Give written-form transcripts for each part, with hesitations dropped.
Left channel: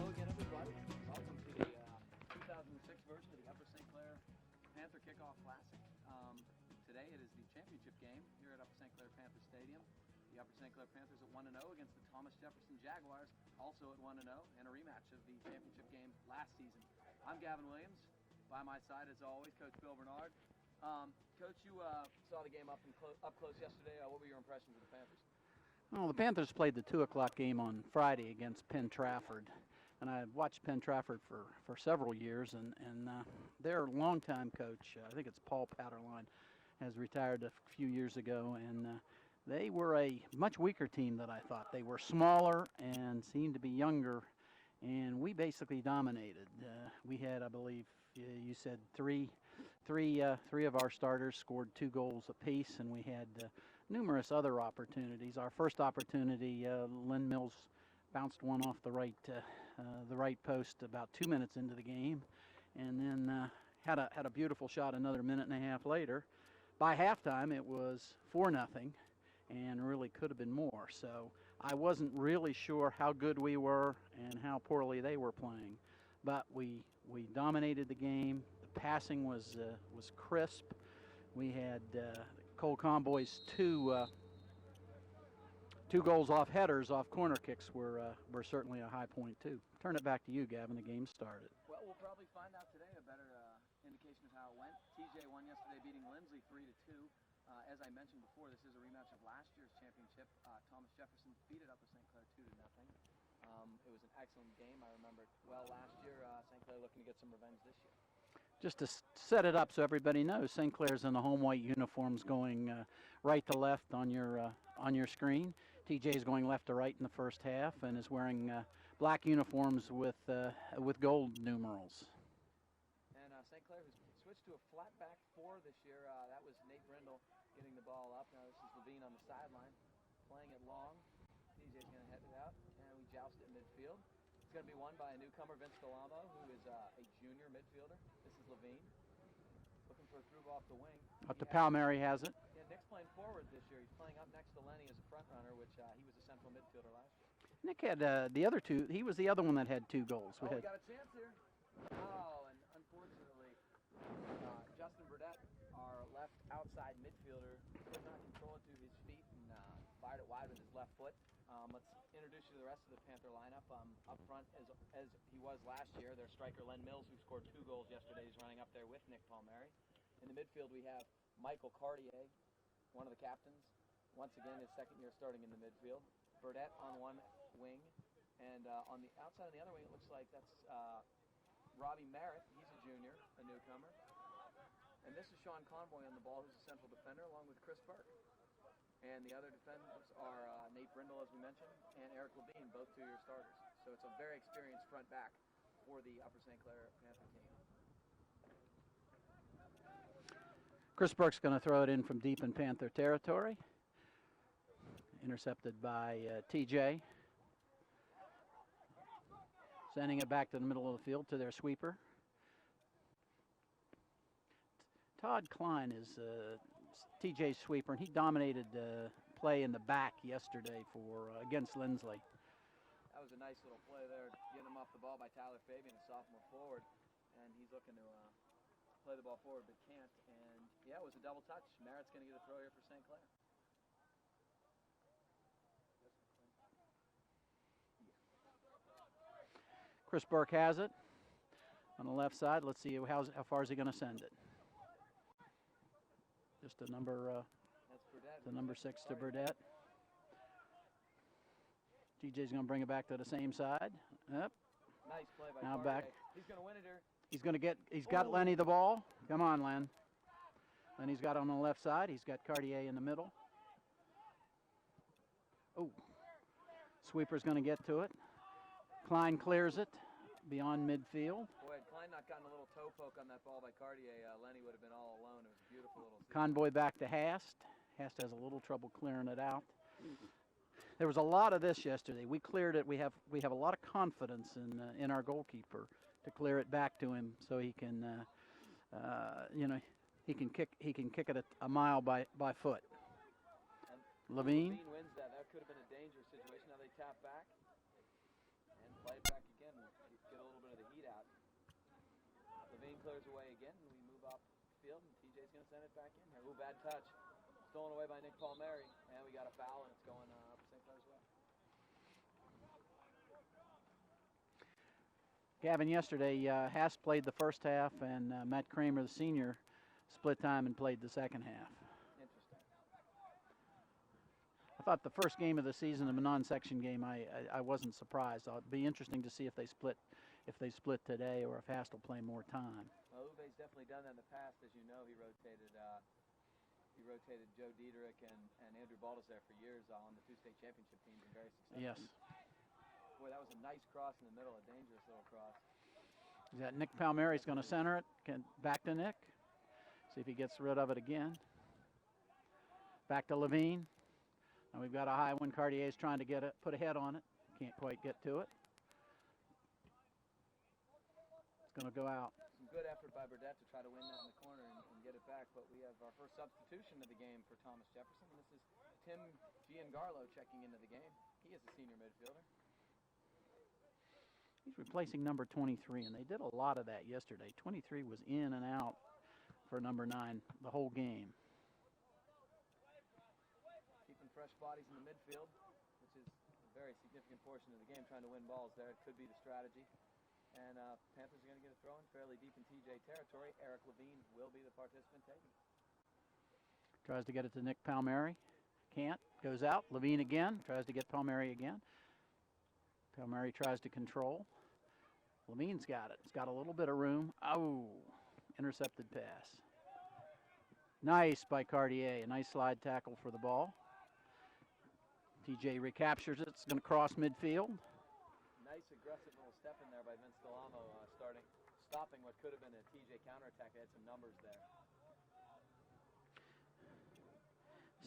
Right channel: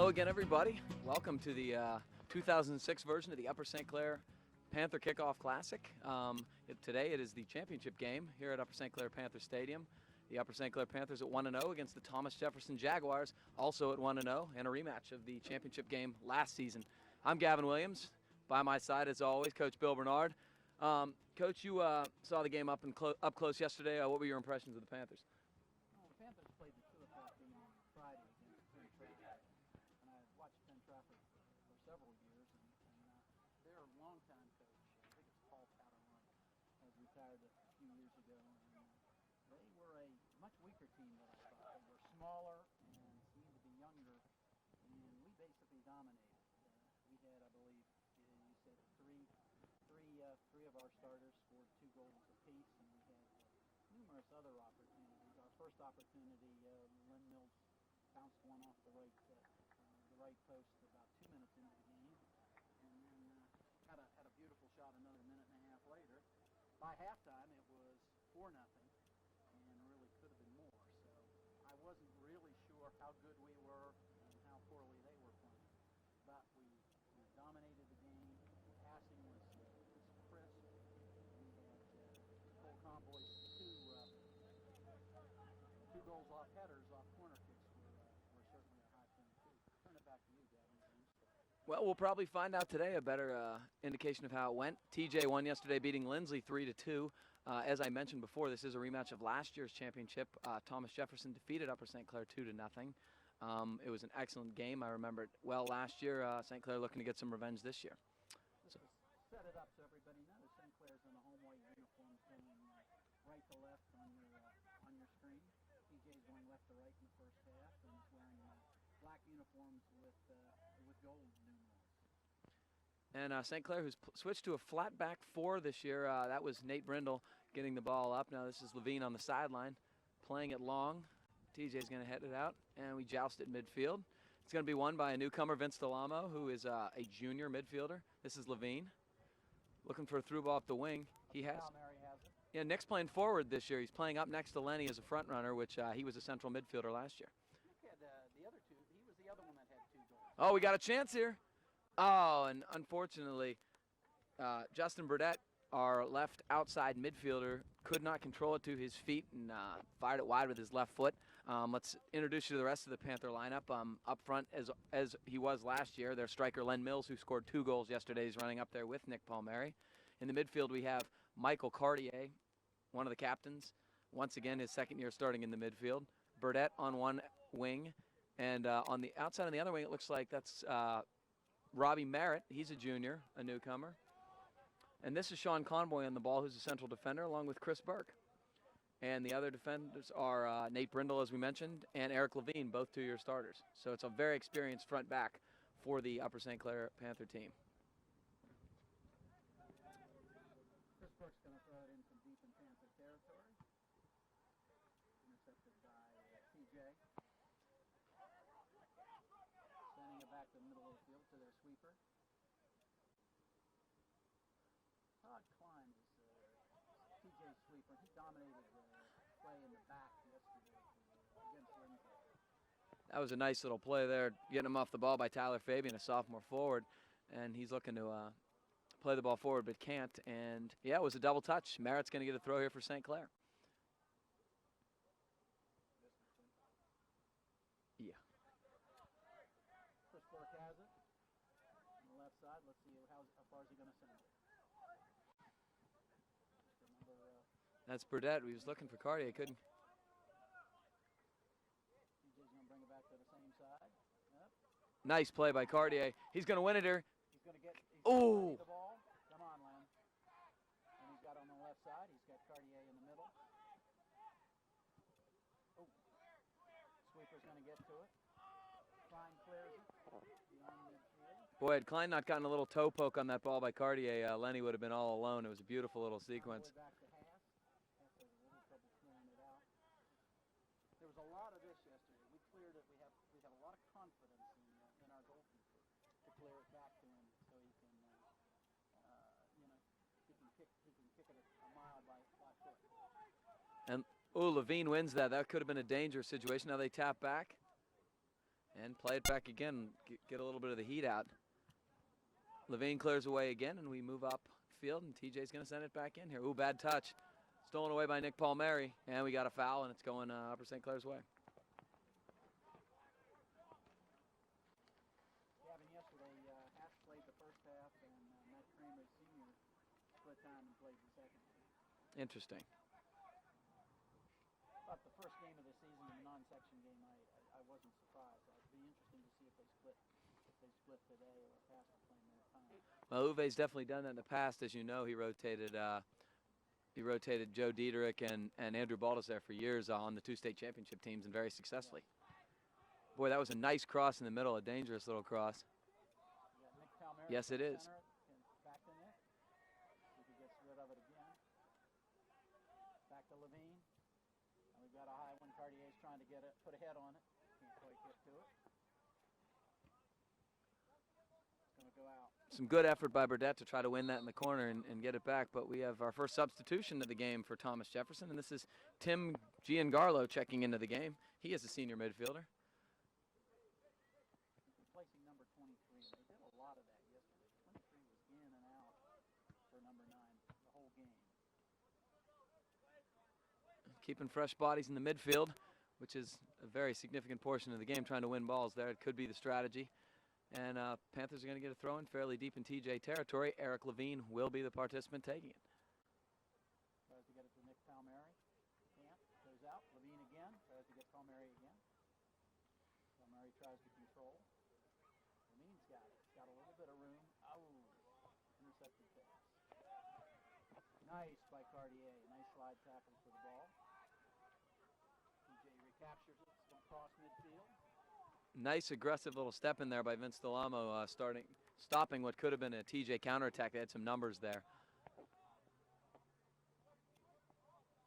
Hello again, everybody. Welcome to the 2006 version of the Upper St. Clair Panther Kickoff Classic. Today it is the championship game here at Upper St. Clair Panther Stadium. The Upper St. Clair Panthers at 1-0 against the Thomas Jefferson Jaguars, also at 1-0, and a rematch of the championship game last season. I'm Gavin Williams. By my side, as always, Coach Bill Bernard. Coach, you saw the game up close yesterday. What were your impressions of the Panthers? Well, the Panthers played the 2 o'clock game on Friday against Penn Trafford. And I watched Penn Trafford for several years, and their longtime coach, I think it's Paul Patterline, has retired a few years ago, and they were a much weaker team than I thought. They were smaller and seemed to be younger, and we basically dominated. We had, I believe, you said three of our starters scored 2 goals apiece, and we had numerous other opportunities. Our first opportunity, Lynn Mills bounced one off the right post about 2 minutes into the game, and then had a beautiful shot another minute and a half later. By halftime, it was 4-0, and really could have been more. So I wasn't really sure how good we were and how poorly they were playing, but we dominated the game. The passing was crisp. We had Cole Comboy's two goals off headers, off corner kicks were certainly a high point too. Turn it back to you, Gavin. The game started. Well, we'll probably find out today a better indication of how it went. TJ won yesterday, beating Lindsley 3-2. As I mentioned before, this is a rematch of last year's championship. Thomas Jefferson defeated Upper St. Clair 2-0. It was an excellent game. I remember it well last year. St. Clair looking to get some revenge this year. Just to set it up so everybody knows, St. Clair's in the home white uniforms, going right to left on your screen. TJ is going left to right in the first half and is wearing black uniforms with gold numerals. And St. Clair, who's switched to a flat back 4 this year, that was Nate Brindle getting the ball up. Now this is Levine on the sideline, playing it long. TJ's going to head it out, and we joust at midfield. It's going to be won by a newcomer, Vince Delamo, who is a junior midfielder. This is Levine, looking for a through ball up the wing. Palmieri has it. Yeah, Nick's playing forward this year. He's playing up next to Lenny as a front runner, which he was a central midfielder last year. Nick had the other 2. He was the other one that had 2 goals. Oh, we got a chance here. Oh, and unfortunately, Justin Burdett, our left outside midfielder, could not control it to his feet and fired it wide with his left foot. Let's introduce you to the rest of the Panther lineup. Up front, as he was last year, their striker Len Mills, who scored 2 goals yesterday, is running up there with Nick Palmieri. In the midfield, we have Michael Cartier, one of the captains. Once again, his second year starting in the midfield. Burdett on one wing, and on the outside on the other wing, it looks like that's Robbie Merritt. He's a junior, a newcomer. And this is Sean Conboy on the ball, who's a central defender, along with Chris Burke. And the other defenders are Nate Brindle, as we mentioned, and Eric Levine, both 2-year starters. So it's a very experienced front back for the Upper St. Clair Panther team. Chris Burke's going to throw it in from deep in Panther territory. Intercepted by TJ. Sending it back to the middle of the field to their sweeper. Todd Klein is TJ's sweeper, and he dominated play in the back yesterday against Lindsley. That was a nice little play there, getting him off the ball by Tyler Fabian, a sophomore forward, and he's looking to play the ball forward but can't. And yeah, it was a double touch. Merritt's going to get a throw here for St. Clair. Yeah. Chris Burke has it on the left side. Let's see how far is he going to send it. Just a number. That's Burdett. We was number looking 6 for Cartier. TJ's going to bring it back to the same side. Yep. Nice play by Cartier. He's going to win it here. He's got Lenny the ball. Come on, Len. Lenny's got it on the left side. He's got Cartier in the middle. Oh. Sweeper's going to get to it. Klein clears it beyond midfield. Boy, had Klein not gotten a little toe poke on that ball by Cartier, Lenny would have been all alone. It was a beautiful little sequence. Convoy back to Hast. Hast has a little trouble clearing it out. There was a lot of this yesterday. We cleared it. We have a lot of confidence in our goalkeeper to clear it back to him so he can, he can kick it a mile by foot. And Levine wins that. That could have been a dangerous situation. Now they tap back. And play it back again, get a little bit of the heat out. Levine clears away again, and we move up field, and TJ's going to send it back in here. Ooh, bad touch. Stolen away by Nick Palmieri, and we got a foul, and it's going Upper St. Clair's way. Gavin, yesterday, Haas played the first half, and Matt Kramer, the senior, split time and played the second half. Interesting. I thought the first game of the season, a non-section game, I wasn't surprised. It'd be interesting to see if they split today or if Haas will play more time. Well, Uwe's definitely done that in the past. As you know, he rotated Joe Diederich and Andrew Baldus there for years on the two state championship teams, and very successfully. Yes. Boy, that was a nice cross in the middle, a dangerous little cross. Is that Nick Palmieri? Yes, going to center it. Back to Nick. See if he gets rid of it again. Back to Levine. And we've got a high one. Cartier's trying to put a head on it. Can't quite get to it. It's going to go out. Some good effort by Burdett to try to win that in the corner and get it back. But we have our first substitution of the game for Thomas Jefferson, and this is Tim Giancarlo checking into the game. He is a senior midfielder. He's replacing number 23, and they did a lot of that yesterday. 23 was in and out for number 9 the whole game. Keeping fresh bodies in the midfield, which is a very significant portion of the game, trying to win balls there. It could be the strategy. And Panthers are going to get a throw in fairly deep in TJ territory. Eric Levine will be the participant taking it. Tries to get it to Nick Palmieri. Can't. Goes out. Levine again. Tries to get Palmieri again. Palmieri tries to control. Levine's got it. It's got a little bit of room. Oh, intercepted pass. Nice by Cartier. A nice slide tackle for the ball. TJ recaptures it. It's going to cross midfield. Nice aggressive little step in there by Vince Delamo, stopping what could have been a TJ counterattack. They had some numbers there.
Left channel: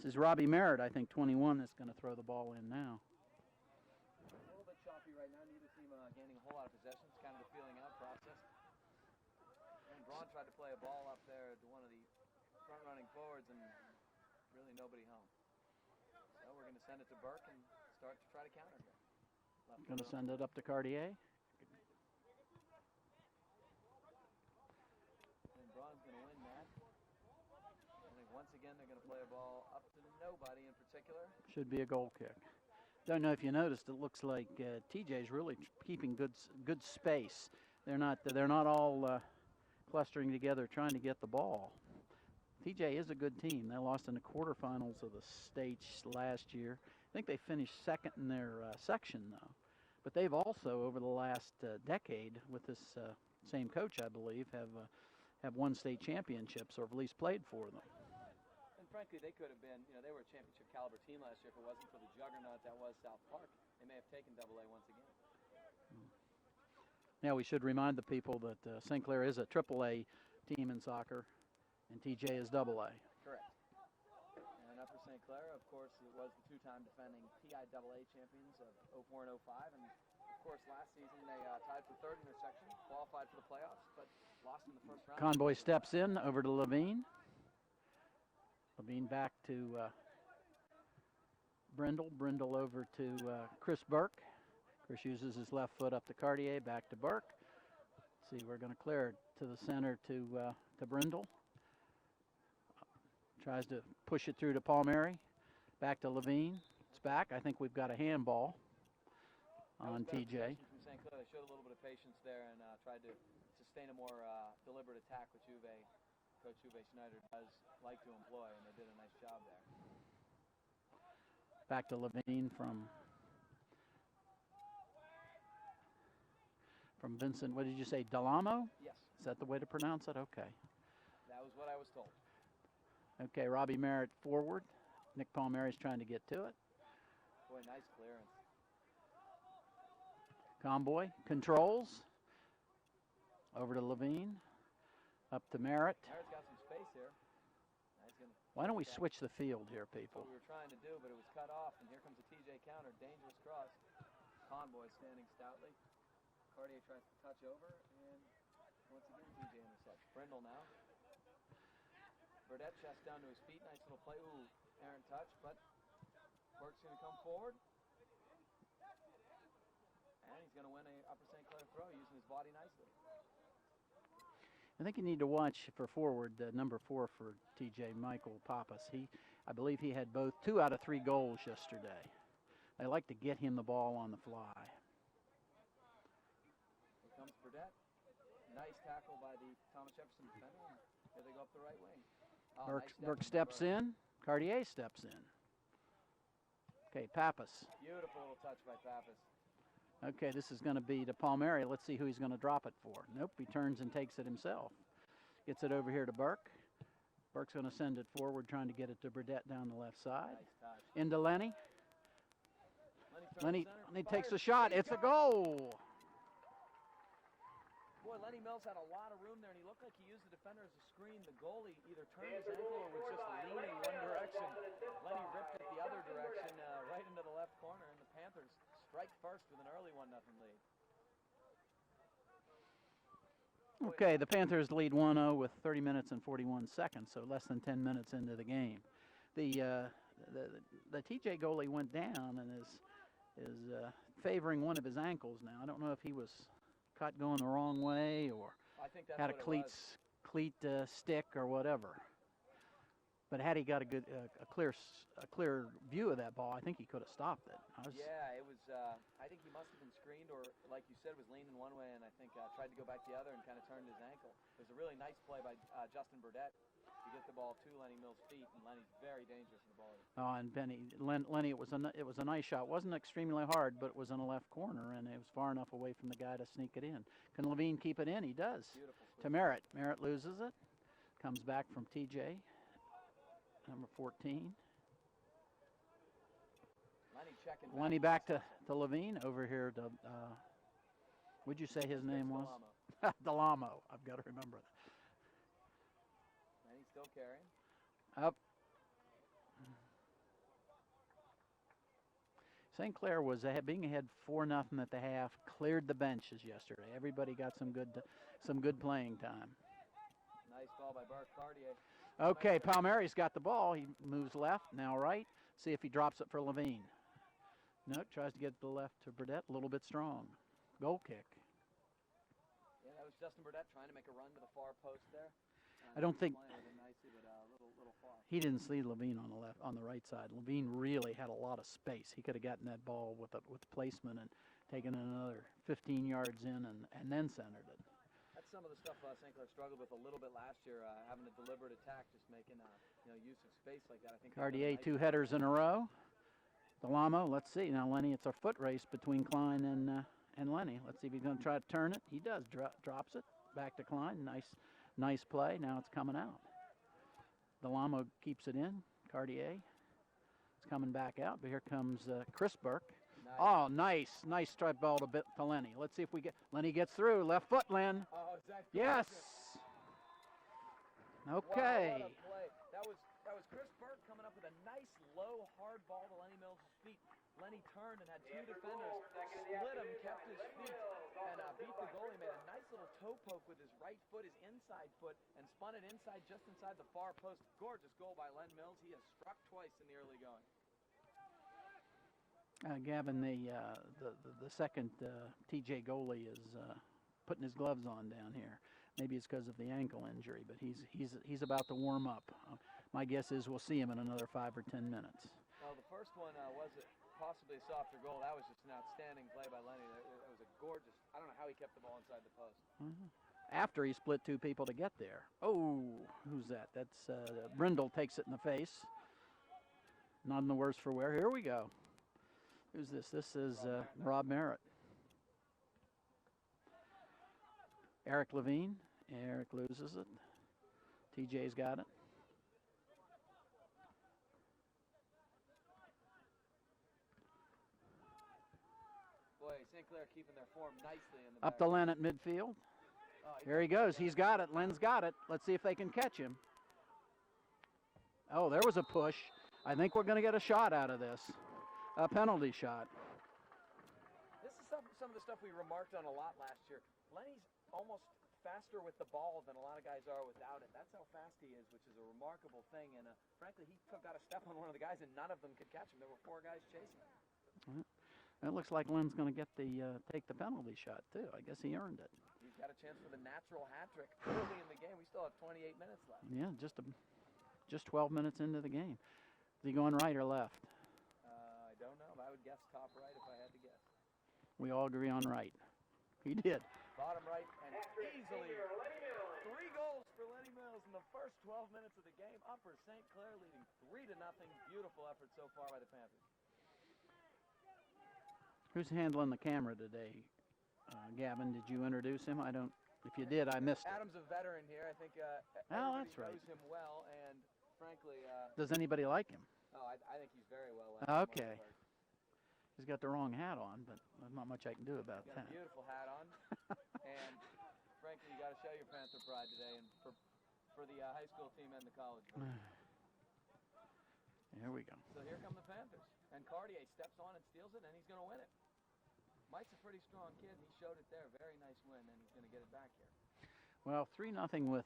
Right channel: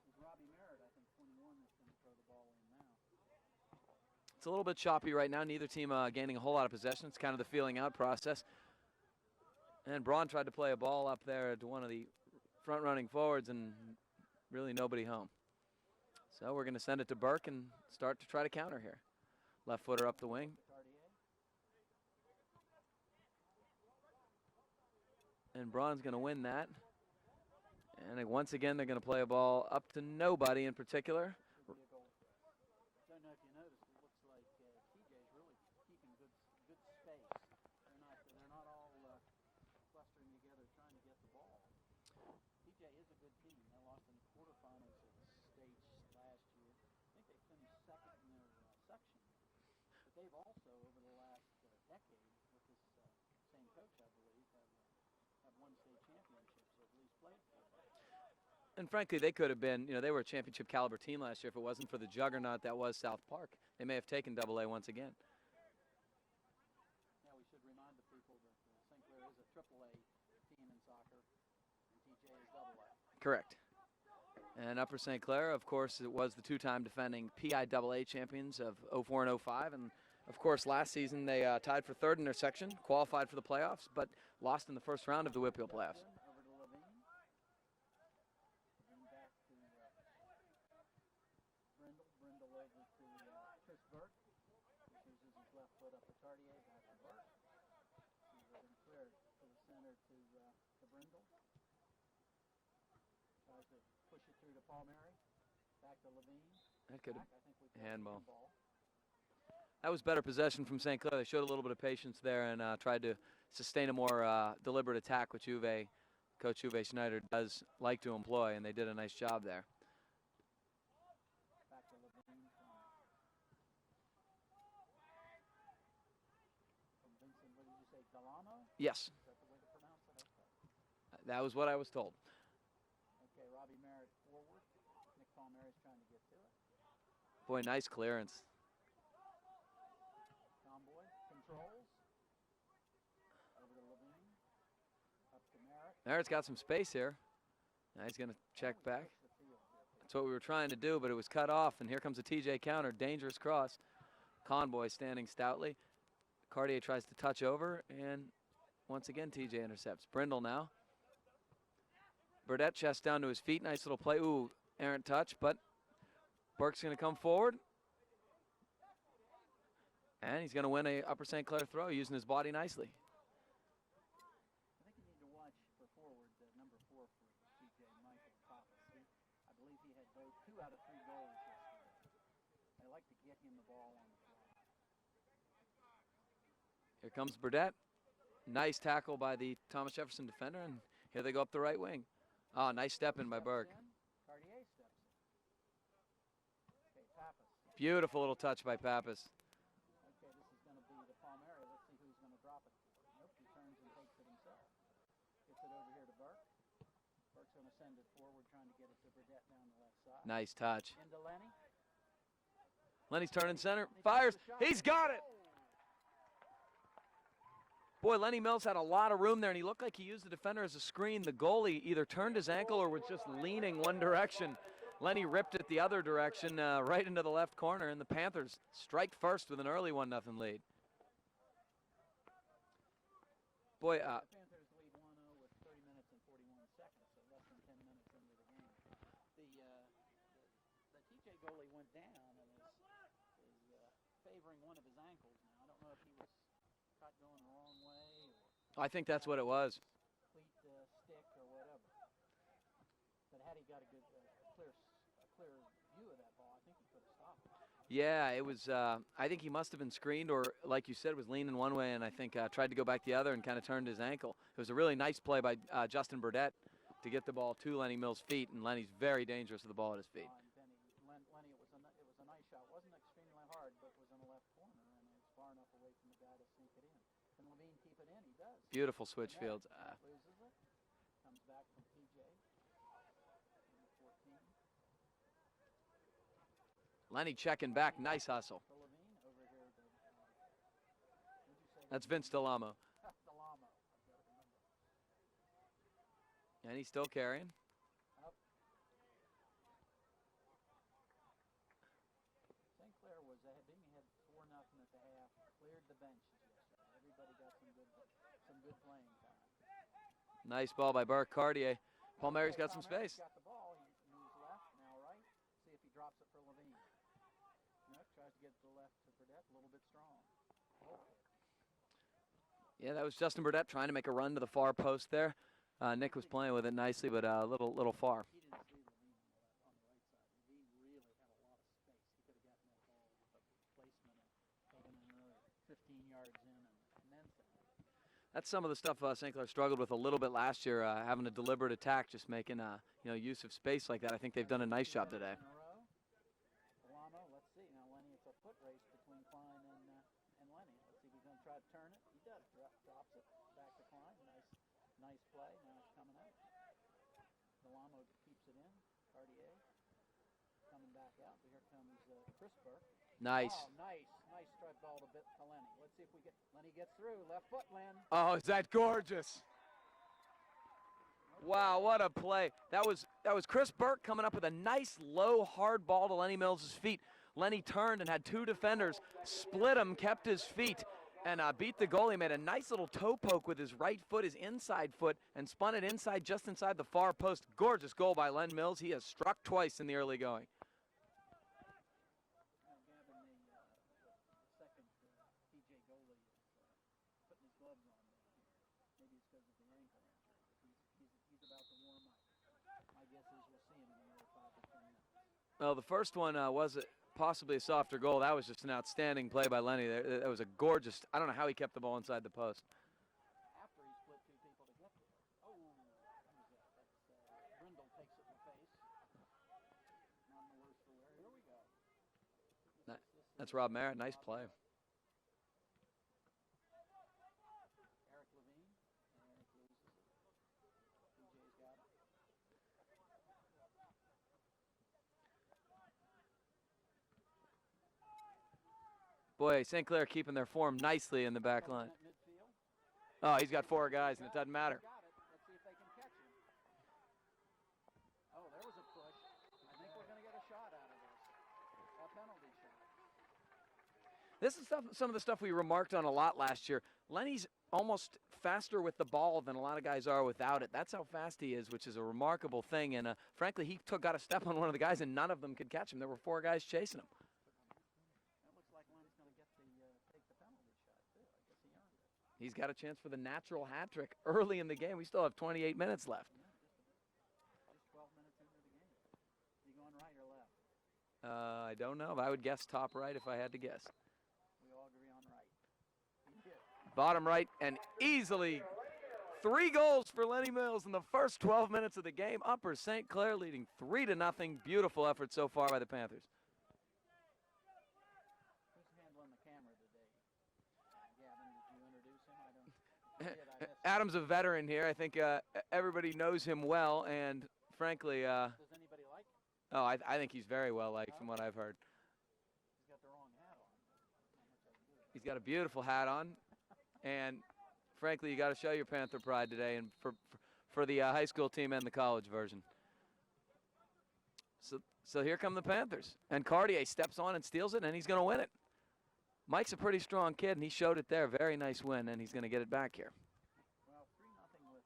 This is Robbie Merritt, I think, 21, that's going to throw the ball in now. It's a little bit choppy right now. Neither team gaining a whole lot of possession. It's kind of the feeling out process. And Braun tried to play a ball up there to one of the front-running forwards, and really nobody home. So we're going to send it to Burke and start to try to counter here. Left footer up the wing. Up to Cartier. And Braun's going to win that. And once again, they're going to play a ball up to nobody in particular. Should be a goal kick. Don't know if you noticed, it looks like TJ's really keeping good space. They're not all clustering together trying to get the ball. TJ is a good team. They lost in the quarterfinals of the state last year. I think they finished second in their section, though. But they've also, over the last decade, with this same coach, I believe, have won state championships, or at least played for them. And frankly, they could have been, they were a championship caliber team last year. If it wasn't for the juggernaut that was South Park, they may have taken AA once again. Now we should remind the people that St. Clair is a AAA team in soccer, and TJ is AA. Correct. And Upper St. Clair, of course, it was the two-time defending PIAA champions of 04 and 05. And, of course, last season they tied for third in their section, qualified for the playoffs, but lost in the first round. Conboy steps in over to Levine. Levine back to Brindle. Brindle over to Chris Burke. Chris uses his left foot up to Cartier, back to Burke. Let's see, we're going to clear it to the center to Brindle. Tries to push it through to Palmieri. Back to Levine. It's back. I think we've got a handball. That was better possession from St. Clair. They showed a little bit of patience there and tried to sustain a more deliberate attack, which Coach Uwe Schneider does like to employ, and they did a nice job there. Back to Levine from Vincent. What did you say, Delamo? Yes. Is that the way to pronounce it? Okay. That was what I was told. Okay, Robbie Merritt forward. Nick Palmieri's trying to get to it. Boy, nice clearance. Conboy controls. Over to Levine. Up to Merritt. Merritt's got some space here. Now he's going to check back. Why don't we switch the field here, people? That's what we were trying to do, but it was cut off, and here comes a TJ counter. Dangerous cross. Conboy standing stoutly. Cartier tries to touch over, and once again, TJ intercepts. Brindle now. Burdett chest down to his feet. Nice little play. Ooh, errant touch, but Burke's going to come forward. And he's going to win a Upper St. Clair throw using his body nicely. I think you need to watch for forward number 4 for TJ, Michael Pappas. I believe he had both 2 out of 3 goals yesterday. They like to get him the ball on the fly. Here comes Burdett. Nice tackle by the Thomas Jefferson defender, and here they go up the right wing. Oh, nice step in by Burke. Steps in. Cartier steps in. Okay, Pappas. Beautiful little touch by Pappas. Okay, this is going to be to Palmieri. Let's see who he's going to drop it for. Nope, he turns and takes it himself. Gets it over here to Burke. Burke's going to send it forward, trying to get it to Burdett down the left side. Nice touch. Into Lenny. Lenny's turning center. He fires. Takes the shot. He's it's got a goal. Boy, Lenny Mills had a lot of room there, and he looked like he used the defender as a screen. The goalie either turned his ankle or was just leaning one direction. Lenny ripped it the other direction, right into the left corner, and the Panthers strike first with an early 1-0 lead. Boy, Okay, the Panthers lead 1-0 with 30 minutes and 41 seconds, so less than 10 minutes into the game. The TJ goalie went down and is favoring one of his ankles now. I don't know if he was caught going the wrong way or I think that's had what a it was. Cleat stick or whatever. But had he got a good, a clear view of that ball, I think he could have stopped it. Yeah, it was. I think he must have been screened, or like you said, was leaning one way, and I think tried to go back the other and kind of turned his ankle. It was a really nice play by Justin Burdett to get the ball to Lenny Mills' feet, and Lenny's very dangerous with the ball at his feet. Oh, and Lenny, it was a nice shot. Wasn't extremely hard, but it was in the left corner, and it was far enough away from the guy to sneak it in. Can Levine keep it in? He does. Beautiful switch. To Merritt. Merritt loses it. Comes back from TJ. Number 14. Lenny checking back. Lenny nice back hustle. to Levine over here to. Would you say his That's name Vince was? Delamo. Delamo. I've got to remember that. And he's still carrying. Up. St. Clair was being ahead 4-0 at the half. Cleared the benches yesterday. Everybody got some good playing time. Nice ball by Burke. Cartier. Okay, Palmieri's got the ball. He moves left, now right. See if he drops it for Levine. Nope, tries to get the left to Burdett. A little bit strong. Goal kick. Yeah, that was Justin Burdett trying to make a run to the far post there. Nick was playing with it nicely, but a little far. He didn't see Levine on the right side. Levine really had a lot of space. He could have gotten that ball with placement and taken it another 15 yards in and then centered it. That's some of the stuff St. Clair struggled with a little bit last year, having a deliberate attack, just making use of space like that. I think they've done a nice job. 2 headers in a row. Delamo, let's see. Now, Lenny, it's a foot race between Klein and Lenny. Let's see if he's going to try to turn it. He does. Drops it. Back to Klein. Nice play. Now it's coming out. Delamo keeps it in. Cartier is coming back out. But here comes Chris Burke. Nice. Oh, nice strike ball to Lenny. Let's see if Lenny gets through. Left foot, Len. Oh, is that gorgeous? Yes. Okay. Wow, what a play. That was Chris Burke coming up with a nice low hard ball to Lenny Mills' feet. Lenny turned and had 2 defenders, split him, kept his feet, and beat the goalie. Made a nice little toe poke with his right foot, his inside foot, and spun it inside, just inside the far post. Gorgeous goal by Len Mills. He has struck twice in the early going. Gavin, the second TJ goalie is putting his gloves on down here. Maybe it's because of the ankle injury, but he's about to warm up. My guess is we'll see him in another 5 or 10 minutes. Well, the first one was possibly a softer goal. That was just an outstanding play by Lenny. That was a gorgeous. I don't know how he kept the ball inside the post. After he split 2 people to get there. Oh, who's that? That's Brindle takes it in the face. None the worse for wear. Here we go. Who's this? This is Rob Merritt. Nice Rob play. Merritt. Eric Levine. Eric loses it. TJ's got it. Boy, St. Clair keeping their form nicely in the back Up to line. Len at midfield. Oh, he's there got he 4 goes. guys. He's got it. Doesn't matter. Len's got it. Let's see if they can catch him. Oh, there was a push. I think we're going to get a shot out of this. A penalty shot. This is some of the stuff we remarked on a lot last year. Lenny's almost faster with the ball than a lot of guys are without it. That's how fast he is, which is a remarkable thing. And frankly, he got a step on one of the guys, and none of them could catch him. There were 4 guys chasing him. It looks like Lynn's going to get take the penalty shot, too. I guess he earned it. He's got a chance for the natural hat trick early in the game. We still have 28 minutes left. Yeah, just 12 minutes into the game. Is he going right or left? I don't know. I would guess top right if I had to guess. We all agree on right. He did. Bottom right, and easily 3 goals for Lenny Mills in the first 12 minutes of the game. Upper St. Clair leading 3-0. Beautiful effort so far by the Panthers. Who's handling the camera today? Gavin, did you introduce him? I don't. If you did, I missed it. Adam's a veteran here. I think everybody knows him well, and frankly... Does anybody like him? Oh, I think he's very well liked from what I've heard. He's got the wrong hat on, but there's not much I can do about it. He's got a beautiful hat on, and frankly, you got to show your Panther pride today, and for the high school team and the college version. Here we go. So here come the Panthers, and Cartier steps on and steals it, and he's going to win it. Mike's a pretty strong kid, and he showed it there. Very nice win, and he's going to get it back here. Well, 3-0 with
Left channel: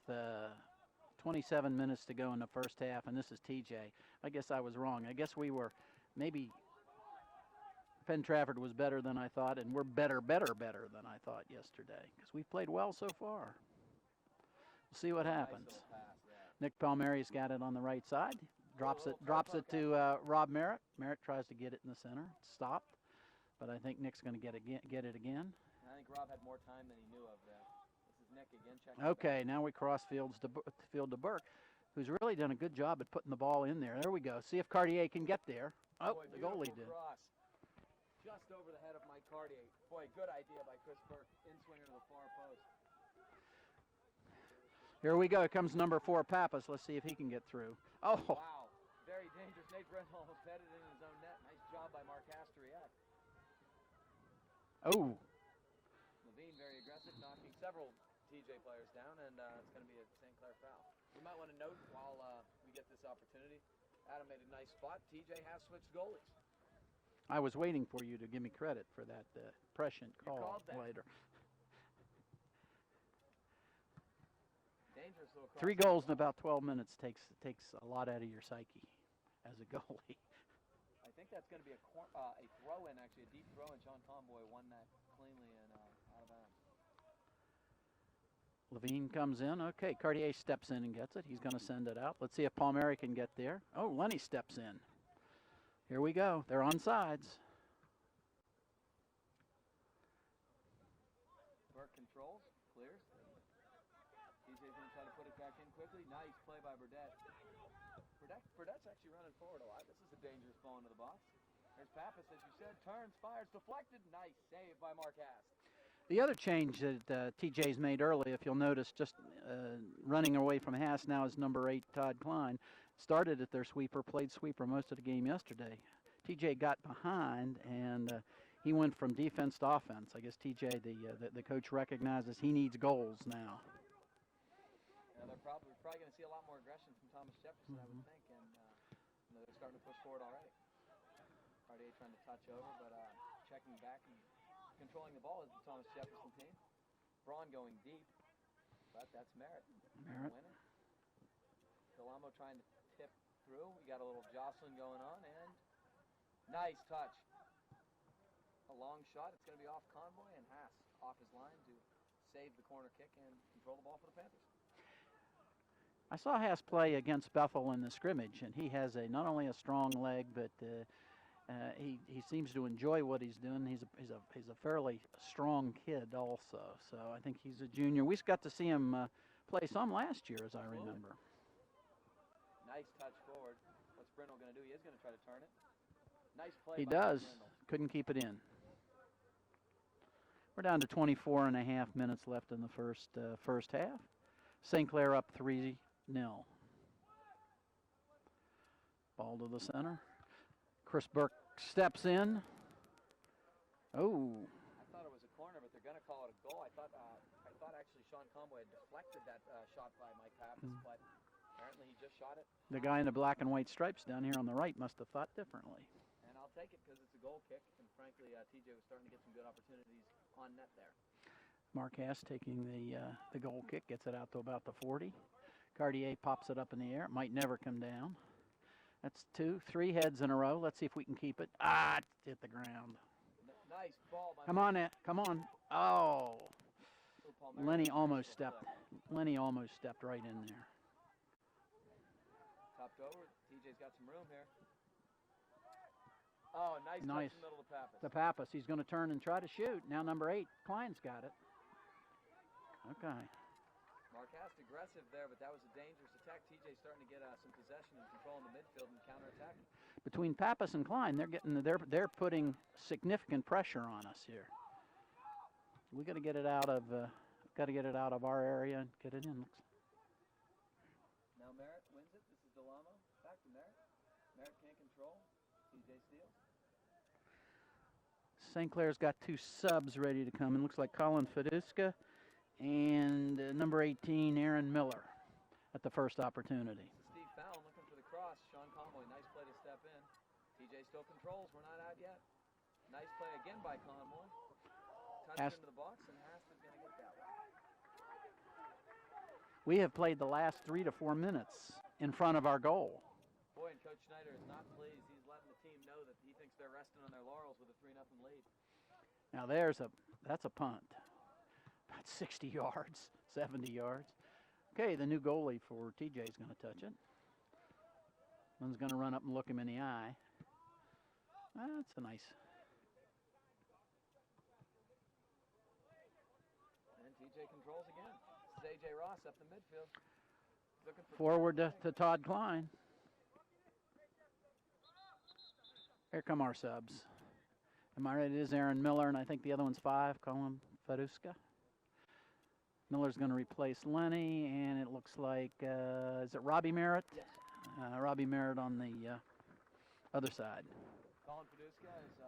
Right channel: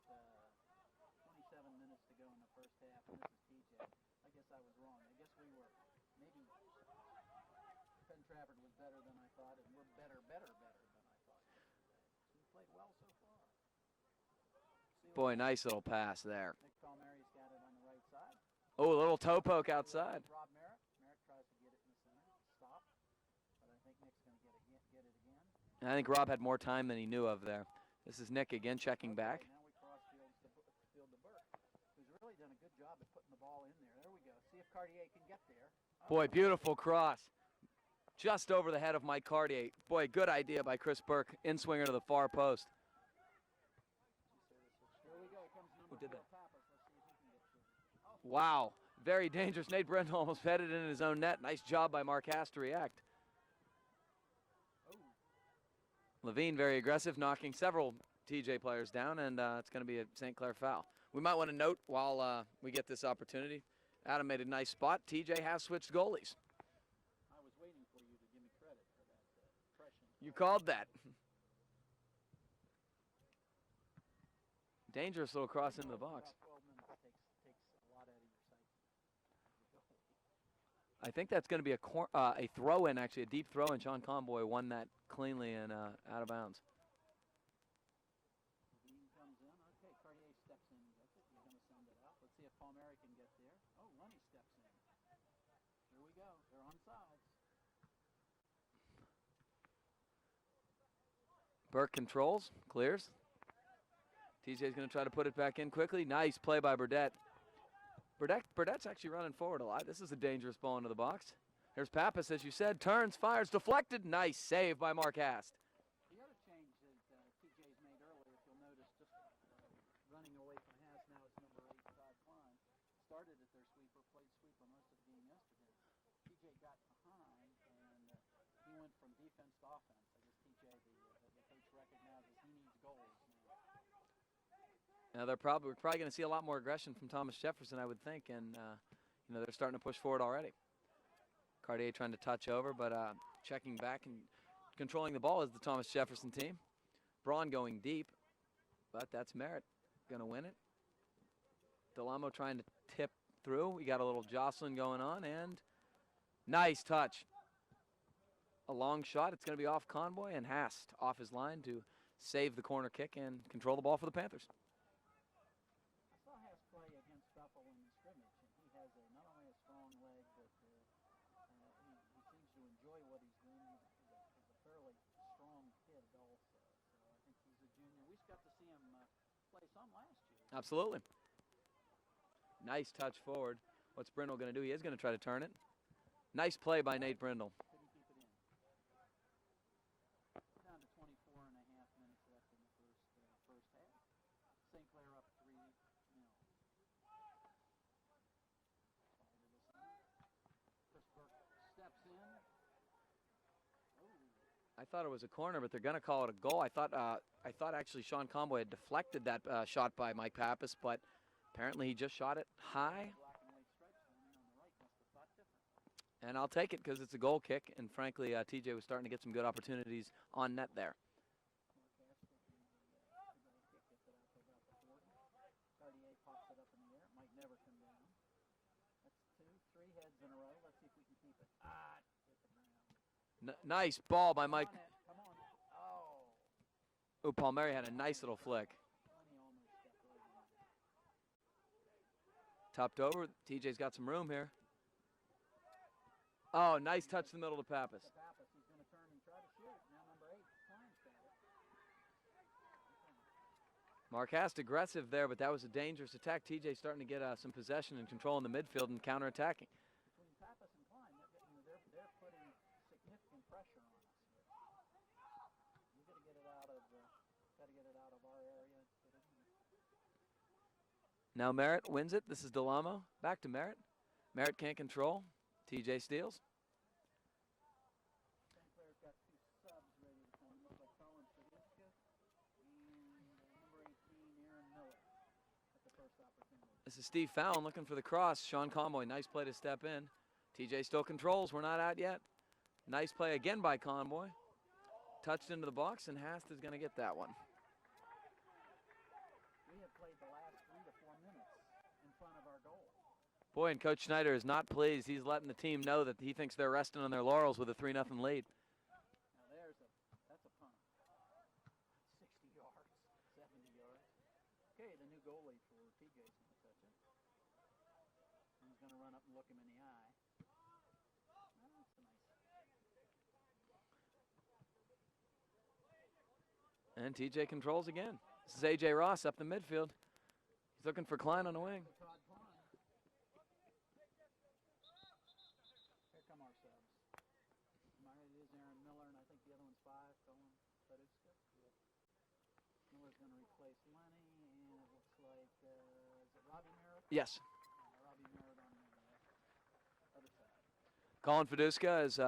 27 minutes to go in the first half, and this is TJ. I guess I was wrong. I guess we were maybe Penn Trafford was better than I thought, and we're better than I thought yesterday because we've played well so far. We'll see what happens. Nice little pass there. Nick Palmieri's got it on the right side. Oh, a little toe poke outside. To Rob Merritt. Merritt tries to get it in the center. It's stopped, but I think Nick's going to get it again. And I think Rob had more time than he knew of there. This is Nick again checking back. Okay, now we cross field to Burke, who's really done a good job at putting the ball in there. There we go. See if Cartier can get there. Oh, boy, beautiful cross. Just over the head of Mike Cartier. Boy, good idea by Chris Burke. In-swinger to the far post. Here we go. Here comes number 4, Pappas. Let's see if he can get through. Oh, wow. Very dangerous. Nate Brendel almost headed in his own net. Nice job by Mark Haas to react. Oh. Levine very aggressive, knocking several TJ players down, and it's going to be a St. Clair foul. We might want to note while we get this opportunity, Adam made a nice spot. TJ has switched goalies. I was waiting for you to give me credit for that prescient call. You called that. Dangerous little cross. 3 goals in about 12 minutes takes a lot out of your psyche as a goalie. I think that's going to be a throw-in, actually, a deep throw-in. Sean Conboy won that cleanly and out of bounds. Levine comes in. Okay, Cartier steps in and gets it. He's going to send it out. Let's see if Palmieri can get there. Oh, Lenny steps in. Here we go. They're on sides. Burke controls, clears. TJ's going to try to put it back in quickly. Nice play by Burdett. Burdett's actually running forward a lot. This is a dangerous ball into the box. There's Pappas, as you said. Turns, fires, deflected. Nice save by Mark Hast. The other change that TJ's made early, if you'll notice, just running away from Haas now is number 8, Todd Klein. Started at their sweeper, played sweeper most of the game yesterday. TJ got behind, and he went from defense to offense. I guess TJ, the coach, recognizes he needs goals now. Now we're probably going to see a lot more aggression from Thomas Jefferson, I would think, and they're starting to push forward already. Cartier trying to touch over, but checking back and controlling the ball is the Thomas Jefferson team. Braun going deep, but that's Merritt going to win it. Delamo trying to tip through. We got a little jostling going on, and nice touch. A long shot. It's going to be off Conboy, and Hast off his line to save the corner kick and control the ball for the Panthers. I saw Haas play against Bethel in the scrimmage, and he has not only a strong leg, but he seems to enjoy what he's doing. He's a fairly strong kid also, so I think he's a junior. We got to see him play some last year, as Absolutely. I remember. Nice touch forward. What's Brindle going to do? He is going to try to turn it. Nice play by does. Nate Brindle. Couldn't keep it in. We're down to 24 and a half minutes left in the first half. St. Clair up 3-0. Ball to the center. Chris Burke steps in. Oh. I thought it was a corner, but they're going to call it a goal. I thought actually Sean Conboy had deflected that shot by Mike Pappas, but apparently he just shot it high. The guy in the black and white stripes down here on the right must have thought differently. And I'll take it because it's a goal kick, and frankly, TJ was starting to get some good opportunities on net there. Mark Haas taking the goal kick, gets it out to about the 40. Cartier pops it up in the air. It might never come down. That's 3 heads in a row. Let's see if we can keep it. It hit the ground. Nice ball by Come Mike. on, come on. Oh. Oh, Palmieri had Lenny a nice almost little stepped. flick. Lenny almost stepped right in there. Topped over. TJ's got some room here. Oh, nice touch Nice. in the middle to Pappas. To Pappas. He's going to turn and try to shoot. Now number 8, Klein's got it. Okay. Marcast aggressive there, but that was a dangerous attack. TJ starting to get some possession and control in the midfield and counterattacking. Between Pappas and Klein, they're putting significant pressure on us here. We got to get it out of our area and get it in. Now Merritt wins it. This is Delamo. Back to Merritt. Merritt can't control. TJ steals. St. Clair's got 2 subs ready to come in. Looks like Colin Fiduska and number 18, Aaron Miller, at the first opportunity. This is Steve Fallon looking for the cross. Sean Conboy, nice play to step in. TJ still controls. We're not out yet. Nice play again by Conboy. Touched into the box, and Hast is going to get that one. We have played the last 3 to 4 minutes in front of our goal. Boy, and Coach Schneider is not pleased. He's letting the team know that he thinks they're resting on their laurels with a 3-0 lead. Now that's a punt. About 60 yards, 70 yards. Okay, the new goalie for TJ is going to touch it. One's going to run up and look him in the eye. That's a nice. And TJ controls again. This is A.J. Ross up the midfield. He's looking for Klein Forward on the wing. to Todd Klein. Here come our subs. Am I right? It is Aaron Miller, and I think the other one's 5, Colin Faduska. Miller's going to replace Lenny, and it looks like, is it Robbie Merritt? Yes. Robbie Merritt on the other side. Colin Faduska is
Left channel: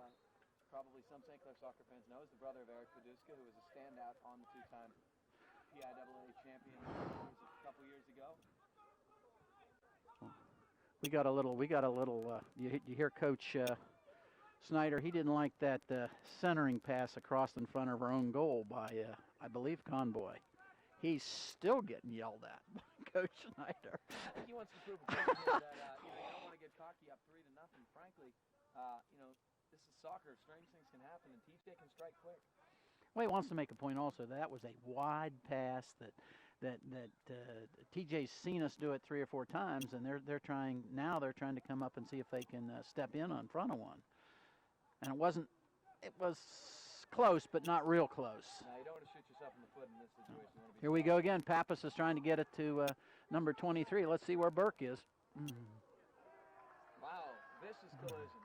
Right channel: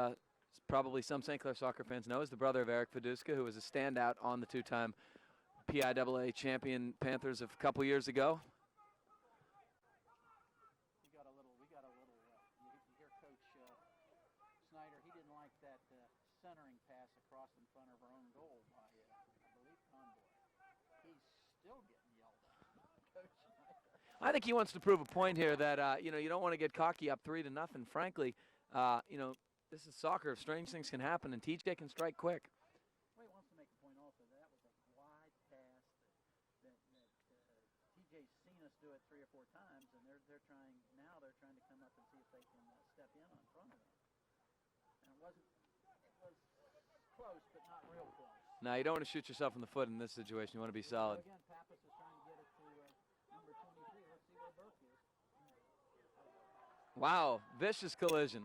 probably some St. Clair soccer fans know is the brother of Eric Faduska, who was a standout on the 2-time PIAA champion Panthers of a couple years ago. We got a little. You hear Coach Snyder. He didn't like that centering pass across in front of our own goal by, I believe, Conboy. He's still getting yelled at by Coach Snyder. I think he wants to prove a point here that you don't want to get cocky up 3-0. Frankly, this is soccer. Strange things can happen, and TJ can strike quick. Well, he wants to make a point also. That was a wide pass that TJ's seen us do it 3 or 4 times, and they're trying to come up and see if they can step in on front of one. And it was close, but not real close. Now, you don't want to shoot yourself in the foot in this situation. You want to be Here solid. we go again. Pappas is trying to get it to number 23. Let's see where Burke is. Wow, vicious collision.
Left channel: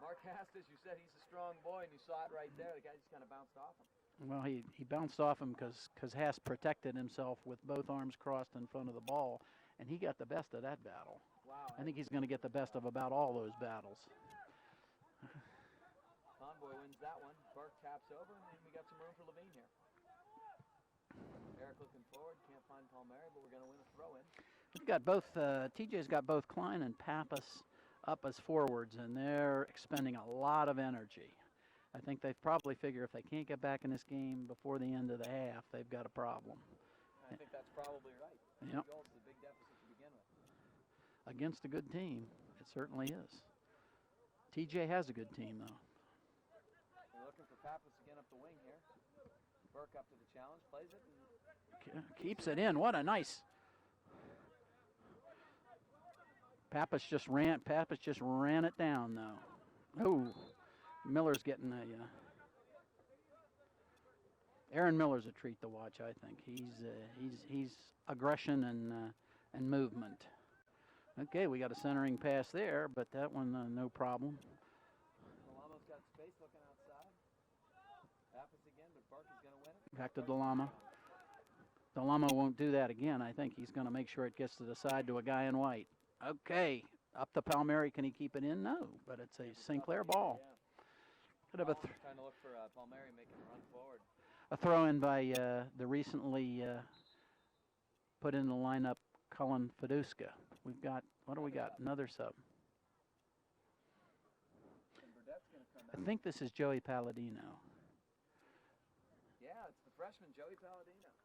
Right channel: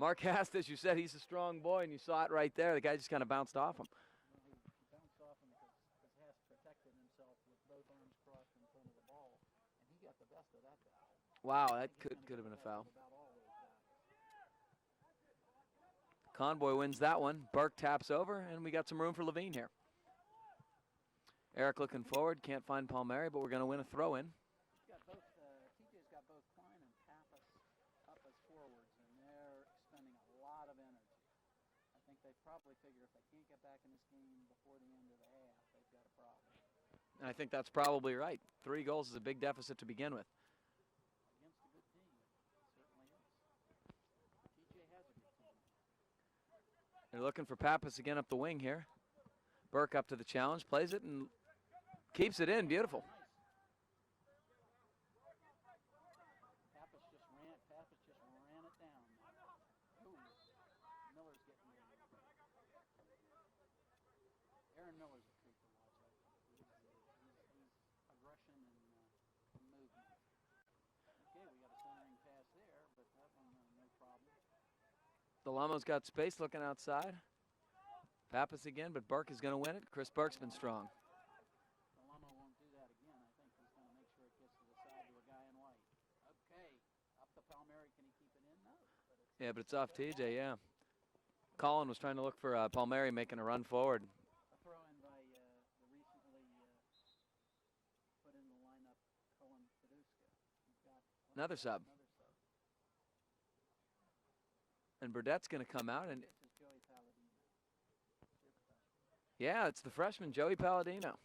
Mark Hast, as you said, he's a strong boy, and you saw it right there. The guy just kind of bounced off him. Well, he bounced off him because Haas protected himself with both arms crossed in front of the ball, and he got the best of that battle. Wow. I think he's going to get the best of about all those battles. Conboy wins that one. Burke taps over, and we got some room for Levine here. Eric looking forward. Can't find Palmieri, but we're going to win a throw-in. We've got both, TJ's got both Klein and Pappas up as forwards, and they're expending a lot of energy. I think they probably figure if they can't get back in this game before the end of the half, they've got a problem. And I think that's probably right. 3 goals is a big deficit to begin with. Against a good team, it certainly is. TJ has a good team, though. They're looking for Pappas again up the wing here. Burke up to the challenge, plays it, and keeps it in. Beautiful. What a nice. Pappas just ran it down, though. Oh, Miller's getting Aaron Miller's a treat to watch. I think he's aggression and movement. Okay, we got a centering pass there, but that one no problem. Delamo's got space looking outside. Pappas again, but Burke is going to win it. Chris Burke's been strong. Delamo won't do that again. I think he's going to make sure it gets to the side to a guy in white. Okay, up to Palmieri. Can he keep it in? No, but it's a St. Clair ball. Yeah. Colin was trying to look for Palmieri making a run forward. A throw in by the recently put in the lineup, Colin Faduska. We've got another sub. And Burdett's going to come out. I think this is Joey Palladino. Yeah, it's the freshman, Joey Palladino.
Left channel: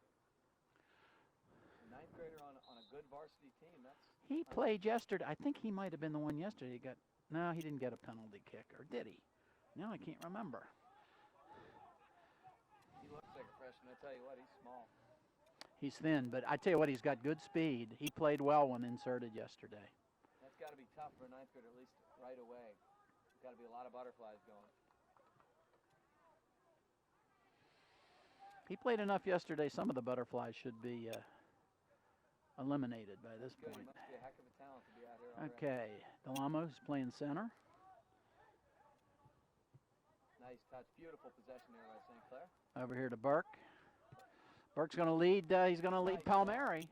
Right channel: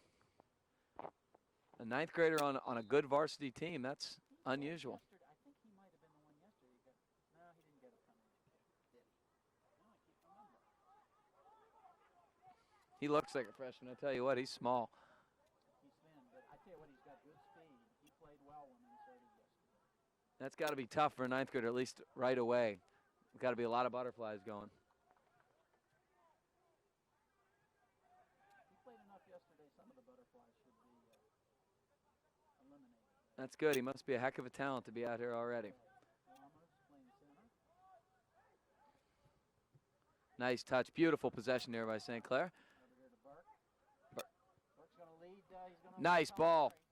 A 9th grader on a good varsity team. That's unusual. Played yesterday. I think he might have been the one yesterday. No, he didn't get a penalty kick, or did he? Now I can't remember. He looks like a freshman. I tell you what, he's small. He's thin, but I tell you what, he's got good speed. He played well when inserted yesterday. That's got to be tough for a ninth grader, at least right away. There's got to be a lot of butterflies going. He played enough yesterday. Some of the butterflies should be eliminated by this. That's good. He must be a heck of a talent to be out here already. Okay, Delamos playing center. Nice touch. Beautiful possession there by St. Clair. Over here to Burke. Burke's going to lead. He's going to lead Nice ball. Palmieri.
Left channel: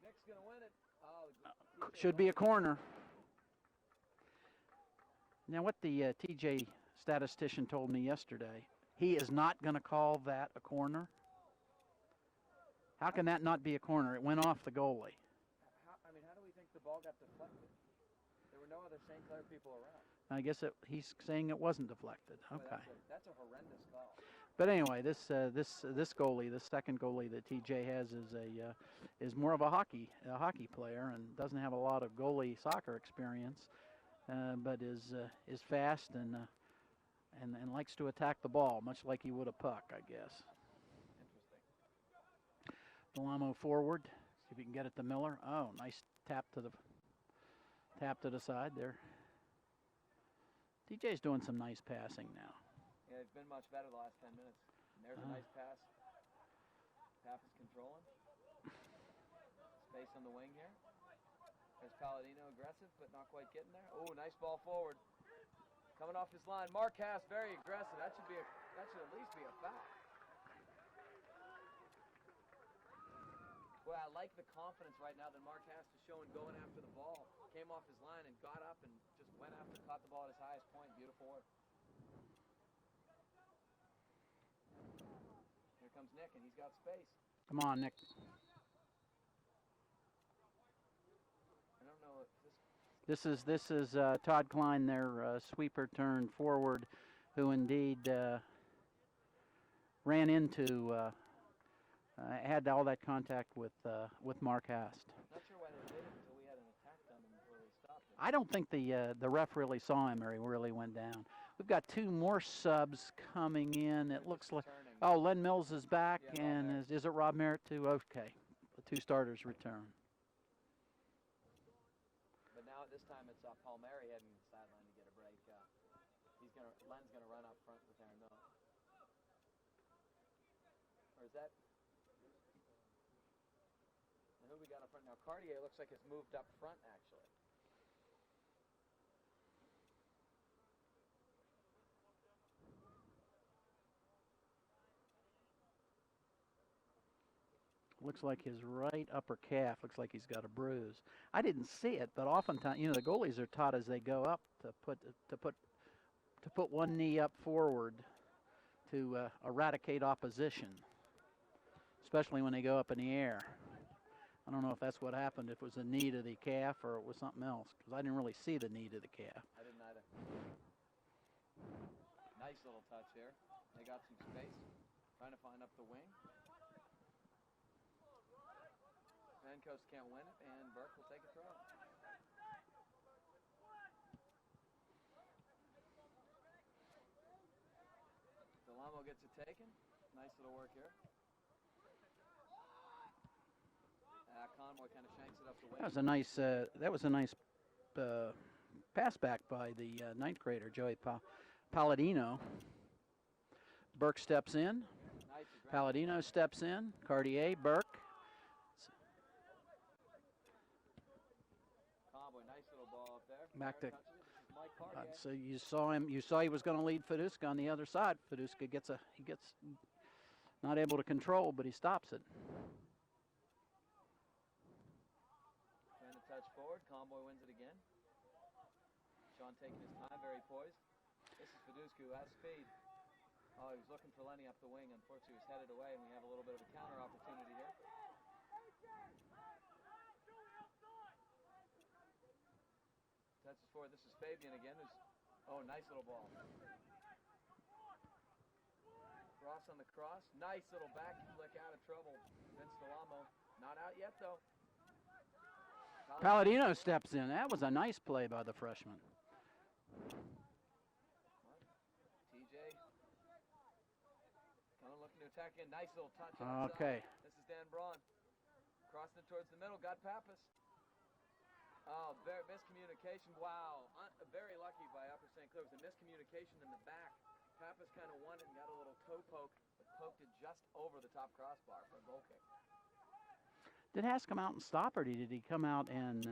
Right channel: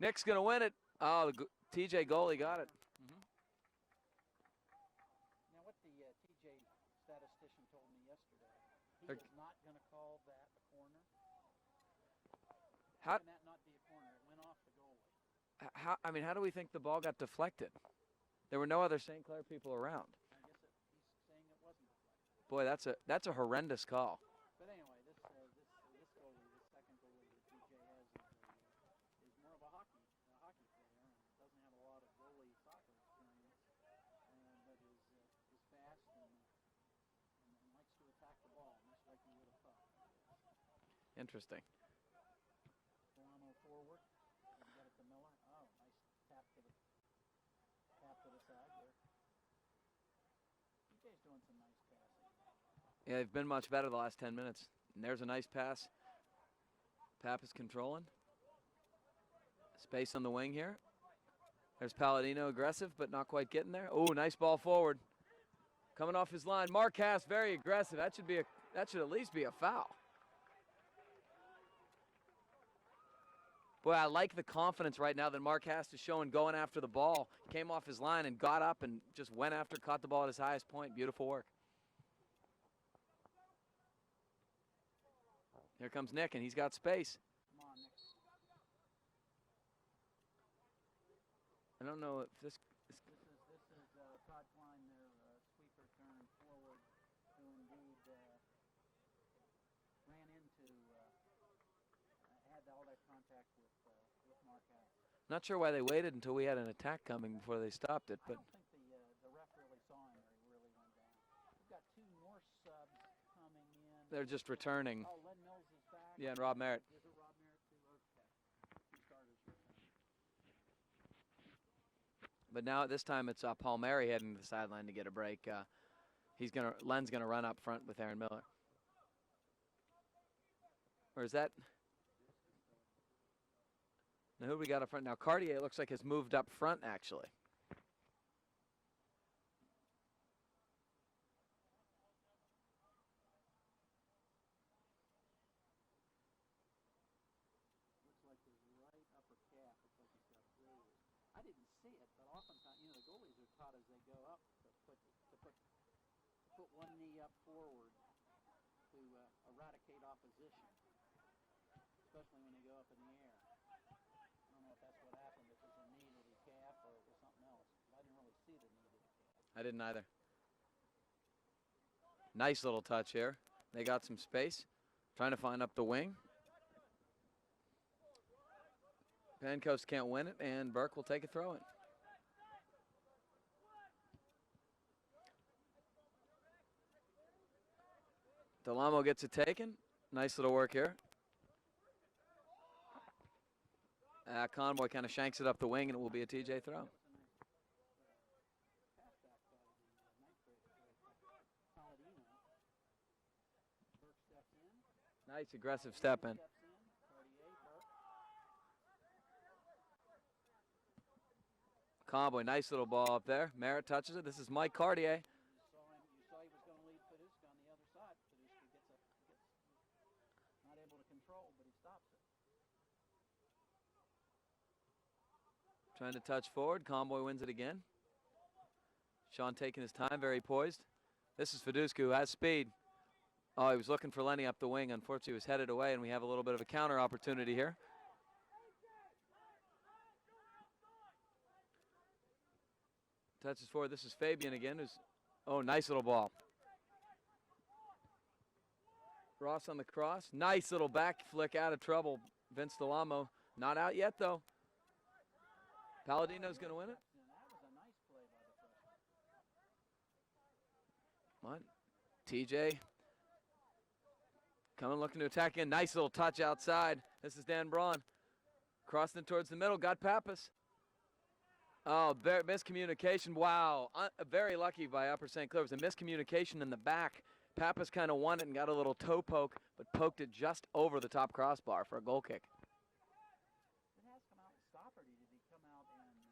Nick's going to win it. Oh, the TJ should goalie be a corner. Now, what the TJ statistician told me yesterday, he is not going to call that a corner. How can that not be a corner? It went off the goalie. How do we think the ball got deflected? There were no other St. Clair people around. I guess he's saying it wasn't deflected. Boy, okay. that's a horrendous call. But anyway, this goalie, the second goalie that TJ has, is more of a hockey player and doesn't have a lot of goalie soccer experience, but is fast and likes to attack the ball, much like he would a puck, I guess. Interesting. Delamo forward. See if he can get it to Miller. Oh, nice tap to the side there. TJ's doing some nice passing now. Yeah, they've been much better the last 10 minutes. And there's a nice pass. Pap is controlling. Space on the wing here. There's Palladino aggressive, but not quite getting there. Oh, nice ball forward. Coming off his line. Marcas very aggressive. That should at least be a foul. Boy, I like the confidence right now that Marcas is showing going after the ball. Came off his line and got up and just went after, caught the ball at his highest point. Beautiful work. Here comes Nick, and he's got space. Come on, Nick. I don't know if This is Todd Klein, their sweeper turned forward, who indeed ran into, had all that contact with Mark Hast. Not sure why they waited until we had an attack coming before they stopped it. I don't think the ref really saw him or he really went down. We've got two more subs coming in. They're just returning. Oh, Len Mills is back. Yeah, and Rob Merritt. Is it Rob Merritt too? Okay. The two starters return. But now this time it's Palmieri heading to the sideline to get a break. Len's gonna run up front with Aaron Miller. Or is that? Now who do we got up front now? Cartier looks like has moved up front actually. Looks like his right upper calf looks like he's got a bruise. I didn't see it, but oftentimes, the goalies are taught as they go up to put one knee up forward to eradicate opposition, especially when they go up in the air. I don't know if that's what happened, if it was a knee to the calf or it was something else, because I didn't really see the knee to the calf. I didn't either. Nice little touch here. They got some space, trying to find up the wing. Pencoast can't win it, and Burke will take a throw-in. Delamo gets it taken. Nice little work here. Conboy kind of shanks it up the wing. That was a nice pass back by the ninth grader, Joey Palladino. Burke steps in. Nice aggressive Palladino steps in. Cartier, Burke. Conboy, nice little ball up there. Merritt touches it. This is Mike Cartier. So you saw him. You saw he was going to lead Fiduska on the other side. Fiduska gets not able to control, but he stops it. Trying to touch forward. Conboy wins it again. Sean taking his time, very poised. This is Fiduska, who has speed. Oh, he was looking for Lenny up the wing. Unfortunately, he was headed away, and we have a little bit of a counter opportunity here. Touches forward. This is Fabian again. Oh, nice little ball. Ross on the cross. Nice little back flick out of trouble. Vince Delamo not out yet, though. Palladino steps in. That was a nice play by the freshman. What? TJ coming, looking to attack again. Nice little touch outside. Okay. This is Dan Braun. Crossing it towards the middle. Got Pappas. Oh, miscommunication. Wow. Very lucky by Upper St. Clair. It was a miscommunication in the back. Pappas kind of won it and got a little toe poke, but poked it just over the top crossbar for a goal kick. Did Haas come out and stop, or did he come out and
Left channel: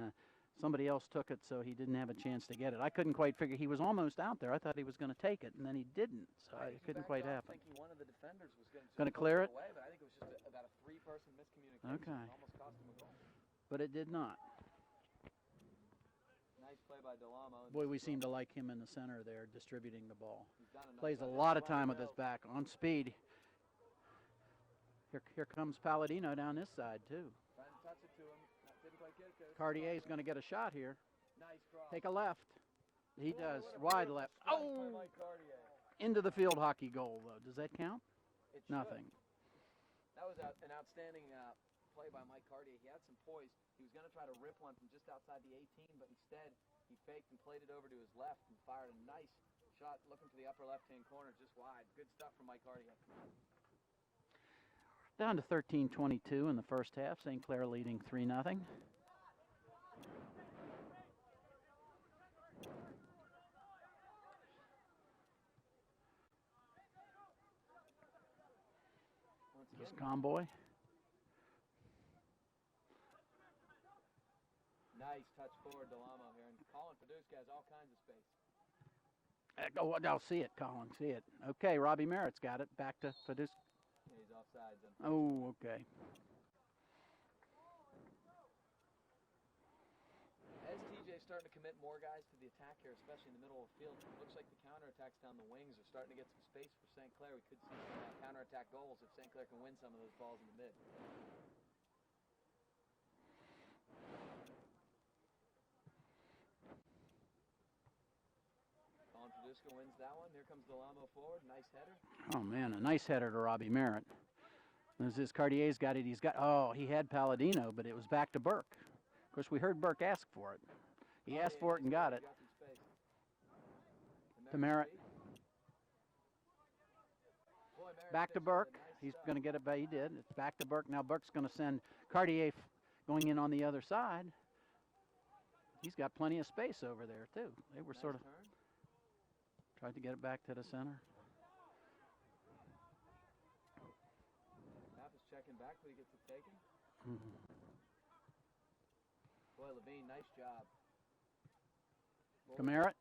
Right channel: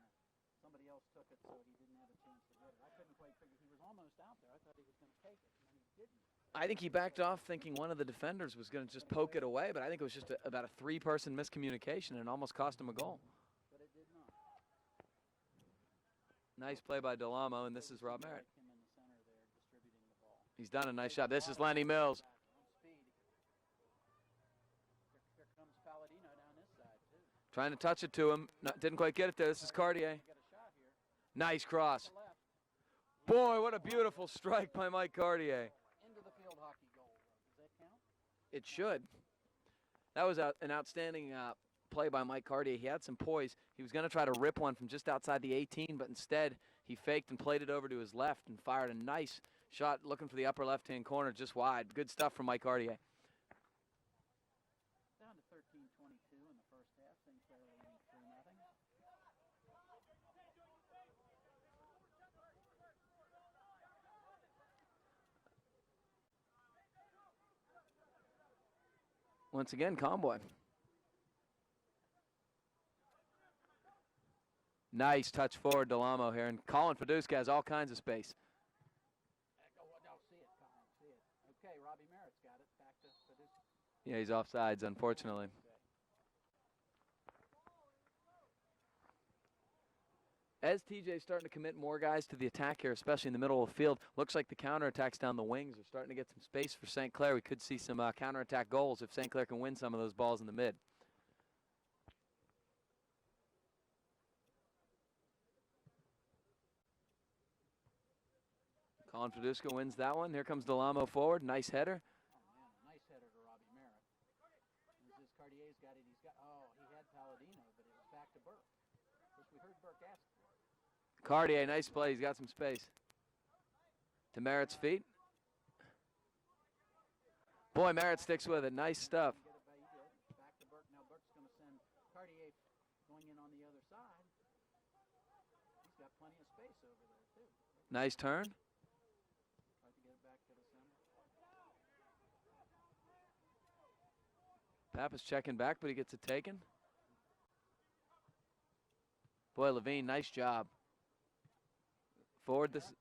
somebody else took it so he didn't have a chance to get it? I couldn't quite figure. He was almost out there. I thought he was going to take it, and then he didn't. So I think he backed off thinking one of the defenders was going to just poke it away, but I think it was just about a three-person miscommunication and almost cost him a goal. But it did not. Nice play by Delamo, and Boy, this we is seem to Robert. like him in the center there, distributing the ball. He's done a nice Plays job. a This lot is of Lenny time with his Mills. back on speed. Here comes Palladino down this side too. Trying to touch it to him. Didn't quite get it there. This is Cartier. Going to get a shot here. Nice cross. Take a left. He Boy, does. what a Wide beautiful left. strike by Mike Cartier. Into the field hockey goal, though. Does that count? It Nothing. should. That was an outstanding play by Mike Cartier. He had some poise. He was going to try to rip one from just outside the 18, but instead he faked and played it over to his left and fired a nice shot looking for the upper left-hand corner just wide. Good stuff from Mike Cartier. Down to 13:22 in the first half. St. Clair leading 3-0. Once again, Comboy. Nice touch forward, Delamo here. And Colin Fiduska has all kinds of space. I'll see it, Colin. See it. Okay, Robbie Merritt's got it. Back to Fiduska. Yeah, he's offsides, unfortunately. Oh, okay. As TJ's starting to commit more guys to the attack here, especially in the middle of the field, looks like the counterattacks down the wings are starting to get some space for St. Clair. We could see some counterattack goals if St. Clair can win some of those balls in the mid. Colin Fiduska wins that one. Here comes Delamo forward. Nice header. Oh, man, a nice header to Robbie Merritt. As this Cartier's got it, he had Palladino, but it was back to Burke. Of course, we heard Burke ask for it. Cartier, nice play. He's got some space. To Merritt's feet. Boy, Merritt sticks with it. Nice stuff. He's going to get it back. He did. It's back to Burke. Now Burke's going to send Cartier going in on the other side. He's got plenty of space over there, too. They were nice turn. Tried to get it back to the center. Pappas checking back, but he gets it taken. Boy, Levine, nice job. Forward. Merritt.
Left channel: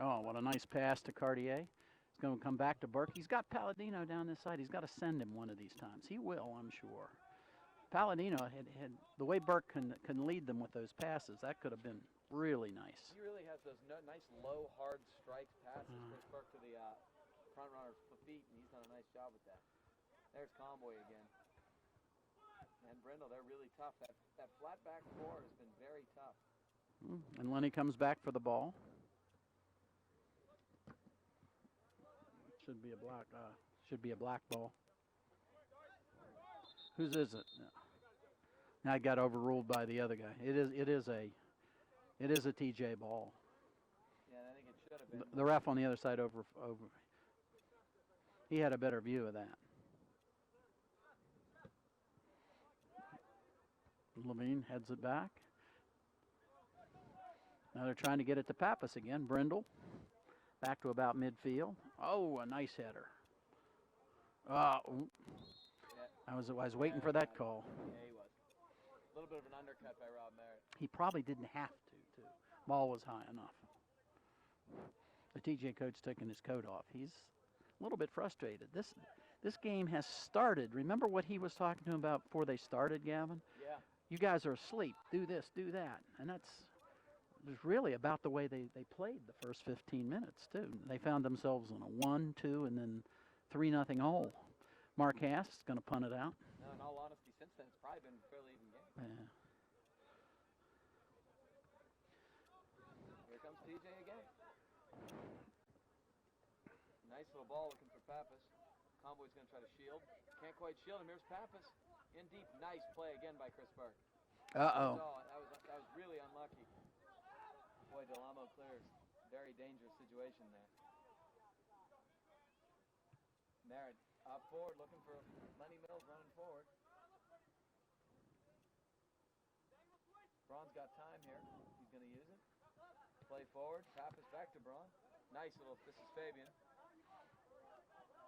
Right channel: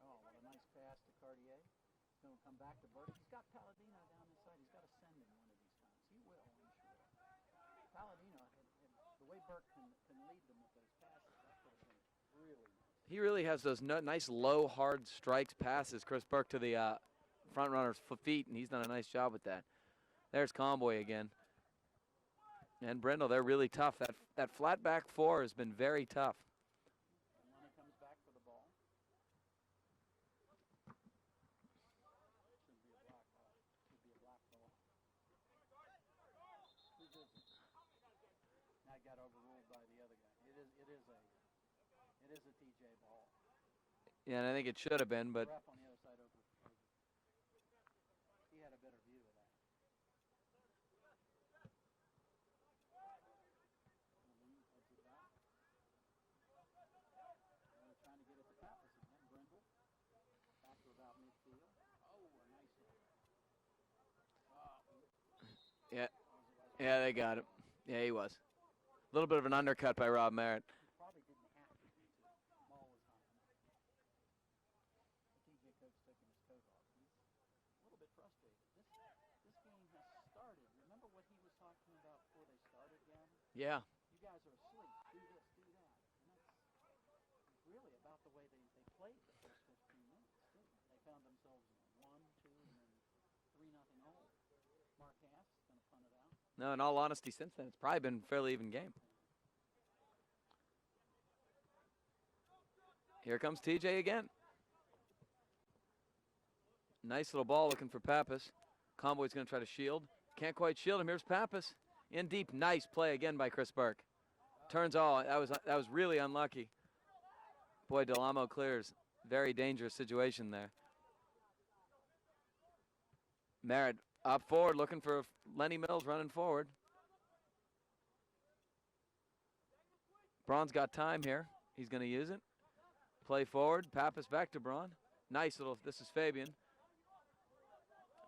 Oh, what a nice pass to Cartier. He's going to come back to Burke. He's got Palladino down this side. He's got to send him one of these times. He will, I'm sure. Palladino had the way Burke can lead them with those passes. That could have been really nice. He really has those nice low, hard strikes passes. Chris Burke to the front runner's feet, and he's done a nice job with that. There's Comboy again. And Brindle, they're really tough. That flat back four has been very tough. And Lenny comes back for the ball. Should be a black ball. Whose is it? Now it got overruled by the other guy. It is a TJ ball. Yeah, and I think it should have been, but the ref on the other side over. He had a better view of that. Levine heads it back. Now they're trying to get it to Pappas again. Brindle back to about midfield. Oh, a nice header. Yeah, I was waiting for that call. Yeah, he was. A little bit of an undercut by Rob Merritt. He probably didn't have to, too. Ball was high enough. The TJ coach taking his coat off. He's a little bit frustrated. This game has started. Remember what he was talking to him about before they started, Gavin? Yeah. You guys are asleep. Do this, do that. And it was really about the way they played the first 15 minutes, too. They found themselves in a 1-2 and then 3-0 hole. Mark Haas is going to punt it out. No, in all honesty, since then, it's probably been a fairly even game. Yeah. Here comes TJ again. Nice little ball looking for Pappas. Comboy's going to try to shield. can't quite shield him. Here's Pappas in deep. Nice play again by Chris Burke. Turns all. That was really unlucky. Boy, Delamo clears. Very dangerous situation there. Merritt up forward, looking for Lenny Mills running forward. Braun's got time here. He's going to use it. Play forward. Pappas back to Braun. Nice little. This is Fabian.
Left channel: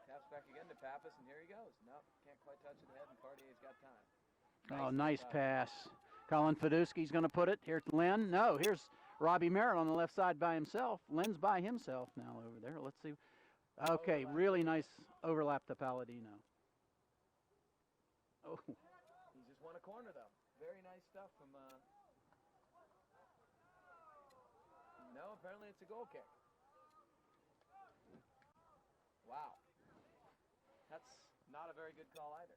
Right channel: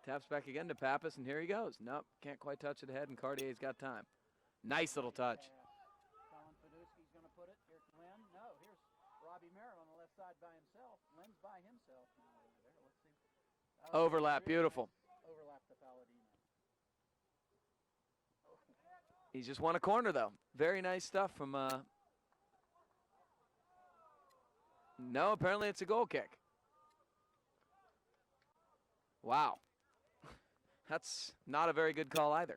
Taps back again to Pappas, and here he goes. Nope, can't quite touch it ahead, and Cartier's got time. Nice little nice touch. Pass. Colin Fedusky's going to put it. Here's Lynn. No, here's Robbie Merritt on the left side by himself. Lynn's by himself now over there. Let's see. Okay, overlap, really beautiful. Nice overlap to Palladino. Oh. He's just won a corner, though. Very nice stuff from... No, apparently it's a goal kick. Wow. That's not a very good call either.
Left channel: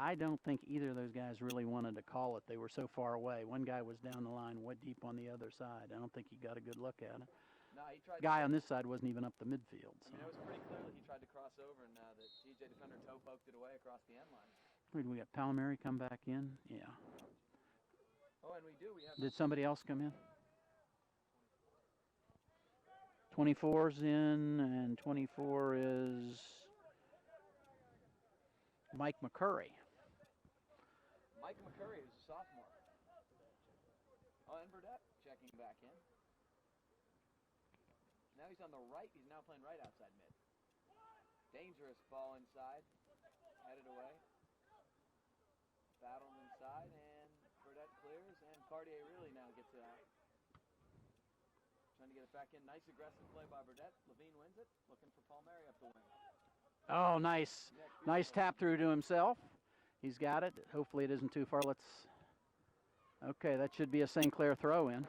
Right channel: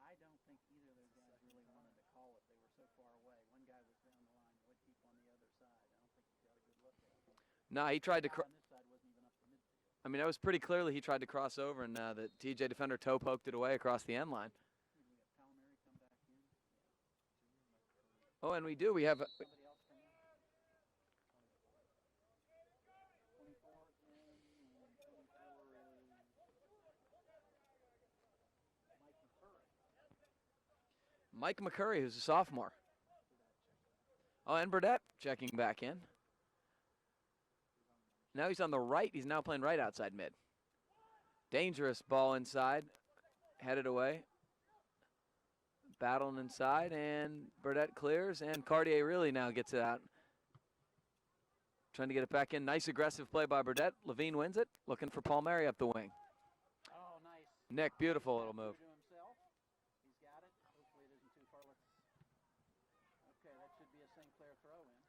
I don't think either of those guys really wanted to call it. They were so far away. One guy was down the line, way deep on the other side. I don't think he got a good look at it. No, he tried the to. Guy on this side wasn't even up the midfield. I mean, that was pretty clearly he tried to cross over, and the TJ defender toe poked it away across the end line. We got Palmieri come back in. Yeah. Oh, and we do. We have. Did somebody else come in? 24's in, and 24 is Mike McCurry. Mike McCurry, who's a sophomore. Oh, and Burdett checking back in. Now he's on the right. He's now playing right outside mid. Dangerous ball inside. Headed away. Battling inside, and Burdett clears, and Cartier really now gets it out. Trying to get it back in. Nice aggressive play by Burdett. Levine wins it. Looking for Palmieri up the wing. Oh, nice. Nick, beautiful. Nice tap through to himself. He's got it. Hopefully it isn't too far. Okay, that should be a St. Clair throw in.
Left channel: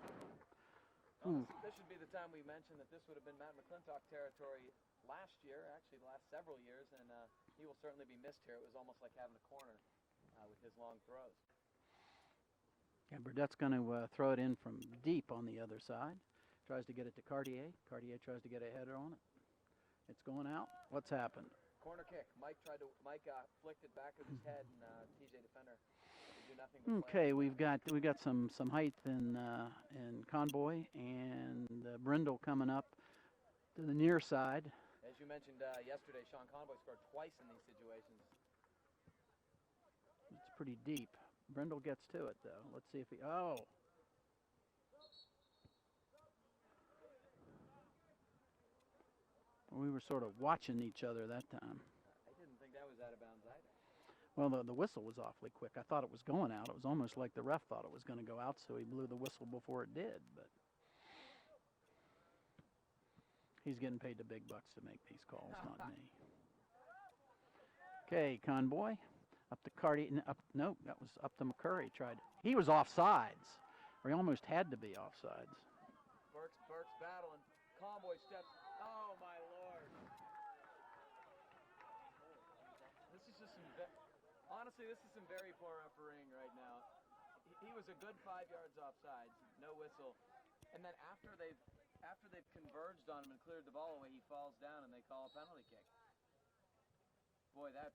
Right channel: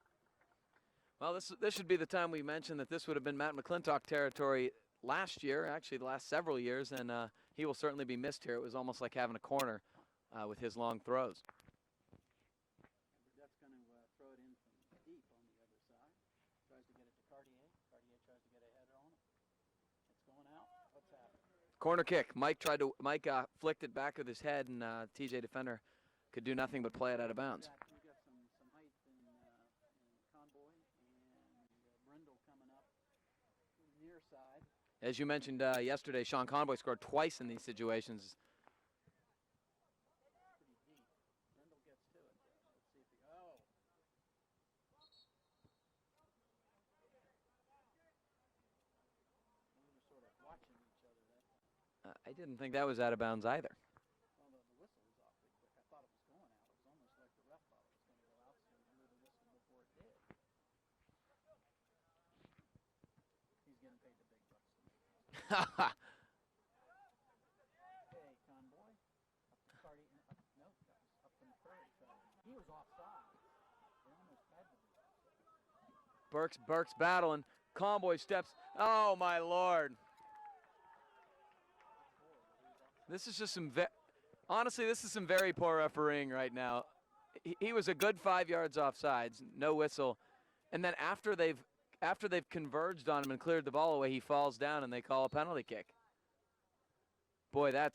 Well, this should be the time we mention that this would have been Matt McClintock territory last year, actually the last several years, and he will certainly be missed here. It was almost like having a corner with his long throws. Yeah, Burdett's going to throw it in from deep on the other side. Tries to get it to Cartier. Cartier tries to get a header on it. It's going out. What's happened? Corner kick. Mike flicked it back with his head, and TJ defender could do nothing but play it out of bounds. We've got some height in Convoy, and Brindle coming up to the near side. As you mentioned yesterday, Sean Convoy scored twice in these situations. It's pretty deep. Brindle gets to it, though. Let's see if he... Oh! We were sort of watching each other that time. I didn't think that was out of bounds either. Well, the whistle was awfully quick. I thought it was going out. It was almost like the ref thought it was going to go out, so he blew the whistle before it did. But he's getting paid the big bucks to make these calls. Okay, Convoy. Up to Cardi. No, that was up to McCurry. He was offsides, or he almost had to be offsides. Burke's battling. Convoy steps. Oh, my Lord. This is just honestly, this is some very poor refereeing right now. He was a good 5 yards offsides, no whistle. And then after they've converged on him and cleared the ball away, he falls down and they call a penalty kick. Boy, I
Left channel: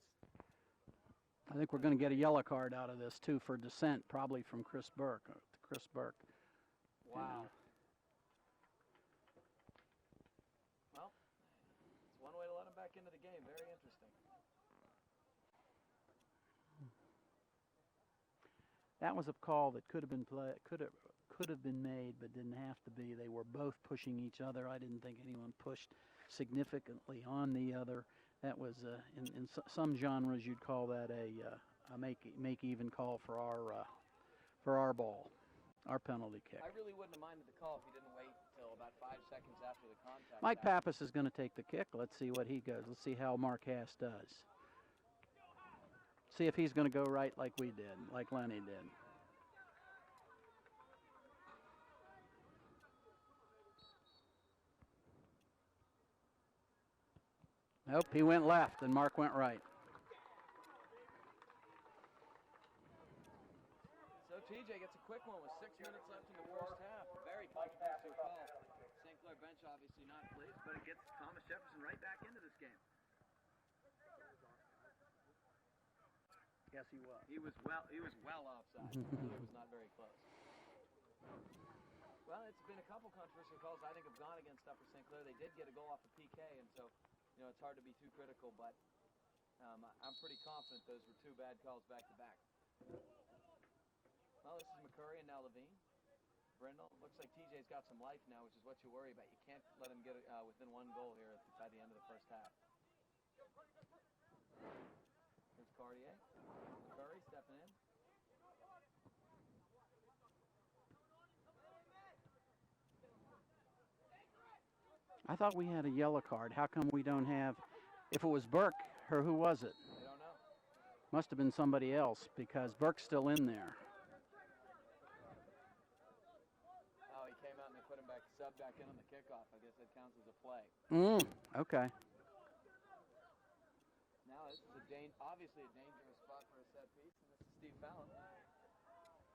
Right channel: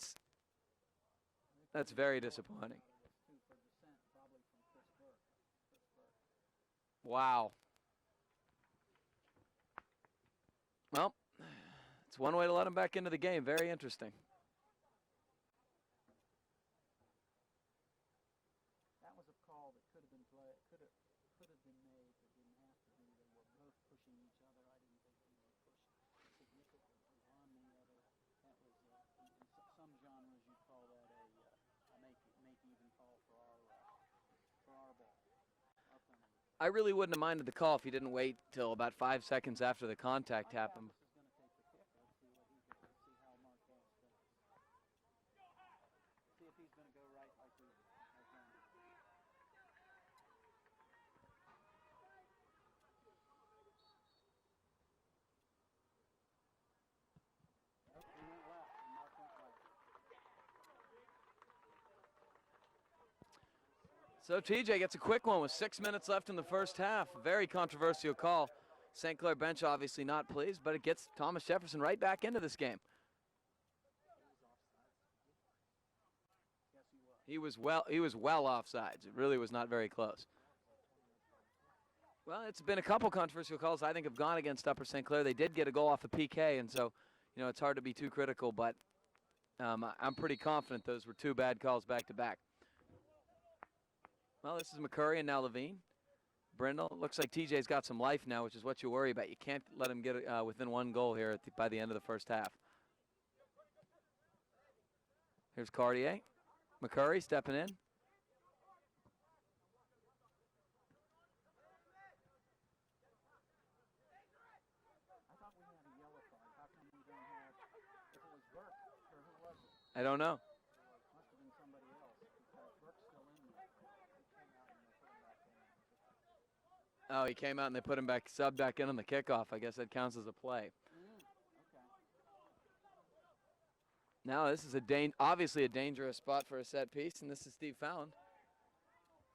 think we're going to get a yellow card out of this, too, for dissent, probably from Chris Burke. Wow. Well, it's one way to let him back into the game. Very interesting. That was a call that could have been made, but didn't have to be. They were both pushing each other. I didn't think anyone pushed significantly on the other. That was in some genres you'd call that a make even call for our ball. Our penalty kick. I really wouldn't have minded the call if he didn't wait till about 5 seconds after the contact Mike happened. Pappas is going to take the kick. Let's see what he goes. Let's see how Mark Hass does. See if he's going to go right like we did, like Lenny did. Nope, he went left and Mark went right. So TJ gets a quick one with 6 minutes left in the first half. Very controversial call. St. Clair bench obviously not pleased, but it gets Thomas Jefferson right back into this game. He was well offsides. It really was not very close. Well, it's been a couple controversial calls I think have gone against Upper St. Clair. They did get a goal off the PK, and so, you know, it's hard to be too critical, but I'm pretty confident those were two bad calls back to back. Well, this is McCurry and now Levine. Brindle, looks like TJ's got some life now, which is what you worry about. You can't let him get within one goal here by the end of the first half. Here's Cartier. McCurry stepping in. I thought we had a yellow card. How come we don't have, if it was Burke, or who was it? I don't know. Must have been somebody else because Burke's still in there. Oh, he came out and they put him back, subbed back in on the kickoff. I guess that counts as a play. Okay. Now this is obviously a dangerous spot for a set piece, and this is Steve Fallon.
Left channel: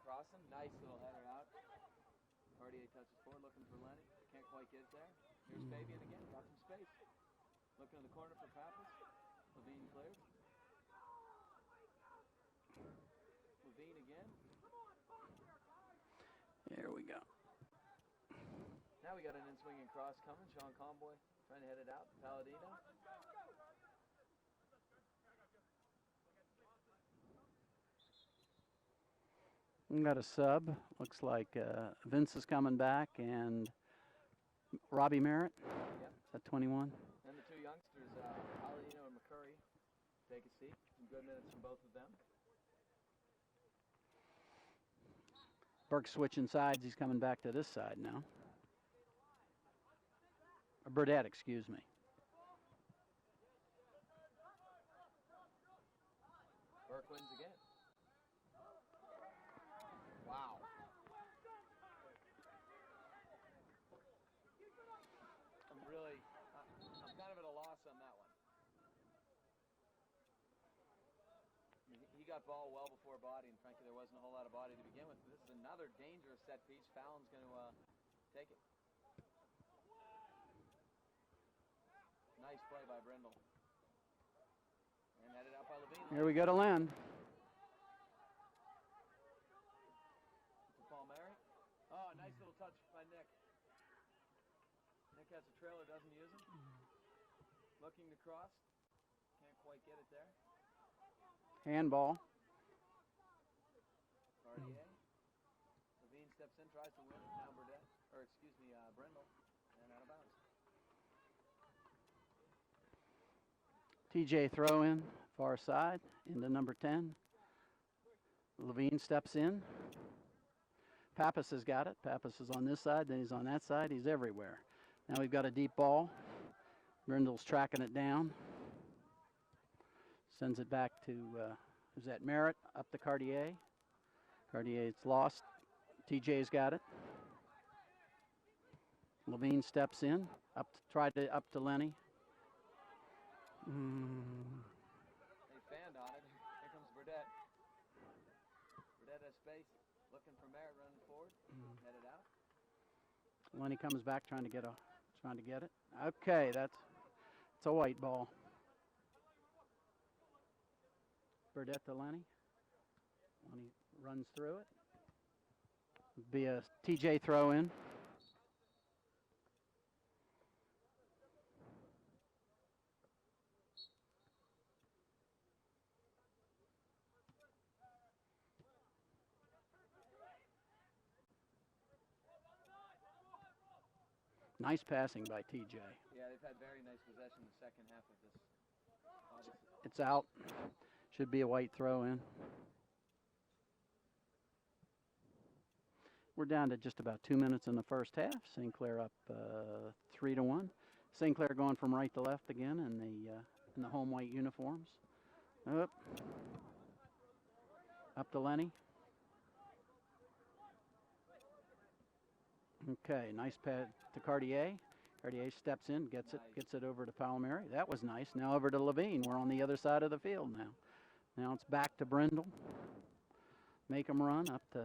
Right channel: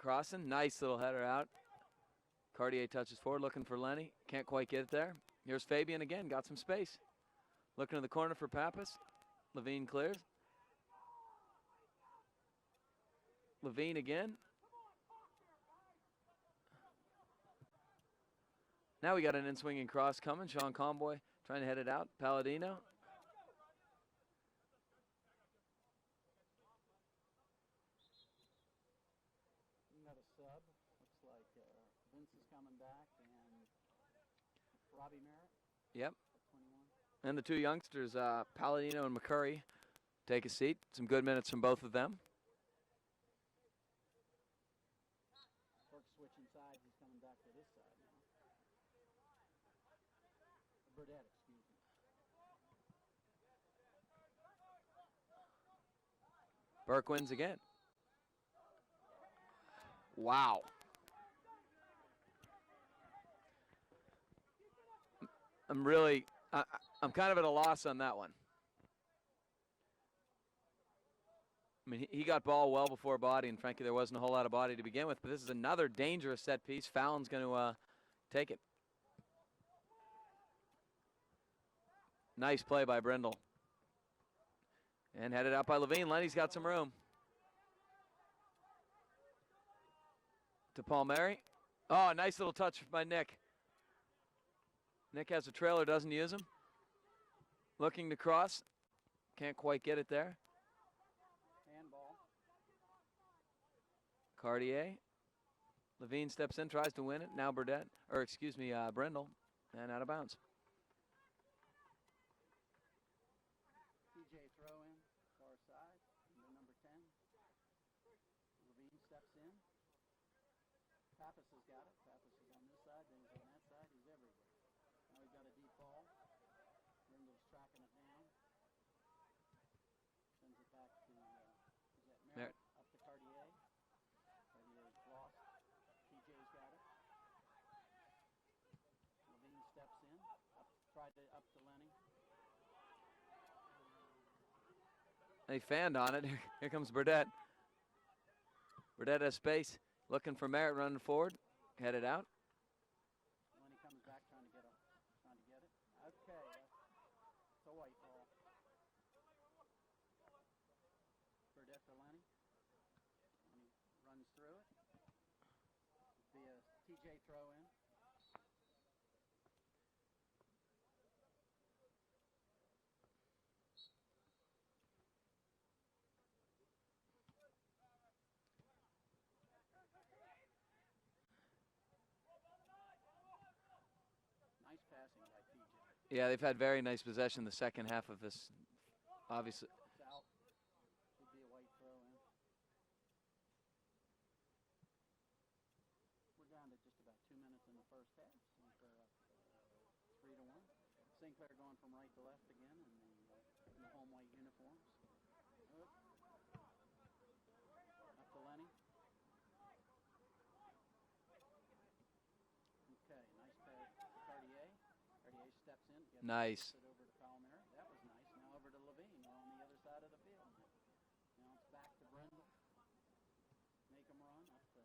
Crossing, nice little header out. Cartier touches forward, looking for Lenny. Can't quite get it there. Here's Fabian again, got some space. Looking in the corner for Pappas. Levine clears. Levine again. There we go. Now we got an in-swinging cross coming. Sean Comboy trying to head it out. Palladino. We got a sub. Looks like Vince is coming back and Robbie Merritt. Yep. At 21. And the two youngsters, Palladino and McCurry, take a seat. Some good minutes from both of them. Burke switching sides. He's coming back to this side now. Burdette, excuse me. Burke wins again. Wow. I'm kind of at a loss on that one. I mean, he got ball well before body, and frankly, there wasn't a whole lot of body to begin with, but this is another dangerous set piece. Fallon's going to take it. Nice play by Brindle. And headed out by Levine. Lenny's got some room. To Palmieri. Oh, a nice little touch by Nick. Nick has a trailer, doesn't use him. Looking to cross. Can't quite get it there. Handball. Cartier. Levine steps in, tries to win it. Now Burdette, or excuse me, Brindle, and out of bounds. TJ throw in, far side, into number 10. Levine steps in. Pappas has got it. Pappas is on this side, then he's on that side. He's everywhere. Now we've got a deep ball. Brindle's tracking it down. Sends it back to, who's that, Merritt, up to Cartier. Cartier's lost. TJ's got it. Levine steps in, up to Lenny. They fanned on it. Here comes Burdette. Burdette has space. Looking for Merritt running forward. Headed out. Lenny comes back trying to get it. Okay, it's a white ball. Burdette to Lenny. Lenny runs through it. Be a TJ throw in. Nice passing by TJ. Yeah, they've had very nice possession the second half of this. Obviously, it's out. Should be a white throw in. We're down to just about 2 minutes in the first half. St. Clair up 3-1. St. Clair going from right to left again in the home white uniforms. Up to Lenny. Okay, nice pad to Cartier. Cartier steps in, gets it over to Palmieri. That was nice. Now over to Levine. We're on the other side of the field now. Now it's back to Brindle. Make him run up to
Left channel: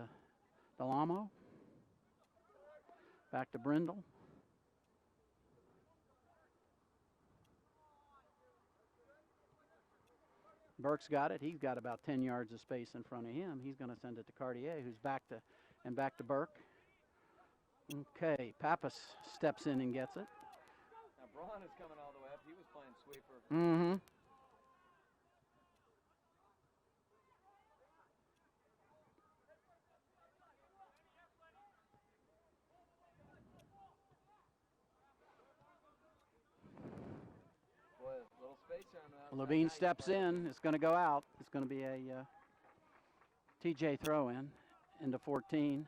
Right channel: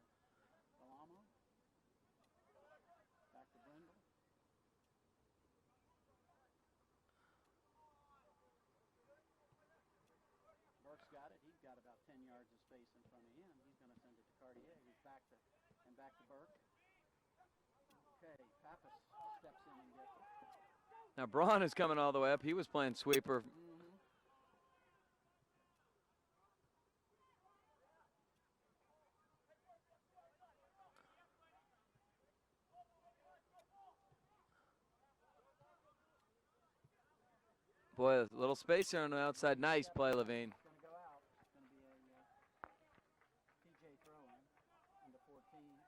Delamo. Back to Brindle. Burke's got it. He's got about 10 yards of space in front of him. He's going to send it to Cartier, who's back to Burke. Okay, Pappas steps in and gets it. Now Braun is coming all the way up. He was playing sweeper. Mm-hmm. Boy, a little space there on the outside. Levine Nice steps play, in. Levine. It's going to go out. It's going to be a TJ throw in into 14.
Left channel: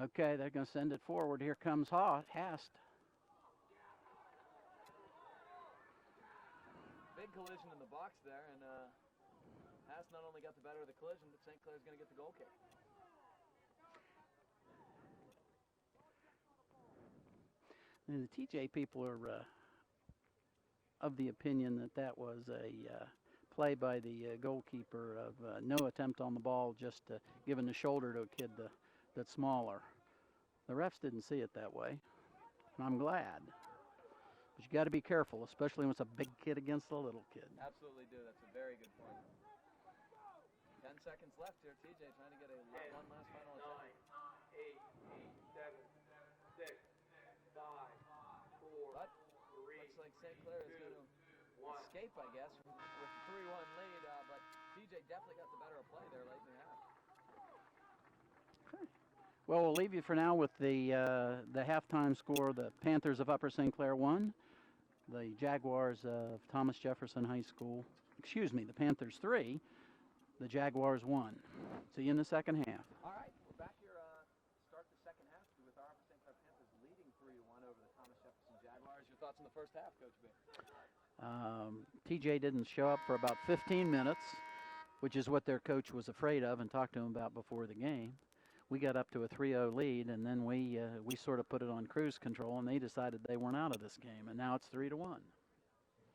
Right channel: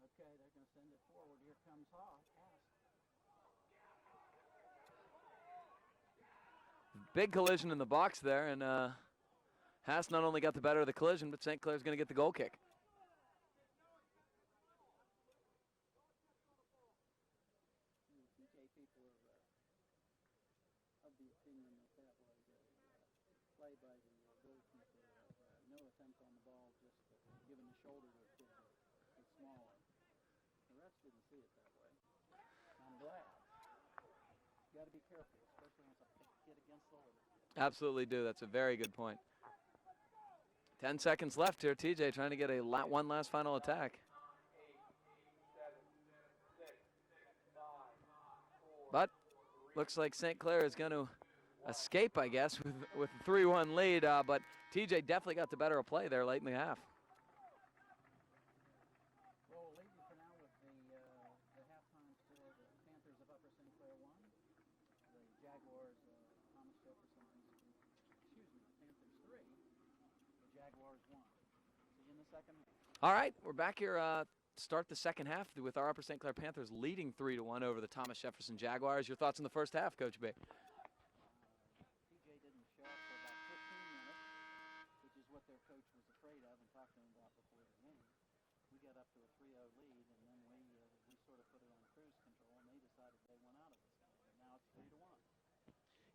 Okay, they're going to send it forward. Here comes Hast. Big collision in the box there, and Haas not only got the better of the collision, but St. Clair's going to get the goal kick. And the TJ people are of the opinion that that was a play by the goalkeeper of no attempt on the ball, just giving the shoulder to a kid that's smaller. The refs didn't see it that way, and I'm glad. But you got to be careful, especially when it's a big kid against a little kid. Absolutely do. That's a very good point. 10 seconds left here. TJ trying to get one last final attack. But looks like St. Clair is going to escape, I guess, with a 3-1 lead. But TJ definitely got the better of play there late in the half. Well, we'll leave you for now with the halftime score. The Panthers of Upper St. Clair won. The Jaguars of Thomas Jefferson High School, the Panthers 3. The Jaguars 1. See you in the second half. All right, we're back here. Start the second half with our Upper St. Clair Panthers leading 3-1 over the Thomas Jefferson Jaguars. Your thoughts on the first half, Coach B? TJ didn't show up for about 15 minutes, which is what their coach was afraid of and talked to him about before the game. We got up to a 3-0 lead, and then we sort of put it on cruise control, and they decided they weren't out of this game, and now it's 3-1.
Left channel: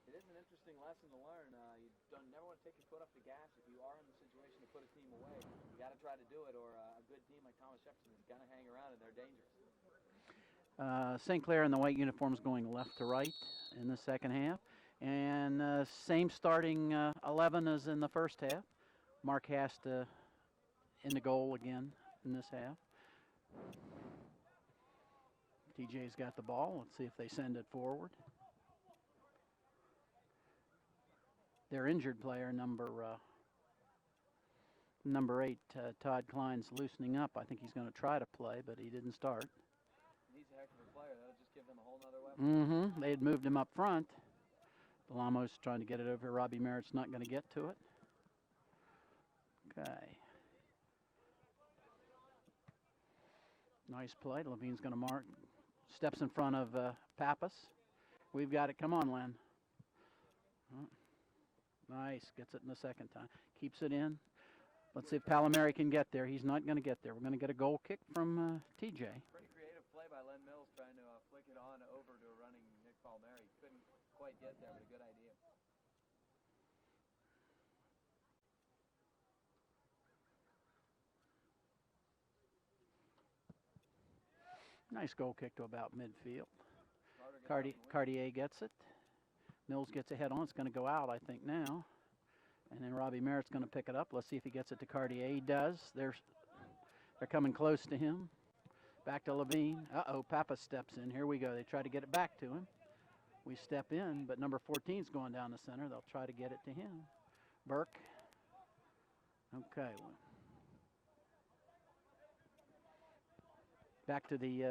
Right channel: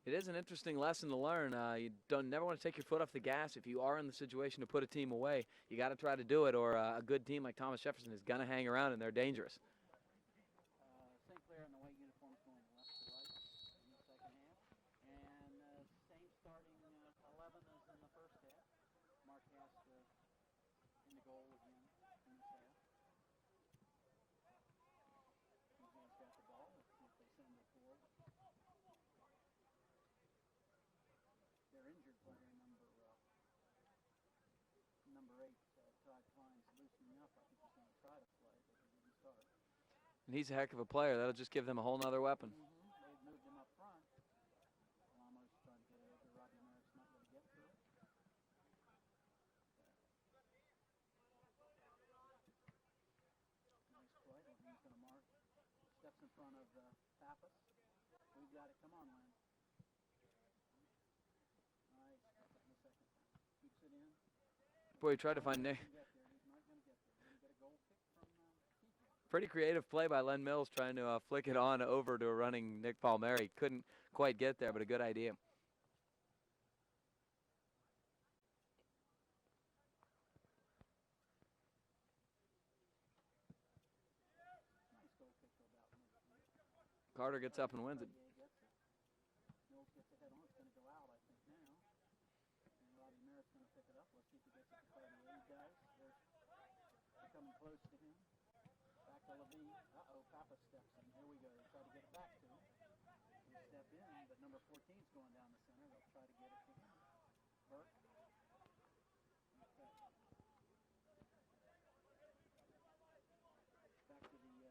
It is an interesting lesson to learn. You never want to take your foot off the gas. If you are in the situation to put a team away, you got to try to do it, or a good team like Thomas Jefferson is going to hang around, and they're dangerous. St. Clair in the white uniforms going left to right in the second half, and same starting 11 as in the first half. Mark Hast in the goal again in this half. TJ's got the ball. Let's see if they send it forward. Their injured player, number 8, Todd Klein's loosening up. I think he's going to try to play, but he didn't start. And he's a heck of a player. That'll just give them a whole nother weapon. Mm-hmm. They had moved him up front. Bellomo's trying to get it over. Robbie Merritt's not going to get to it. Okay. Nice play. Levine's going to mark. Steps in front of Pappas. We've got it. Come on, Len. Nice. Gets it in the second time. Keeps it in. Let's see if Palomari can get there. He's not going to get there. We're going to get a goal kick from TJ. Pretty creative play by Len Mills trying to flick it on over to a running Nick Palmieri. Couldn't quite get there, but a good idea. Nice goal kick to about midfield. Carter gets up and wins. Cartier gets it. Mills gets ahead on. It's going to go out, I think, now. And then Robbie Merritt's going to pick it up. Let's see if he gets it to Cartier. He does. They're coming close to him. Back to Levine. Uh-oh, Papa steps in. Here we go. They try to get it back to him. We step in, but number 14's going down the center. They'll try to get it to him. Burke. Okay. Back to the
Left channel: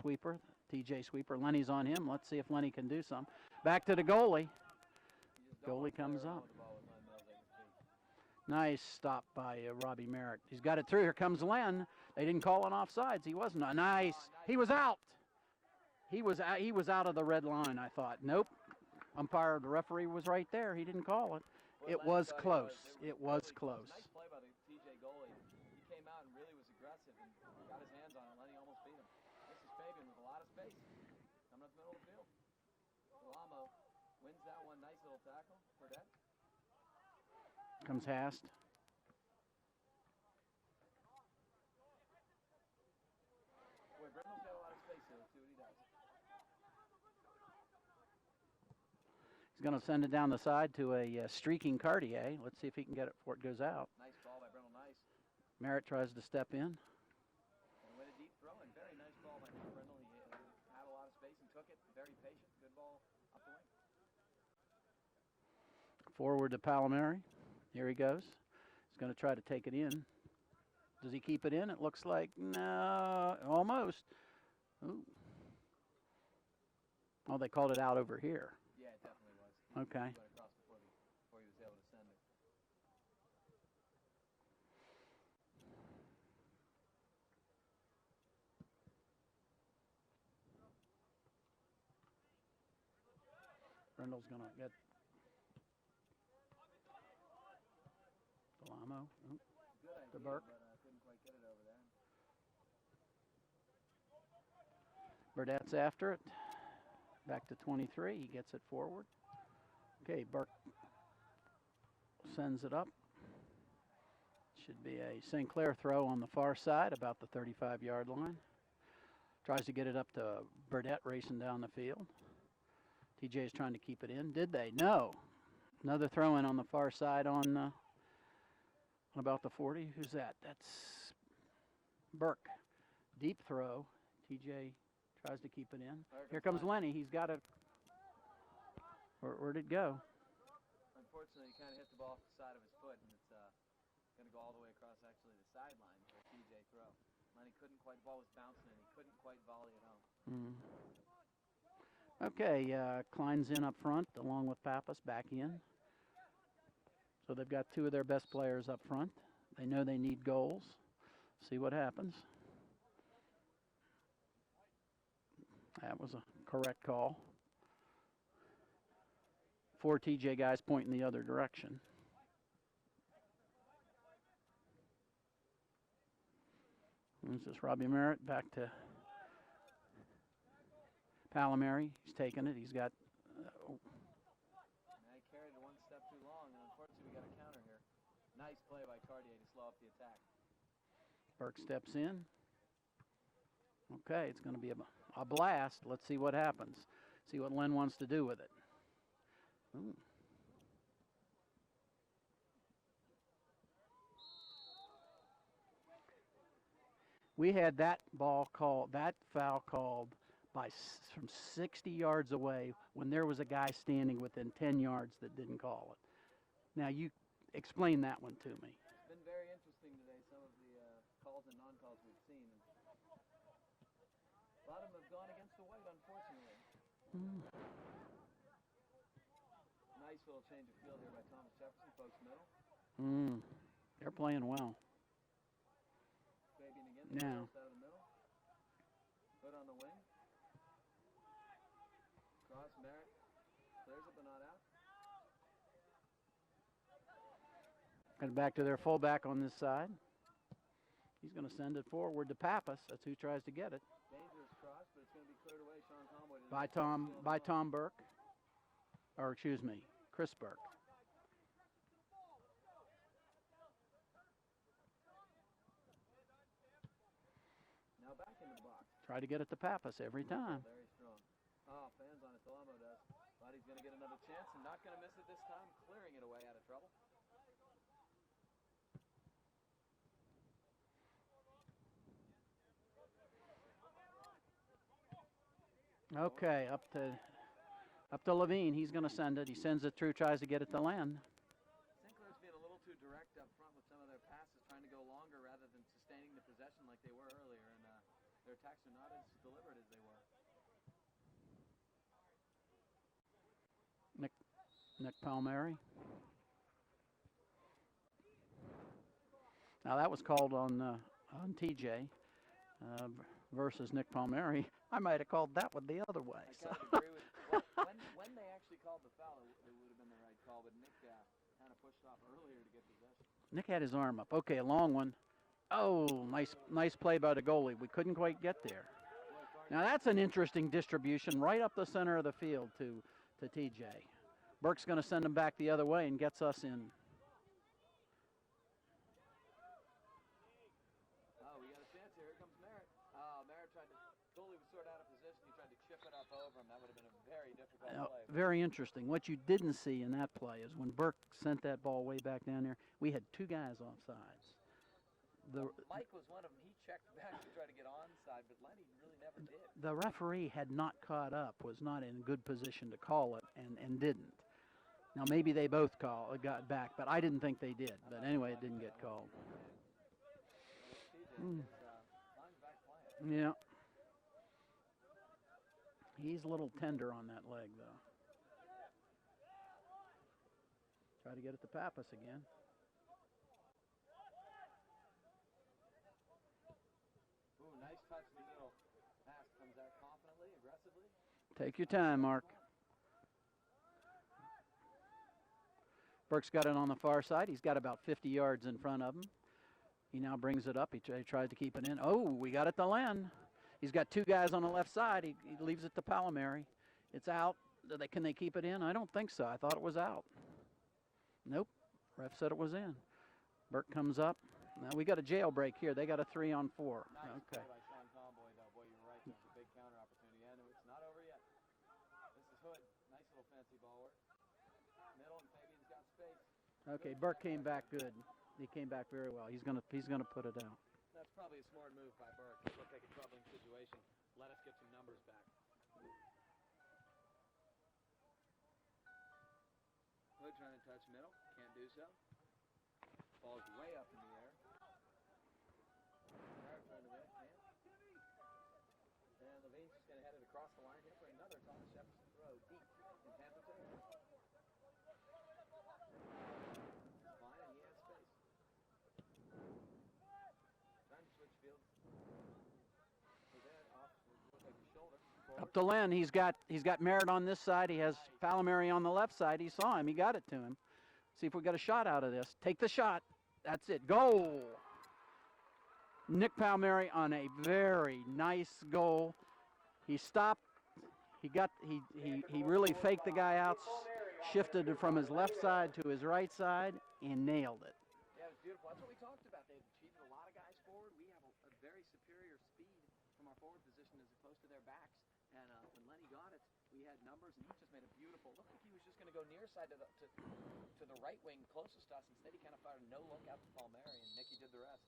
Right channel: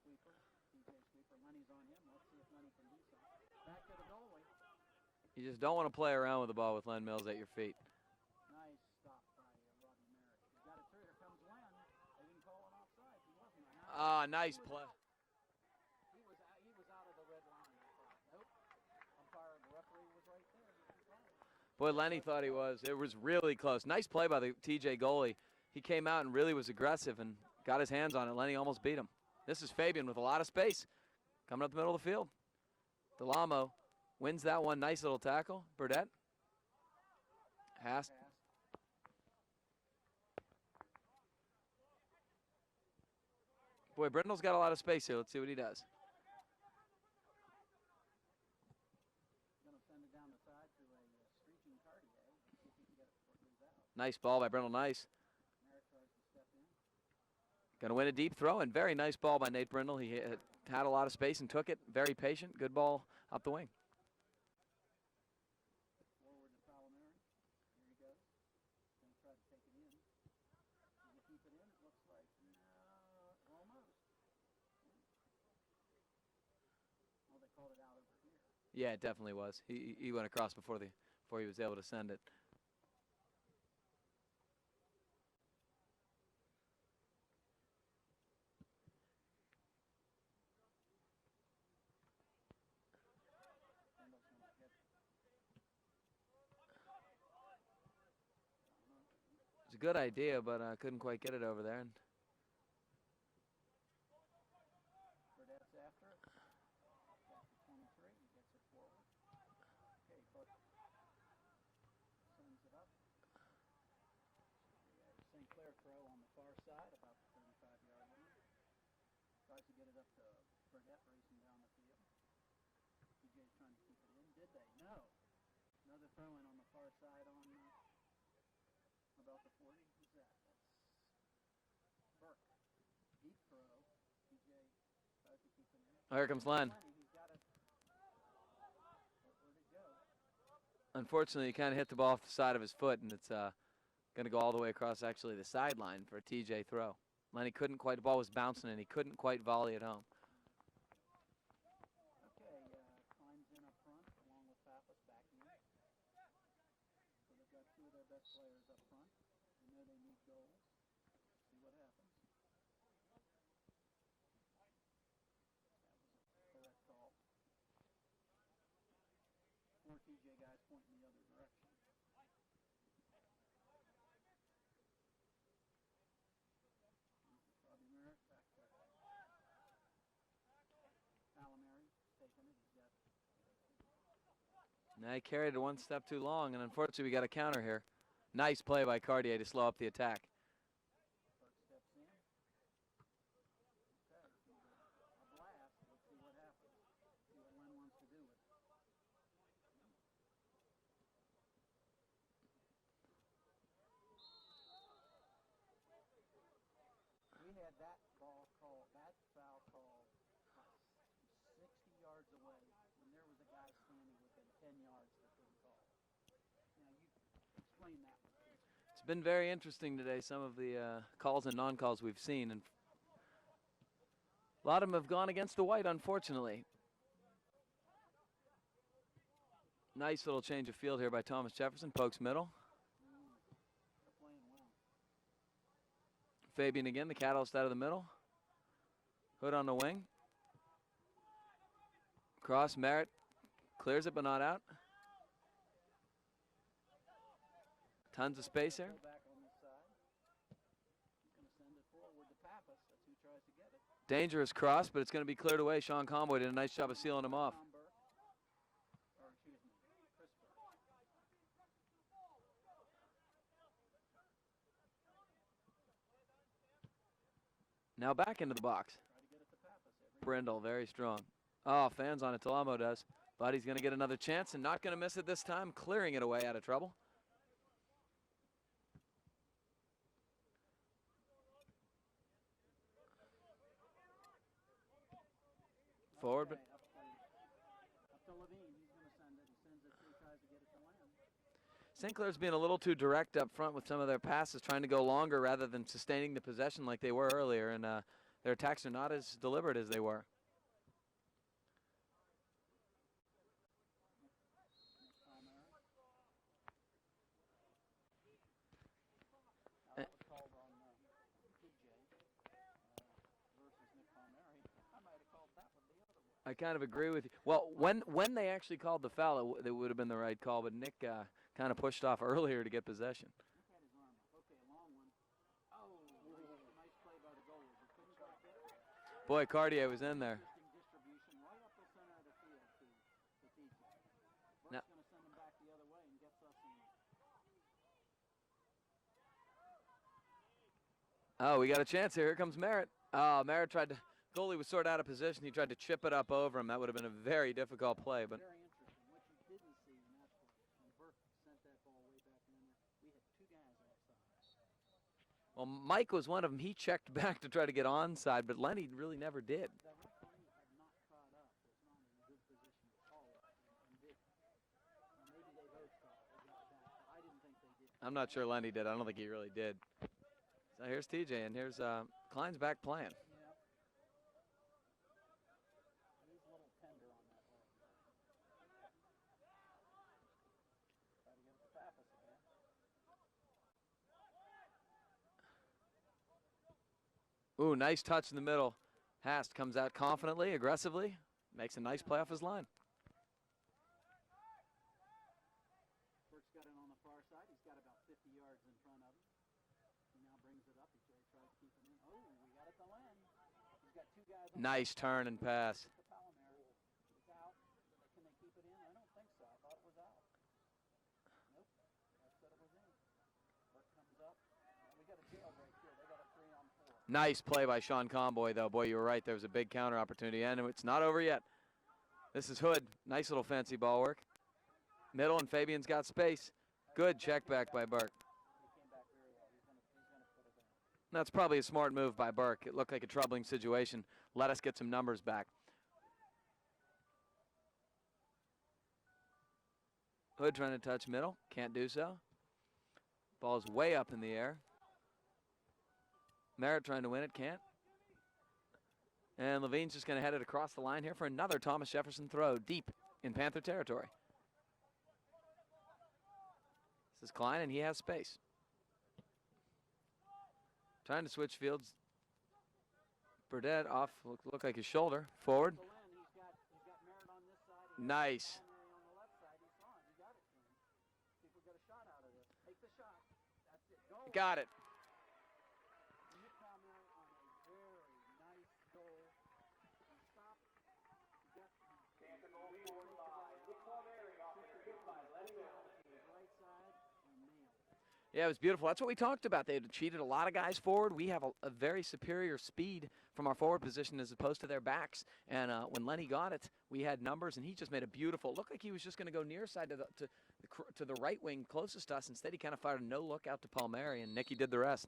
sweeper, TJ sweeper. Lenny's on him. Let's see if Lenny can do something. Back to the goalie. You just don't want to play around with the ball with Len Mills at your feet. Nice stop by Robbie Merritt. He's got it through. Here comes Len. They didn't call on offsides. He wasn't. Nice. Nice. He was out. He was out of the red line, I thought. Nope. Umpire, the referee was right there. He didn't call it. Boy, Lenny was thought close. It was really close. Nice play by the TJ goalie. He came out and really was aggressive and got his hands on it. Lenny almost beat him. This is Fabian with a lot of space. Coming up the middle of the field. Delamo wins that one. Nice little tackle. Burdett. Passed. Boy, Brindle's got a lot of space here. Let's see what he does. going to send it down the side to a streaking Cartier. Let's see if he can get it before it goes out. Nice ball by Brindle. Nice. Merritt tries to step in. Going to win a deep throw, and very nice ball by Nate Brindle. He had a lot of space and took it. Very patient. Good ball up the wing. Forward to Palomari. Here he goes. He's going to try to take it in. Does he keep it in? It looks like no, almost. Ooh. Oh, they called it out over here. Yeah, it definitely was. He went across before he was able to send it. Brindle's going to get Delamo. It's a good idea, but couldn't quite get it over there. Burdett's after it. Back to 23. He gets it forward. Okay, Burke sends it up. Should be a St. Clair throw on the far side, about the 35-yard line. Tries to get it up to Burdett racing down the field. TJ is trying to keep it in. Did they? No. Another throw in on the far side on about the 40. Who's that? That's Burke. Deep throw. TJ tries to keep it in. Oh, here comes Lenny. He's got it. Where'd it go? Unfortunately, he kind of hit the ball off the side of his foot, and it's going to go all the way across actually the sideline for a TJ throw. Lenny couldn't quite, the ball was bouncing, and he couldn't quite volley it home. Okay, Klein's in up front along with Pappas back in. So they've got two of their best players up front. They know they need goals. See what happens. That was a correct call. 4 TJ guys pointing the other direction. This is Robbie Merritt back to Palomari. He's taking it. He's got. Now he carried it one step too long, and unfortunately we got a counter here. Nice play by Cartier to slow up the attack. Burke steps in. Okay, it's going to be a blast. Let's see what happens. See what Len wants to do with it. Ooh. We had that foul called from 60 yards away when there was a guy standing within 10 yards that didn't call it. Now you explain that one to me. It's been very interesting today, some of the calls and non-calls we've seen, and a lot of them have gone against the white, unfortunately. Nice little change of field here by Thomas Jefferson. Pokes middle. They're playing well. Fabian again, the catalyst out of the middle. Hood on the wing. Cross, Merritt clears it but not out. Tons of back space to their here. fullback on this side. He's going to send it forward to Pappas. That's who tries to get it. Dangerous cross, but it's going to be cleared away. Sean Conboy did a nice job of sealing him off. By Tom Burke. Or excuse me, Chris Burke. Now back into the box. Try to get it to Pappas every Brindle, time. very strong. Oh, fans on it. Delamo does. But he's going to get another chance and not going to miss it this time, clearing it away out of trouble. Okay, up to Levine. He's going to send it. He sends it through, tries to get it to Len. St. Clair's being a little too direct up front with some of their passes, trying to go longer rather than sustaining the possession like they were earlier, and their attacks are not as deliberate as they were. Nick Palmieri. Now that was called on TJ versus Nick Palmieri. I might have called that one the other way. I kind of agree with you. Well, when they actually called the foul, it would have been the right call, but Nick kind of pushed off earlier to get possession. Nick had his arm up. Okay, a long one. Oh, nice play by the goalie. We couldn't quite get there. Boy, Cartier now was that's an in there. interesting distribution right up the center of the field to TJ. Burke's going to send him back the other way and gets us in. Oh, we got a chance here. Here comes Merritt. Merritt tried to Goalie was sort of out of position. He tried to chip it up over him. That would have been a very difficult play. But very interesting. What you didn't see in that play is when Burke sent that ball way back down there, we had two guys offsides. Well, Mike was one of them. He checked back to try to get onside, but Lenny really never did. The referee had not caught up, was not in good position to call it, and didn't. Now, maybe they both got back, but I didn't think they did. I'm not sure Lenny did. I don't think he really did. Now here's TJ, and here's Klein's back playing. Yeah. He's a little tender on that leg, though. Try to get it to Pappas again. Ooh, nice touch in the middle. Hast comes out confidently, aggressively. Takes a nice play off his line. Burke's got it on the far side. He's got about 50 yards in front of him. He now brings it up. He tries to keep it in. Oh, we got it to Len. He's got two guys on the left side. Nice turn and pass. He leaves it to Palmieri. It's out. Can they keep it in? I don't think so. I thought it was out. Nope. Ref said it was in. Burke comes up. Now we got a jailbreak here. They got a 3-on-4. Nice play by Sean Comboy, though. Boy, you were right. There was a big counter opportunity, and it's not over yet. This is Hood. Nice little fancy ball work. Middle, and Fabian's got space. Good check back by Burke. He came back very well. He's gonna put it out. That's probably a smart move by Burke. It looked like a troubling situation. Let us get some numbers back. Hood trying to touch middle. Can't do so. Ball's way up in the air. Merritt trying to win it. Can't. And Levine's just going to head it across the line here for another Thomas Jefferson throw deep in Panther territory. This is Klein, and he has space. Trying to switch fields. Burdett off, look like his shoulder. Forward. To Len, he's got Merritt on this side. He has Nice. Palmieri on the left side. He saw him. He got it to him. See if we got a shot out of this. Take the shot. That's it. Goal. Got it. Nick Palmieri on a very nice goal. He stopped. He really faked the guy out, shifted it from his left side to his right side, and nailed it. Yeah, it was beautiful. That's what we talked about. They had cheated a lot of guys forward. We have a very superior speed from our forward position as opposed to their backs. And when Lenny got it, we had numbers, and he just made a beautiful. Looked like he was just going to go near side to the right wing closest to us. Instead, he kind of fired a no-look out to Palmieri, and Nicky did the rest.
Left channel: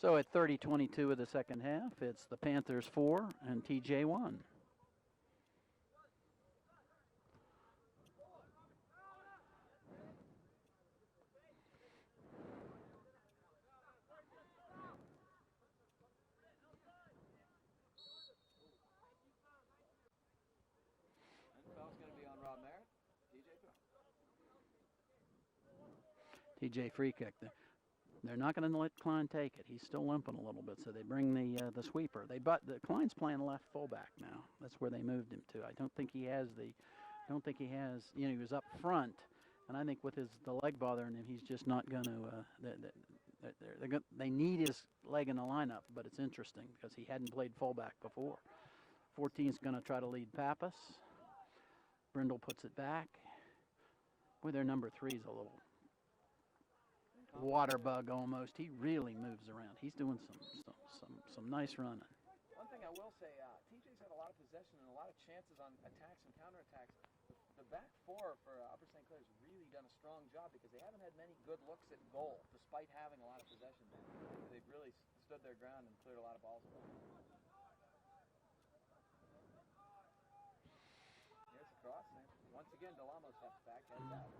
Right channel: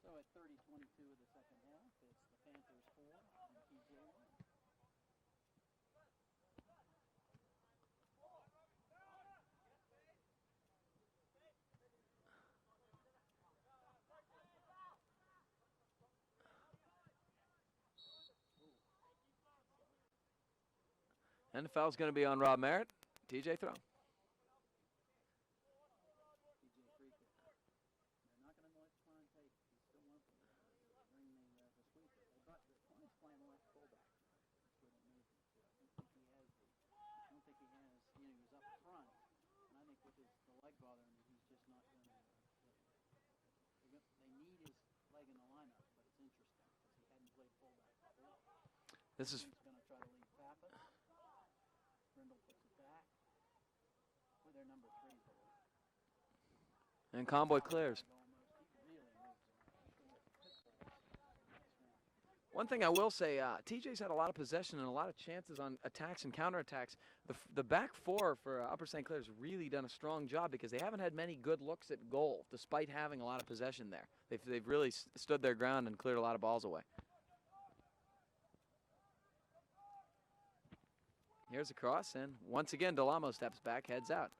So at 30-22 of the second half, it's the Panthers 4 and TJ 1. And the foul's going to be on Rob Merritt. TJ throw. TJ free kick. They're not going to let Klein take it. He's still limping a little bit, so they bring the sweeper. Klein's playing left fullback now. That's where they moved him to. I don't think he has. He was up front, and I think with the leg bothering him, he's just not going to. They need his leg in the lineup, but it's interesting because he hadn't played fullback before. 14's going to try to lead Pappas. Brindle puts it back. Boy, their number 3's a little and Comboy water clears. bug almost. He really moves around. He's doing some nice running. One thing I will say, TJ's had a lot of possession and a lot of chances on attacks and counterattacks. The back four for Upper St. Clair's really done a strong job because they haven't had many good looks at goal despite having a lot of possession there. They've really stood their ground and cleared a lot of balls away. Here's a cross, and once again, Delamo steps back, heads out.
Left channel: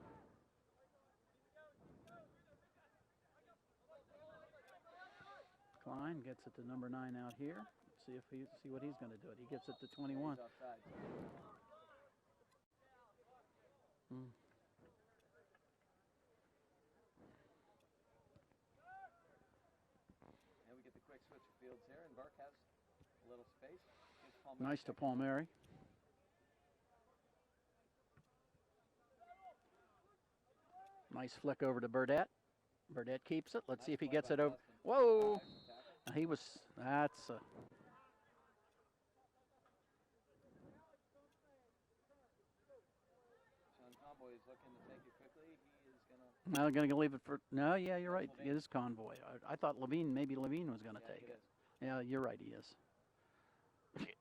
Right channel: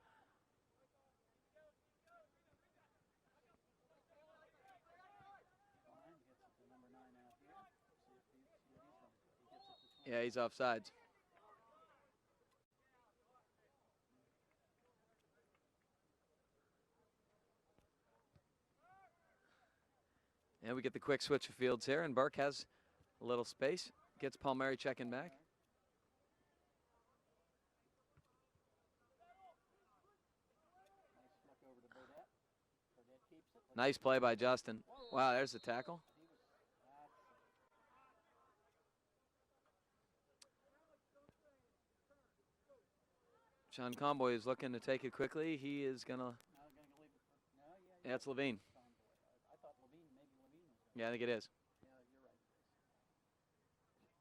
Klein gets it to number 9 out here. See what he's going to do. He gets it to 21. Yeah, he's offsides. And we get the quick switch of fields here, and Burke has a little space. Gets Palmieri Nice checking back. Nice flick over to Burdett. Burdett keeps it. Let's see Nice if he play gets by it over. Justin. Whoa! Wow, there's the tackle. That's Sean Comboy is looking to take it quickly. He is going to. I'm going to leave it for. No, yeah, you're right. It's Levine. It is Convoy. I thought maybe Levine was going to. Yeah, I think it is. Yeah, you're right. He is.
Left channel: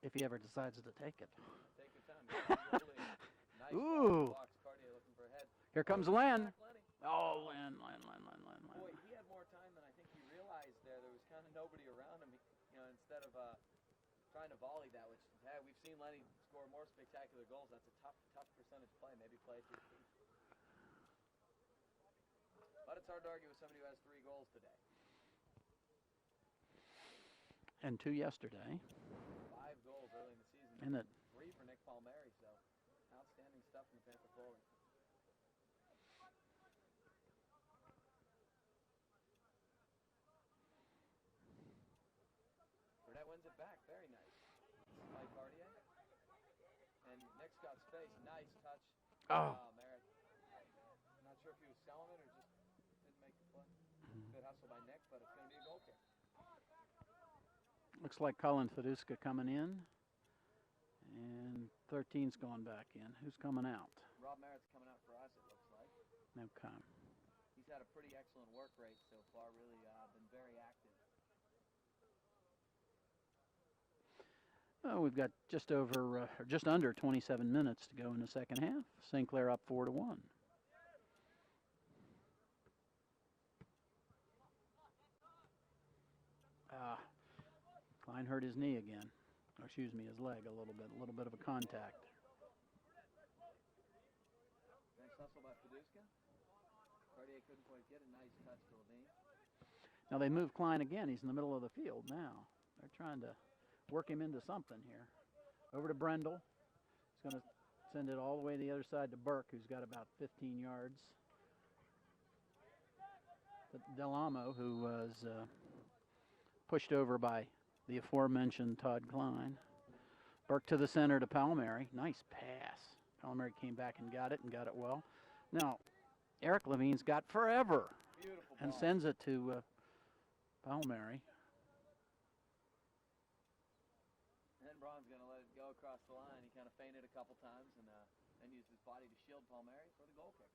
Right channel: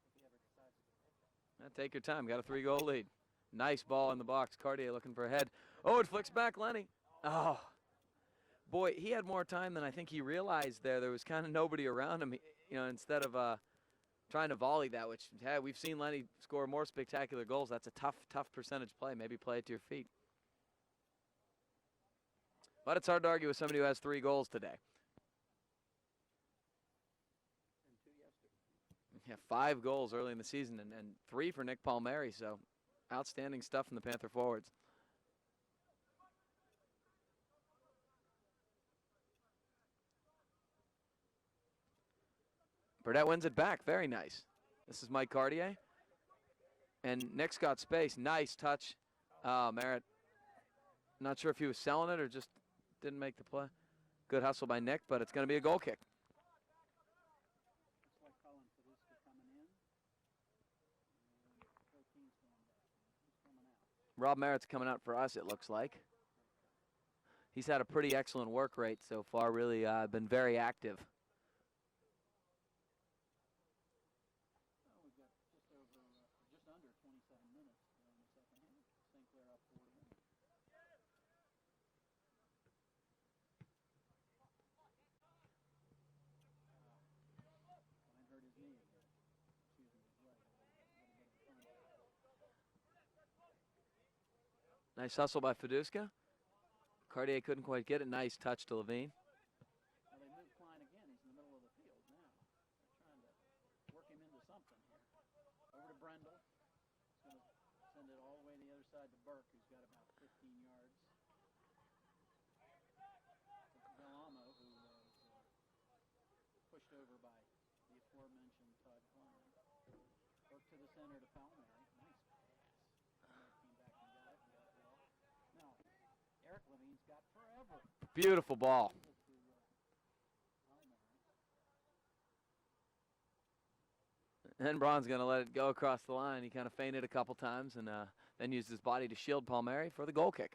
if he ever decides to take it. Take your time. Got a 3-goal lead. Nice ball in the box. Cartier looking for a head. Here Oh, comes it flicks Len. back Lenny. Oh. Boy, he had more time than I think he realized there. There was kind of nobody around him. You know, instead of trying to volley that, which we've seen Lenny score more spectacular goals. That's a tough percentage play. Maybe play it to your feet. But it's hard to argue with somebody who has 3 goals today. And 2 yesterday. Yeah, 5 goals early in the season and 3 for Nick Palmieri. So outstanding stuff from the Panther forwards. Burdett wins it back. Very nice. This is Mike Cartier. And Nick's got space. Nice touch. Merritt. Not sure if he was selling it or just didn't make the play. Good hustle by Nick, but it's going to be a goal kick. Looks like Colin Feduska coming in. And 13's going back in. Who's coming out? Rob Merritt's coming out for us, it looks like. Okay. He's had a pretty excellent work rate so far. Really been very active. Oh, we've got just under 27 minutes to go in the second half. St. Clair up 4-1. Klein hurt his knee again. Or excuse me, his leg a little bit of a contact. Nice hustle by Feduska. Cartier couldn't quite get it. Nice touch to Levine. Now they move Klein again. He's in the middle of the field now. They're trying to work him into something here. Over to Brendel. He's going to send it all the way to the other side to Burke, who's got about 15 yards. Delamo, who was pushed over by the aforementioned Todd Klein. Burke to the center to Palmieri. Nice pass. Palmieri came back and got it well. Now, Eric Levine's got forever. Beautiful ball. And sends it to Palmieri. And Braun's going to let it go across the line. He kind of feinted a couple times and then used his body to shield Palmieri for the goal kick.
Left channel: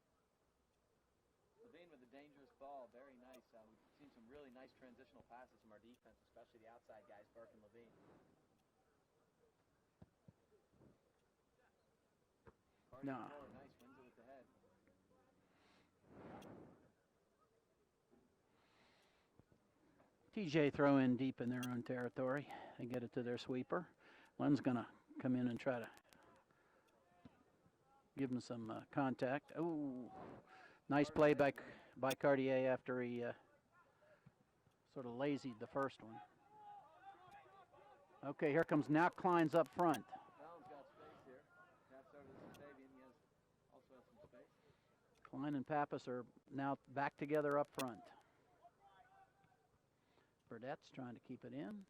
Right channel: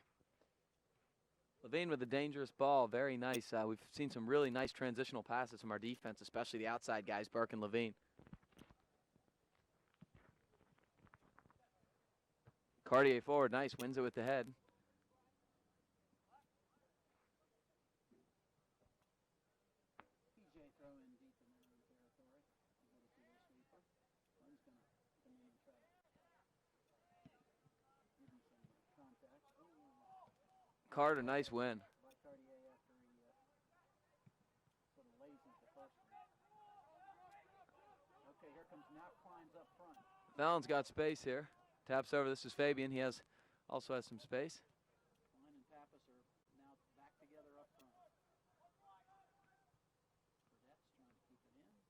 Levine with a dangerous ball. Very nice. We've seen some really nice transitional passes from our defense, especially the outside guys, Burke and Levine. Cartier forward. Nice. Wins it with the head. TJ throw in deep in their own territory. They get it to their sweeper. Len's going to come in and try to give him some contact. Oh, nice play by Cartier after he sort of lazied the first one. Okay, here comes now Klein's up front. Fallon's got space here. Taps over. This is Fabian. He also has some space. Klein and Pappas are now back together up front. Burdett's trying to keep it in.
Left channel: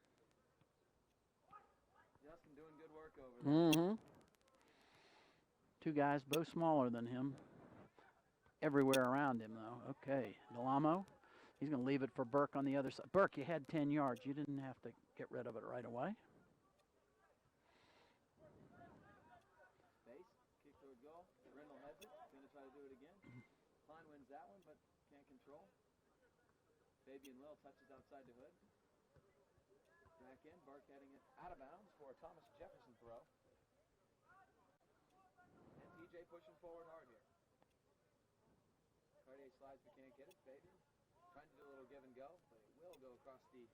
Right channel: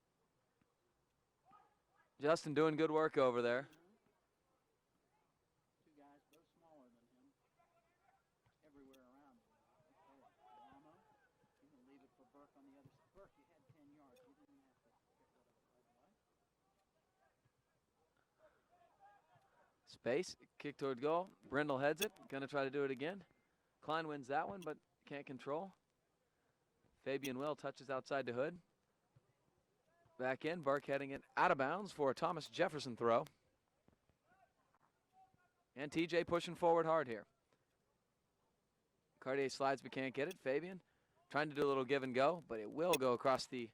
Justin doing good work over there. Mm-hmm. 2 guys, both smaller than him. Everywhere around him, though. Okay, Delamo. He's going to leave it for Burke on the other side. Burke, you had 10 yards. You didn't have to get rid of it right away. Space, kick toward goal. Brindle heads it. Going to try to do it again. Klein wins that one, but can't control. Fabian Will touches outside to Hood. Back in, Burke heading it out of bounds for a Thomas Jefferson throw. And TJ pushing forward hard here. Cartier slides but can't get it. Fabian trying to do a little give and go, but it will go across the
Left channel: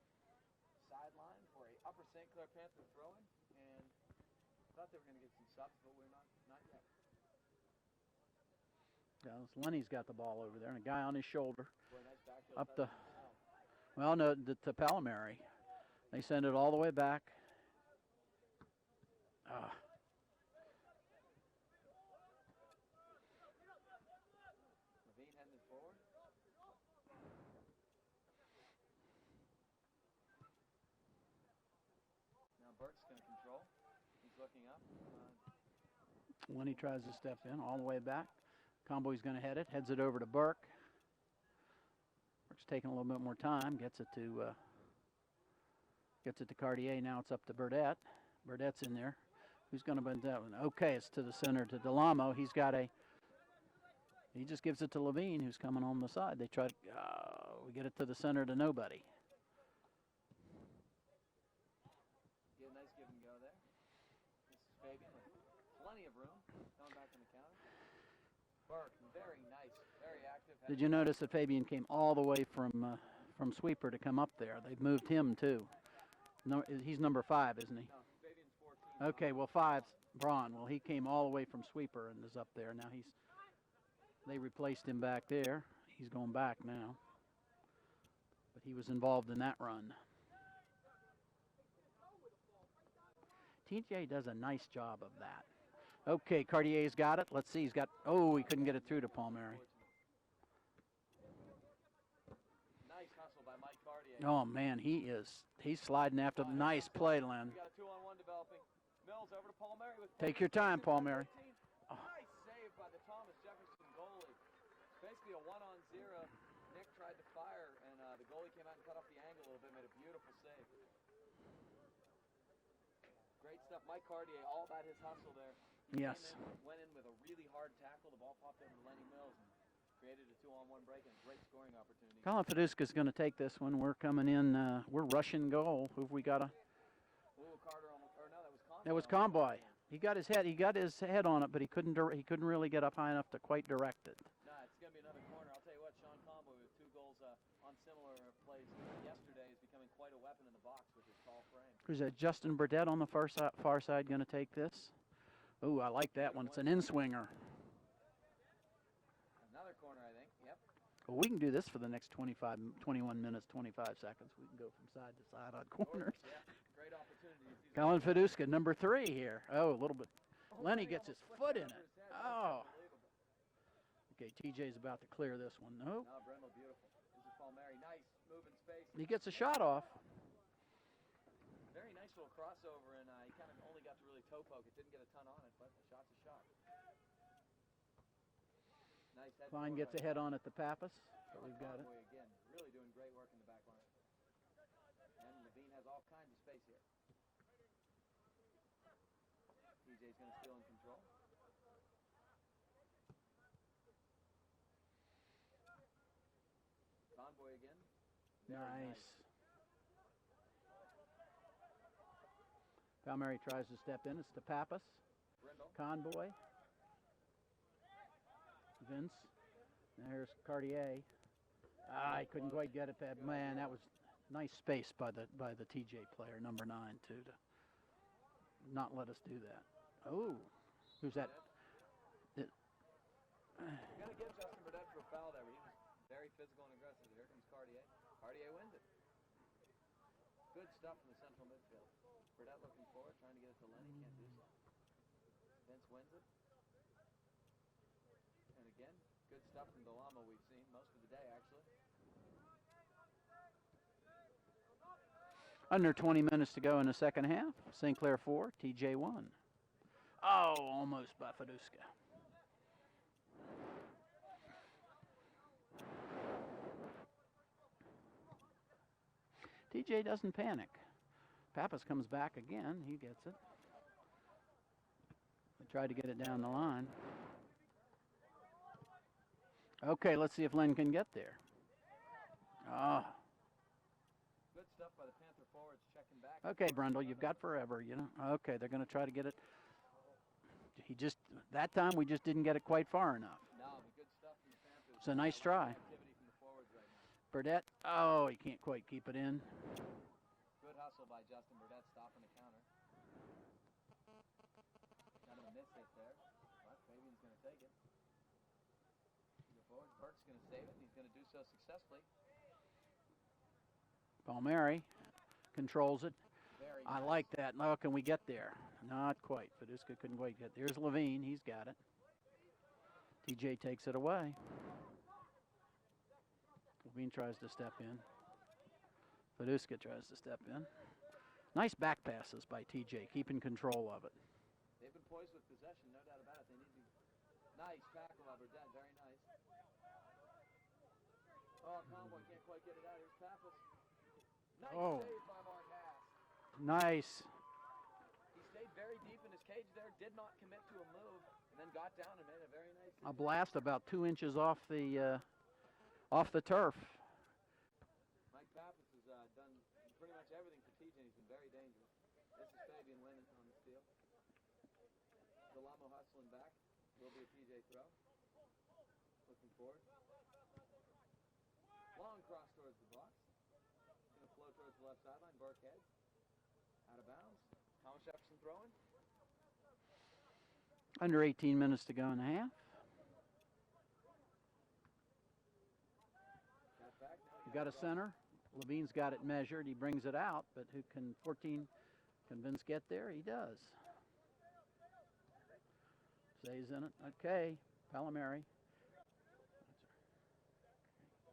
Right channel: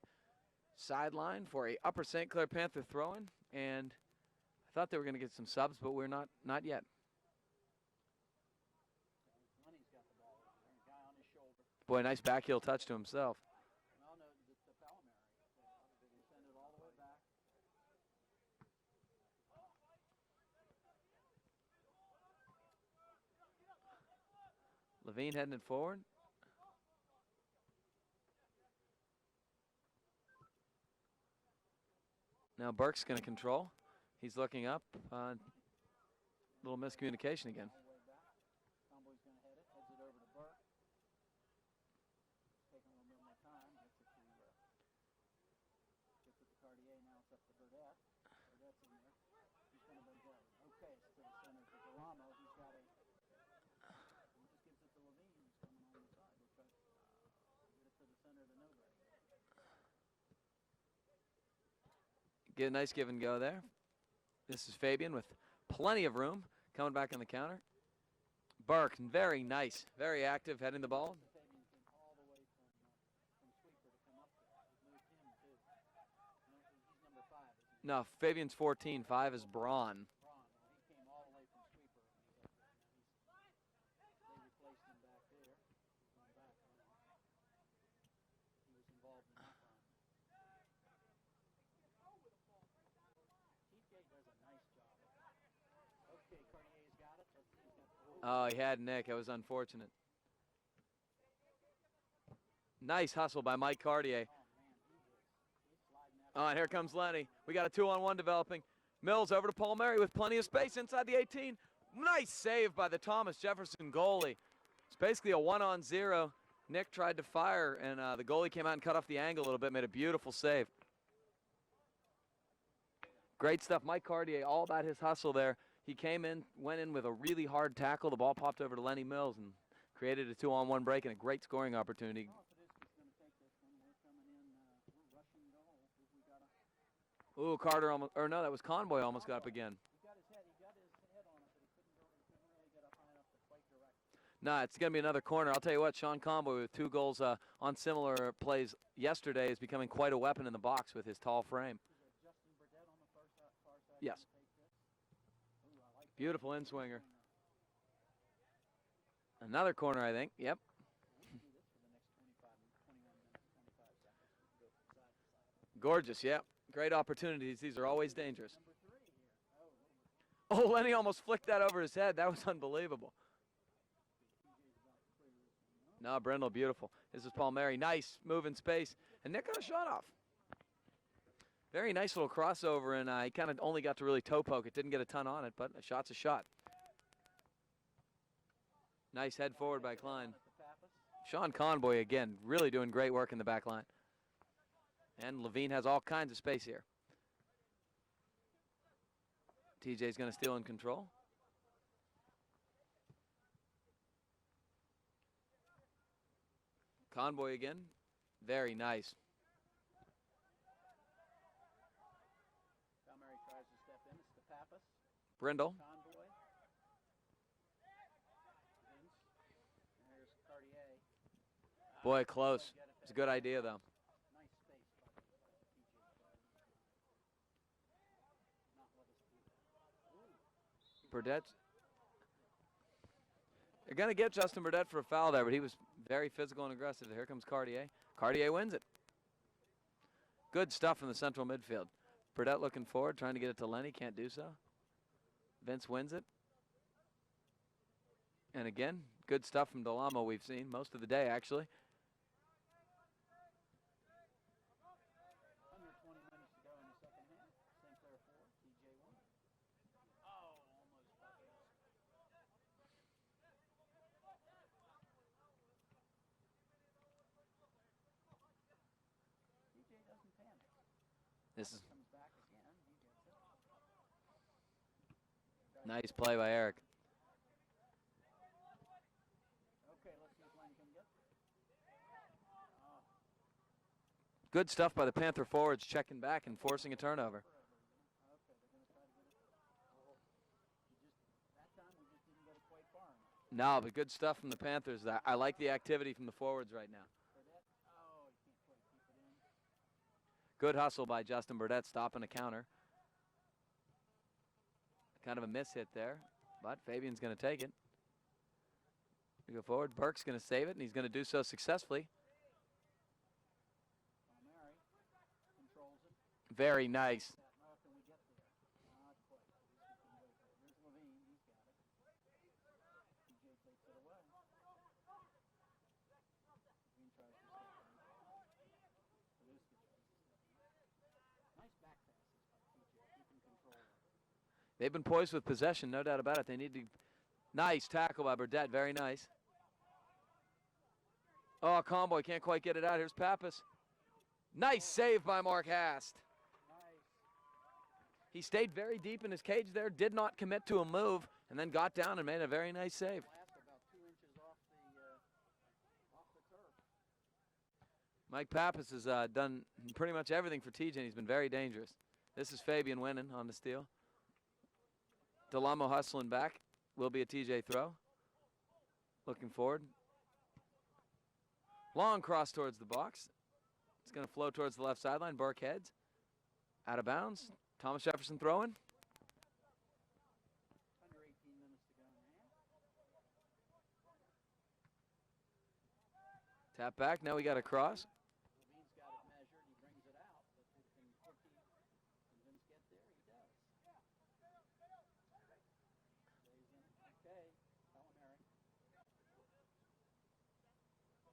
sideline for a Upper St. Clair Panther throw-in. And I thought they were going to get some subs, but we're not yet. Yeah, Lenny's got the ball over there, and a guy on his shoulder. Boy, nice backheel touch to himself. Well, no, to Palmieri. They send it all the way back. Levine heading it forward. Now Burke's going to control. He's looking up. When little miscommunication again. All the way back. Comboy's going to head it. Heads it over to Burke. Burke's taking a little bit more time. Gets it to Cartier. Now it's up to Burdett. Burdett's in there. Who's going to bend that one? Okay, it's to the center to Delamo. He just gives it to Levine, who's coming on the side. They try to, we get it to the center to nobody. Get a nice give and go there. This is Fabian with plenty of room. Coming back on the counter. Burke, very nice, very active. Did you notice that Fabian came all the way from sweeper to come up there? They've moved him too. No, he's number 5, isn't he? No, Fabian's 14. Okay, 5 is Braun. Braun. Well, he came all the way from sweeper and is up there. Now they replaced him back there. He's going back now. But he was involved in that run. TJ does a nice job of that. Okay, Cartier's got it. Let's see. He's got. Oh, he couldn't get it through to It was Palmieri. unfortunate. Nice hustle by Mike Cartier. Oh man, he's sliding after and the here nice comes play, Lenny. Len. We got a 2-on-1 developing. Mills over to Palmieri with plenty Take of your space time, inside Palmieri. the 18. Nice save by the Thomas Jefferson goalie. It's basically a 1-on-0. Nick tried to fire, and the goalie came out and cut off the angle a little bit, made a beautiful save. Great stuff. Mike Cartier, all about his hustle there. He came in, went in with a really hard tackle. The ball popped over to Lenny Mills and created a 2-on-1 break and a great scoring opportunity. Colin Feduska's going to take this one. We're coming in. We're rushing goal. Who've we got? Ooh, Carter almost, or no, that was Convoy. Almost got up again. He got his head on it, but he couldn't really get up high enough to quite direct it. No, it's going to be another corner. I'll tell you what, Sean Convoy with 2 goals on similar plays yesterday is becoming quite a weapon in the box with his tall frame. Who's that? Justin Burdett on the far side Yes. going to take this? Ooh, I like that Beautiful one. It's an in-swinger. Another corner, I think. Yep. Well, we can do this for the next 21 minutes, 25 seconds. We can go from side to side on corner. Gorgeous, yeah. Great opportunities. These are Colin always Feduska, dangerous. number 3 here. Oh, a little bit. Oh, Lenny Lenny gets almost his flicked foot that in. over his head. That was Oh. unbelievable. Okay, TJ's about to clear this one. No. No, Brindle, beautiful. This is Palmieri. Nice move in space. He gets a And Nick shot got off. Very nice little crossover, and he kind of only got to really toe poke it. Didn't get a ton on it, but a shot's a shot. Nice head Klein forward gets by a head Klein. on at the Pappas. Sean Convoy, again, really doing great work in the back line. And Levine has all kinds of space here. TJ's going to steal in control. Convoy again. Very nice. Palmieri tries to step in. It's to Pappas. Brindle. Convoy. Vince. There's Cartier. Boy, couldn't close. quite get it It's a that- good man, idea, that though. was nice space by the TJ player, number 9, too, to not let us do that. Oh, who's that? Burdett's. They're going to get Justin Burdett for a foul there, but he was very physical and aggressive. Here comes Cartier. Cartier wins it. Good stuff in the central midfield. Burdett looking forward, trying to get it to Lenny. Can't do so. Vince wins it. And again, good stuff from Delamo we've seen most of the day, actually. Under 20 minutes to go in the second half. St. Clair 4, TJ 1. Oh, almost by Feduska. TJ doesn't panic. Pappas comes back again. He gets it. They tried Nice to get it play down by the Eric. line. Okay, let's see if Len can get there. Oh, Good stuff by the Panther forwards, checking back and okay, forcing Brundle, a you've turnover. got forever, you know. Okay, they're going to try to get it. That time we just didn't get it quite far enough. No, but good stuff from the Panthers. It's a I nice like try. the activity from the forwards right now. Burdett, oh, he can't quite keep it in. Good hustle by Justin Burdett, stopping a counter. Kind of a miss hit there, but Fabian's going to take it. We go forward. Burke's going to save it, and he's going to do so successfully. Palmieri controls it. Very I nice. like that. Now, can we get there? Not quite. Feduska couldn't quite get there. There's Levine. He's got it. TJ takes it away. Levine tries to step in. Feduska tries to step in. Nice back passes by TJ, keeping control of it. They've been poised with possession, no doubt about it. They need to. Nice tackle by Burdett. Very nice. Oh, Convoy can't quite get it out. Here's Pappas. Nice Oh. save by Mark Hast. Nice. He stayed very deep in his cage there, did not commit to a move, and then got down and made a very nice A save. blast about 2 inches off the turf. Mike Pappas has done pretty much everything for TJ, and he's been very dangerous. This is Fabian winning on the steal. Delamo hustling back. Will be a TJ throw. Looking forward. Long cross towards the box. It's going to flow towards the left sideline. Burke heads. Out of bounds. Thomas Jefferson throwing. Under 18 minutes to go in the half. Tap back. Now we got a cross. Center. Levine's got it measured. He brings it out, but who can 14 can Vince get there? He does. Stays in it. Okay. Palomari.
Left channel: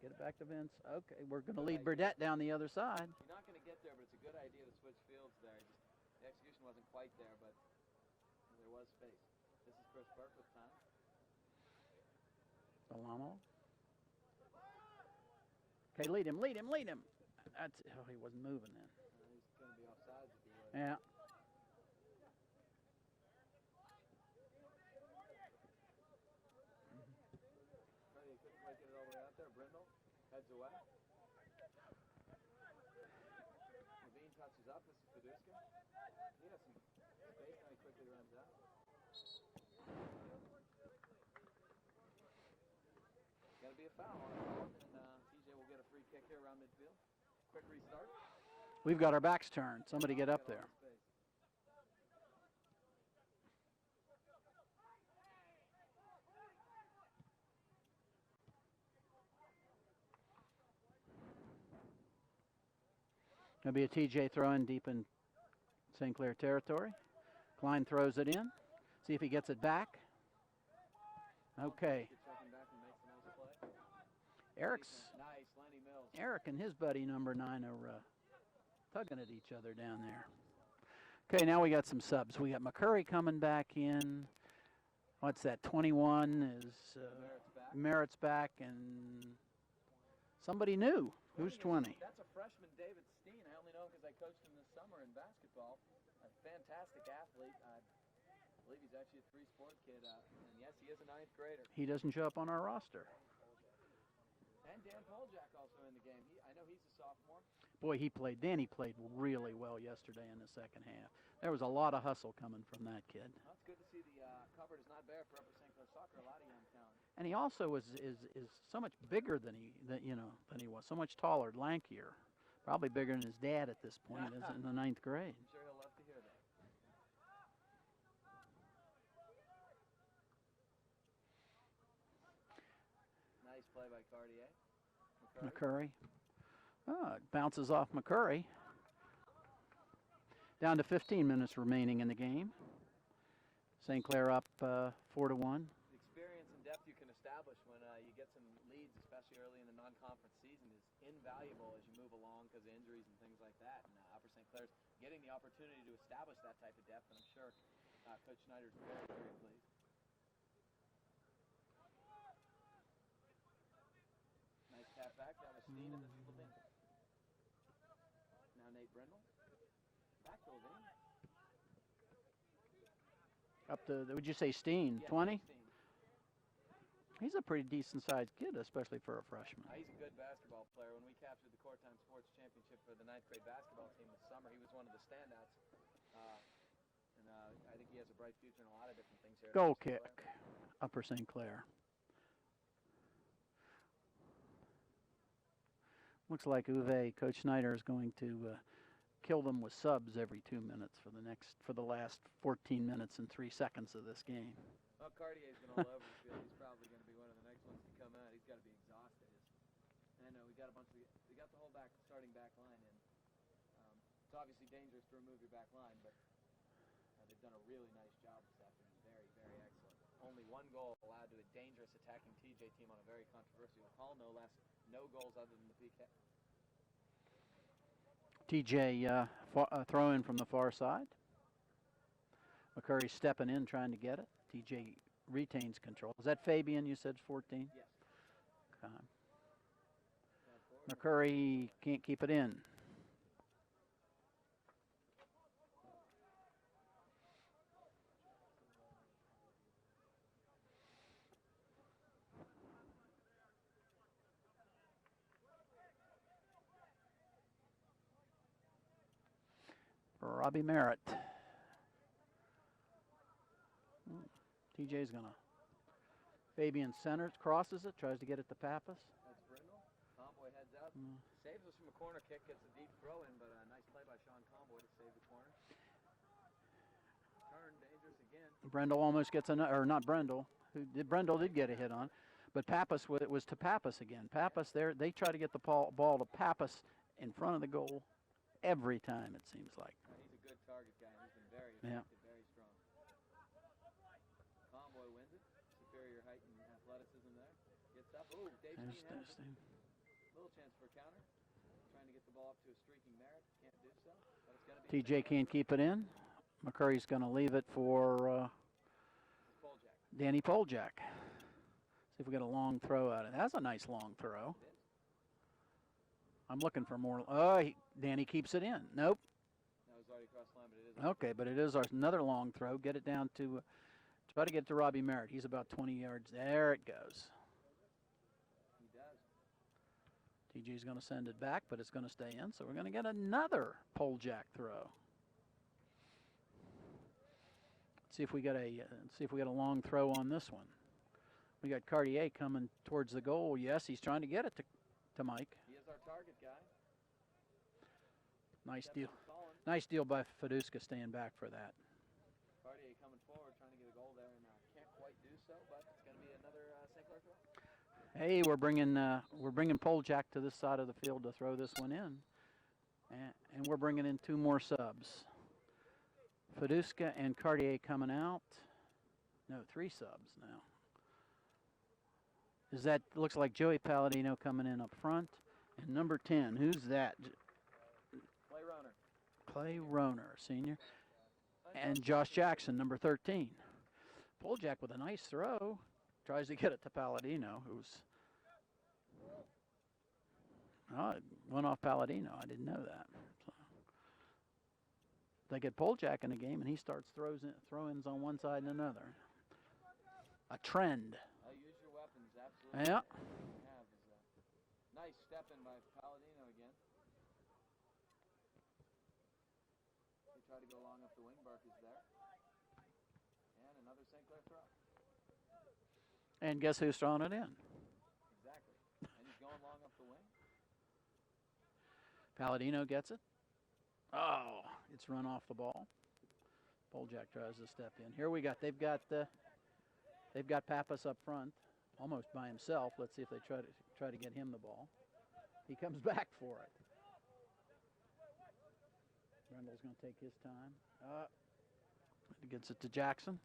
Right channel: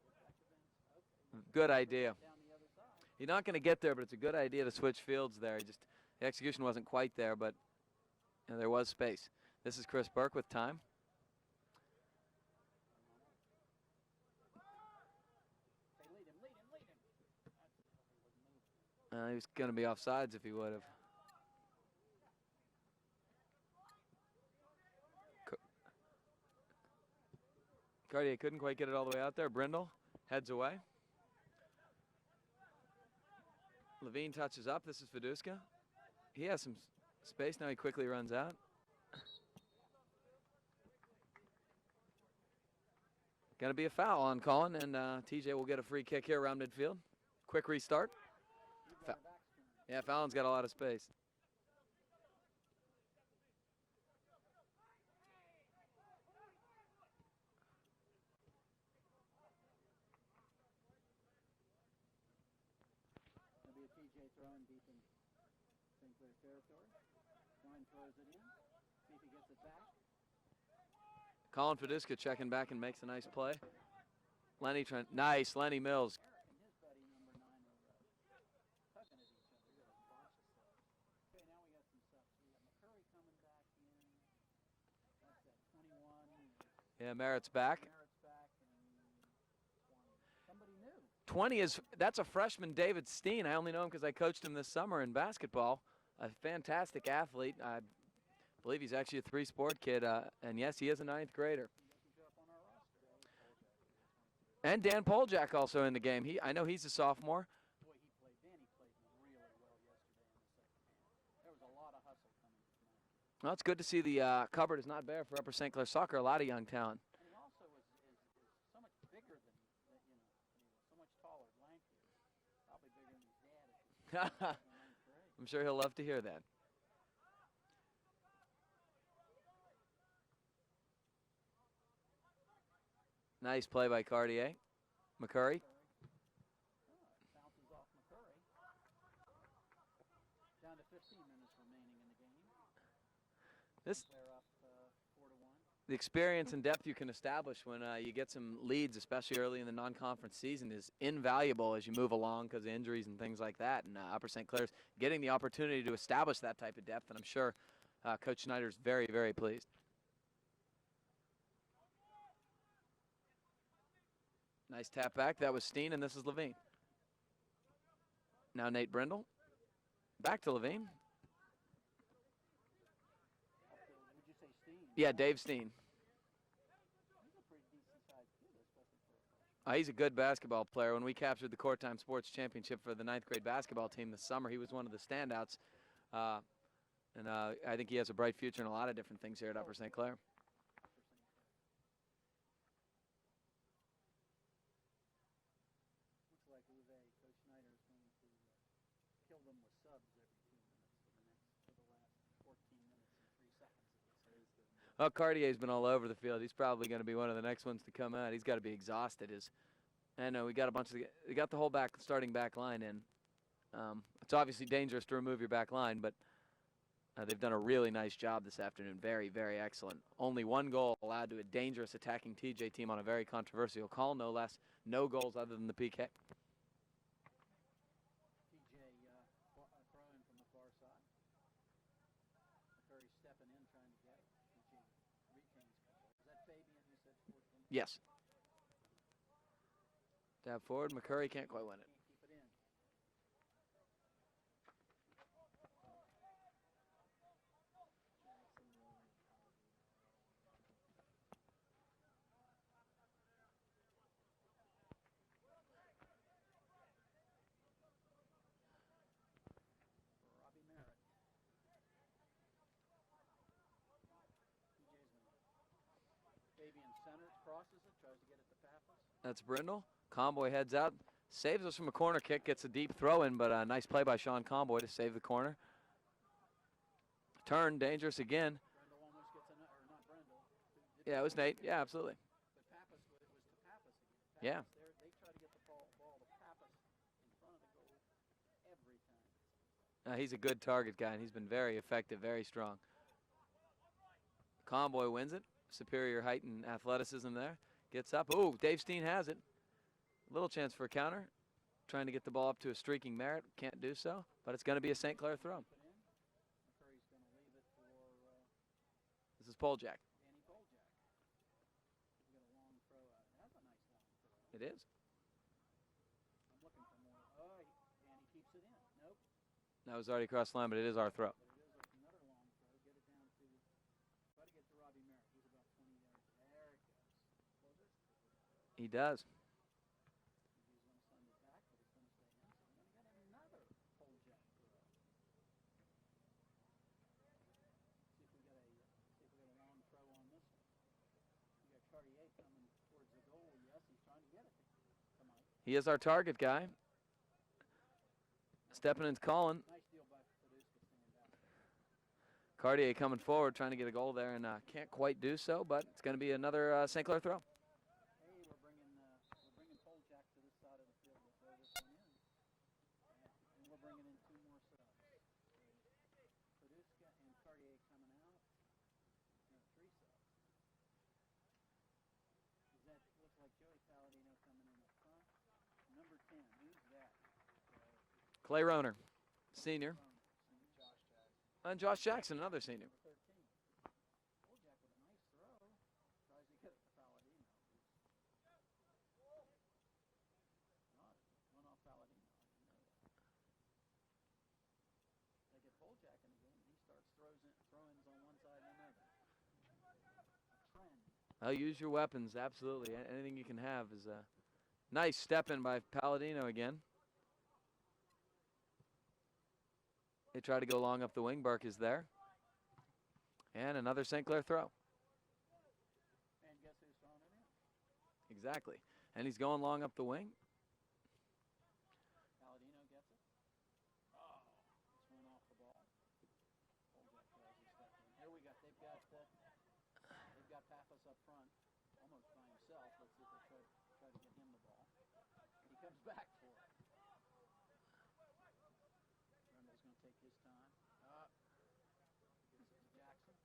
Get it back to Vince. Okay, we're going to bring Burdett down the other side. You're not going to get there, but it's a good idea to switch fields there. The execution wasn't quite there, but there was space. This is Chris Burke with time. Delamo. Okay, lead him. That's, oh, he wasn't moving then. He was going to be offsides if he would have. Yeah. Cartier couldn't quite get it all the way out there. Brindle heads away. Levine touches up. This is Fiduska. He has some space. Now he quickly runs out. Going to be a foul on Collin, and TJ will get a free kick here around midfield. Quick restart. We've got our backs turned. Somebody Fallon's get up got a there. lot of space. Going to be a TJ throw in deep in St. Clair territory. Klein throws it in. See if he gets it back. Colin Fidiska checking back and makes a nice play. Lenny Mills. Eric and his buddy number 9 are tugging at each other down there. Okay, now we got some subs. We got McCurry coming back in. What's that? 21 is. Merritt's back. Merritt's back, and somebody new. 20 is. That's a freshman, David Steen. I only know him because I coached him this summer in basketball. A fantastic athlete. I believe he's actually a 3-sport kid, and yes, he is a 9th grader. He doesn't show up on our roster. And Dan Poljak also in the game. I know he's a sophomore. Boy, Danny played really well yesterday in the second half. There was a lot of hustle coming from that kid. Well, it's good to see the cupboard is not bare for Upper St. Clair soccer. A lot of young talent. And he also is so much bigger than he was. So much taller, lankier. Probably bigger than his dad at this point in the 9th grade. I'm sure he'll love to hear that. Nice play by Cartier. McCurry. Oh, it bounces off McCurry. Down to 15 minutes remaining in the game. St. Clair up 4-1. The experience and depth you can establish when you get some leads, especially early in the non-conference season, is invaluable as you move along because of injuries and things like that. And Upper St. Clair's getting the opportunity to establish that type of depth, and I'm sure Coach Schneider's very, very pleased. Nice tap back. That was Steen, and this is Levine. Now Nate Brindle. Back to Levine. Up to, would you say Steen? Yeah, 20? Dave Steen. He's a pretty decent-sized kid, especially for a freshman. He's a good basketball player. When we captured the Court Time Sports Championship for the 9th grade basketball team this summer, he was one of the standouts. And I think he has a bright future in a lot of different things here at Upper St. Clair. Upper St. Clair. Looks like Coach Schneider is going to kill them with subs every 2 minutes for the last 14 minutes and 3 seconds of this game. Well, Cartier's been all over the field. He's probably going to be one of the next ones to come out. He's got to be exhausted. I know we got we got the whole starting back line in. It's obviously dangerous to remove your back line, but they've done a really nice job this afternoon. Very, very excellent. Only 1 goal allowed to a dangerous attacking TJ team on a very controversial call, no less. No goals other than the PK. TJ throw in from the far side. McCurry stepping in, trying to get it. TJ retains control. Is that Fabian, you said 14? Yes. Okay. Tap forward. McCurry can't keep it in. Robbie Merritt. TJ's going to Fabian centers, crosses it, tries to get it to Pappas. That's Brindle. Comboy heads out, saves us from a corner kick, gets a deep throw in, but a nice play by Sean Comboy to save the corner. Turn, dangerous again. Brindle almost gets or not Brindle. Brindle did get a hit on. But Pappas, it was to Pappas again. Pappas there, they try to get the ball to Pappas in front of the goal every time, it seems like. He's a good target guy, and he's been very effective, very strong. Comboy wins it. Superior height and athleticism there. Gets up. Ooh, Dave Steen has it. Little chance for a counter. Trying to get the ball up to a streaking Merritt. Can't do so, but it's going to be a St. Clair TJ can't keep it in. McCurry's going to leave it for this is Poljak. Danny Poljak. See if we get a long throw out of it. That's a nice long throw. It is. I'm looking for more. Oh, Danny keeps it in. Nope. That was already across the line, but it is our throw. Okay, but it is another long throw. Get it down to, try to get to Robbie Merritt. He's about 20 yards. There it goes. He does. TJ's going to send it back, but it's going to stay in. So we're going to get another Poljak throw. See if we get a long throw on this one. We got Cartier coming towards the goal. Yes, he's trying to get it to Mike. He is our target guy. Nice Stepping and calling. Nice deal by Feduska staying back for that. Cartier coming forward, trying to get a goal there, and can't quite do so. But it's going to be another St. Clair throw. Hey, we're bringing Poljak to this side of the field to throw this one in, and we're bringing in two more subs. Feduska and Cartier coming out. No, three subs now. Looks like Joey Palladino coming in up front, and number 10. Who's that? Clay Roner, senior. Roner, senior. And Josh Jackson, number 13. Poljak with a nice throw. Tries to get it to Palladino, who's it went off Palladino. I didn't know that. So they get Poljak in a game, and he starts throw-ins on one side and another. A trend. I'll use your weapons, absolutely. Yep. Anything you can have is a nice step in by Palladino again. They try to go long up the wing. Burke is there. And another St. Clair throw. And guess who's throwing it in? Exactly. And he's going long up the wing. Palladino gets it. Oh, it's run off the ball. Poljak tries to step in. Here they've got Pappas up front, almost by himself. Let's see if they try to get him the ball. He comes back for it. Brindle's going to take his time. He gets it to Jackson.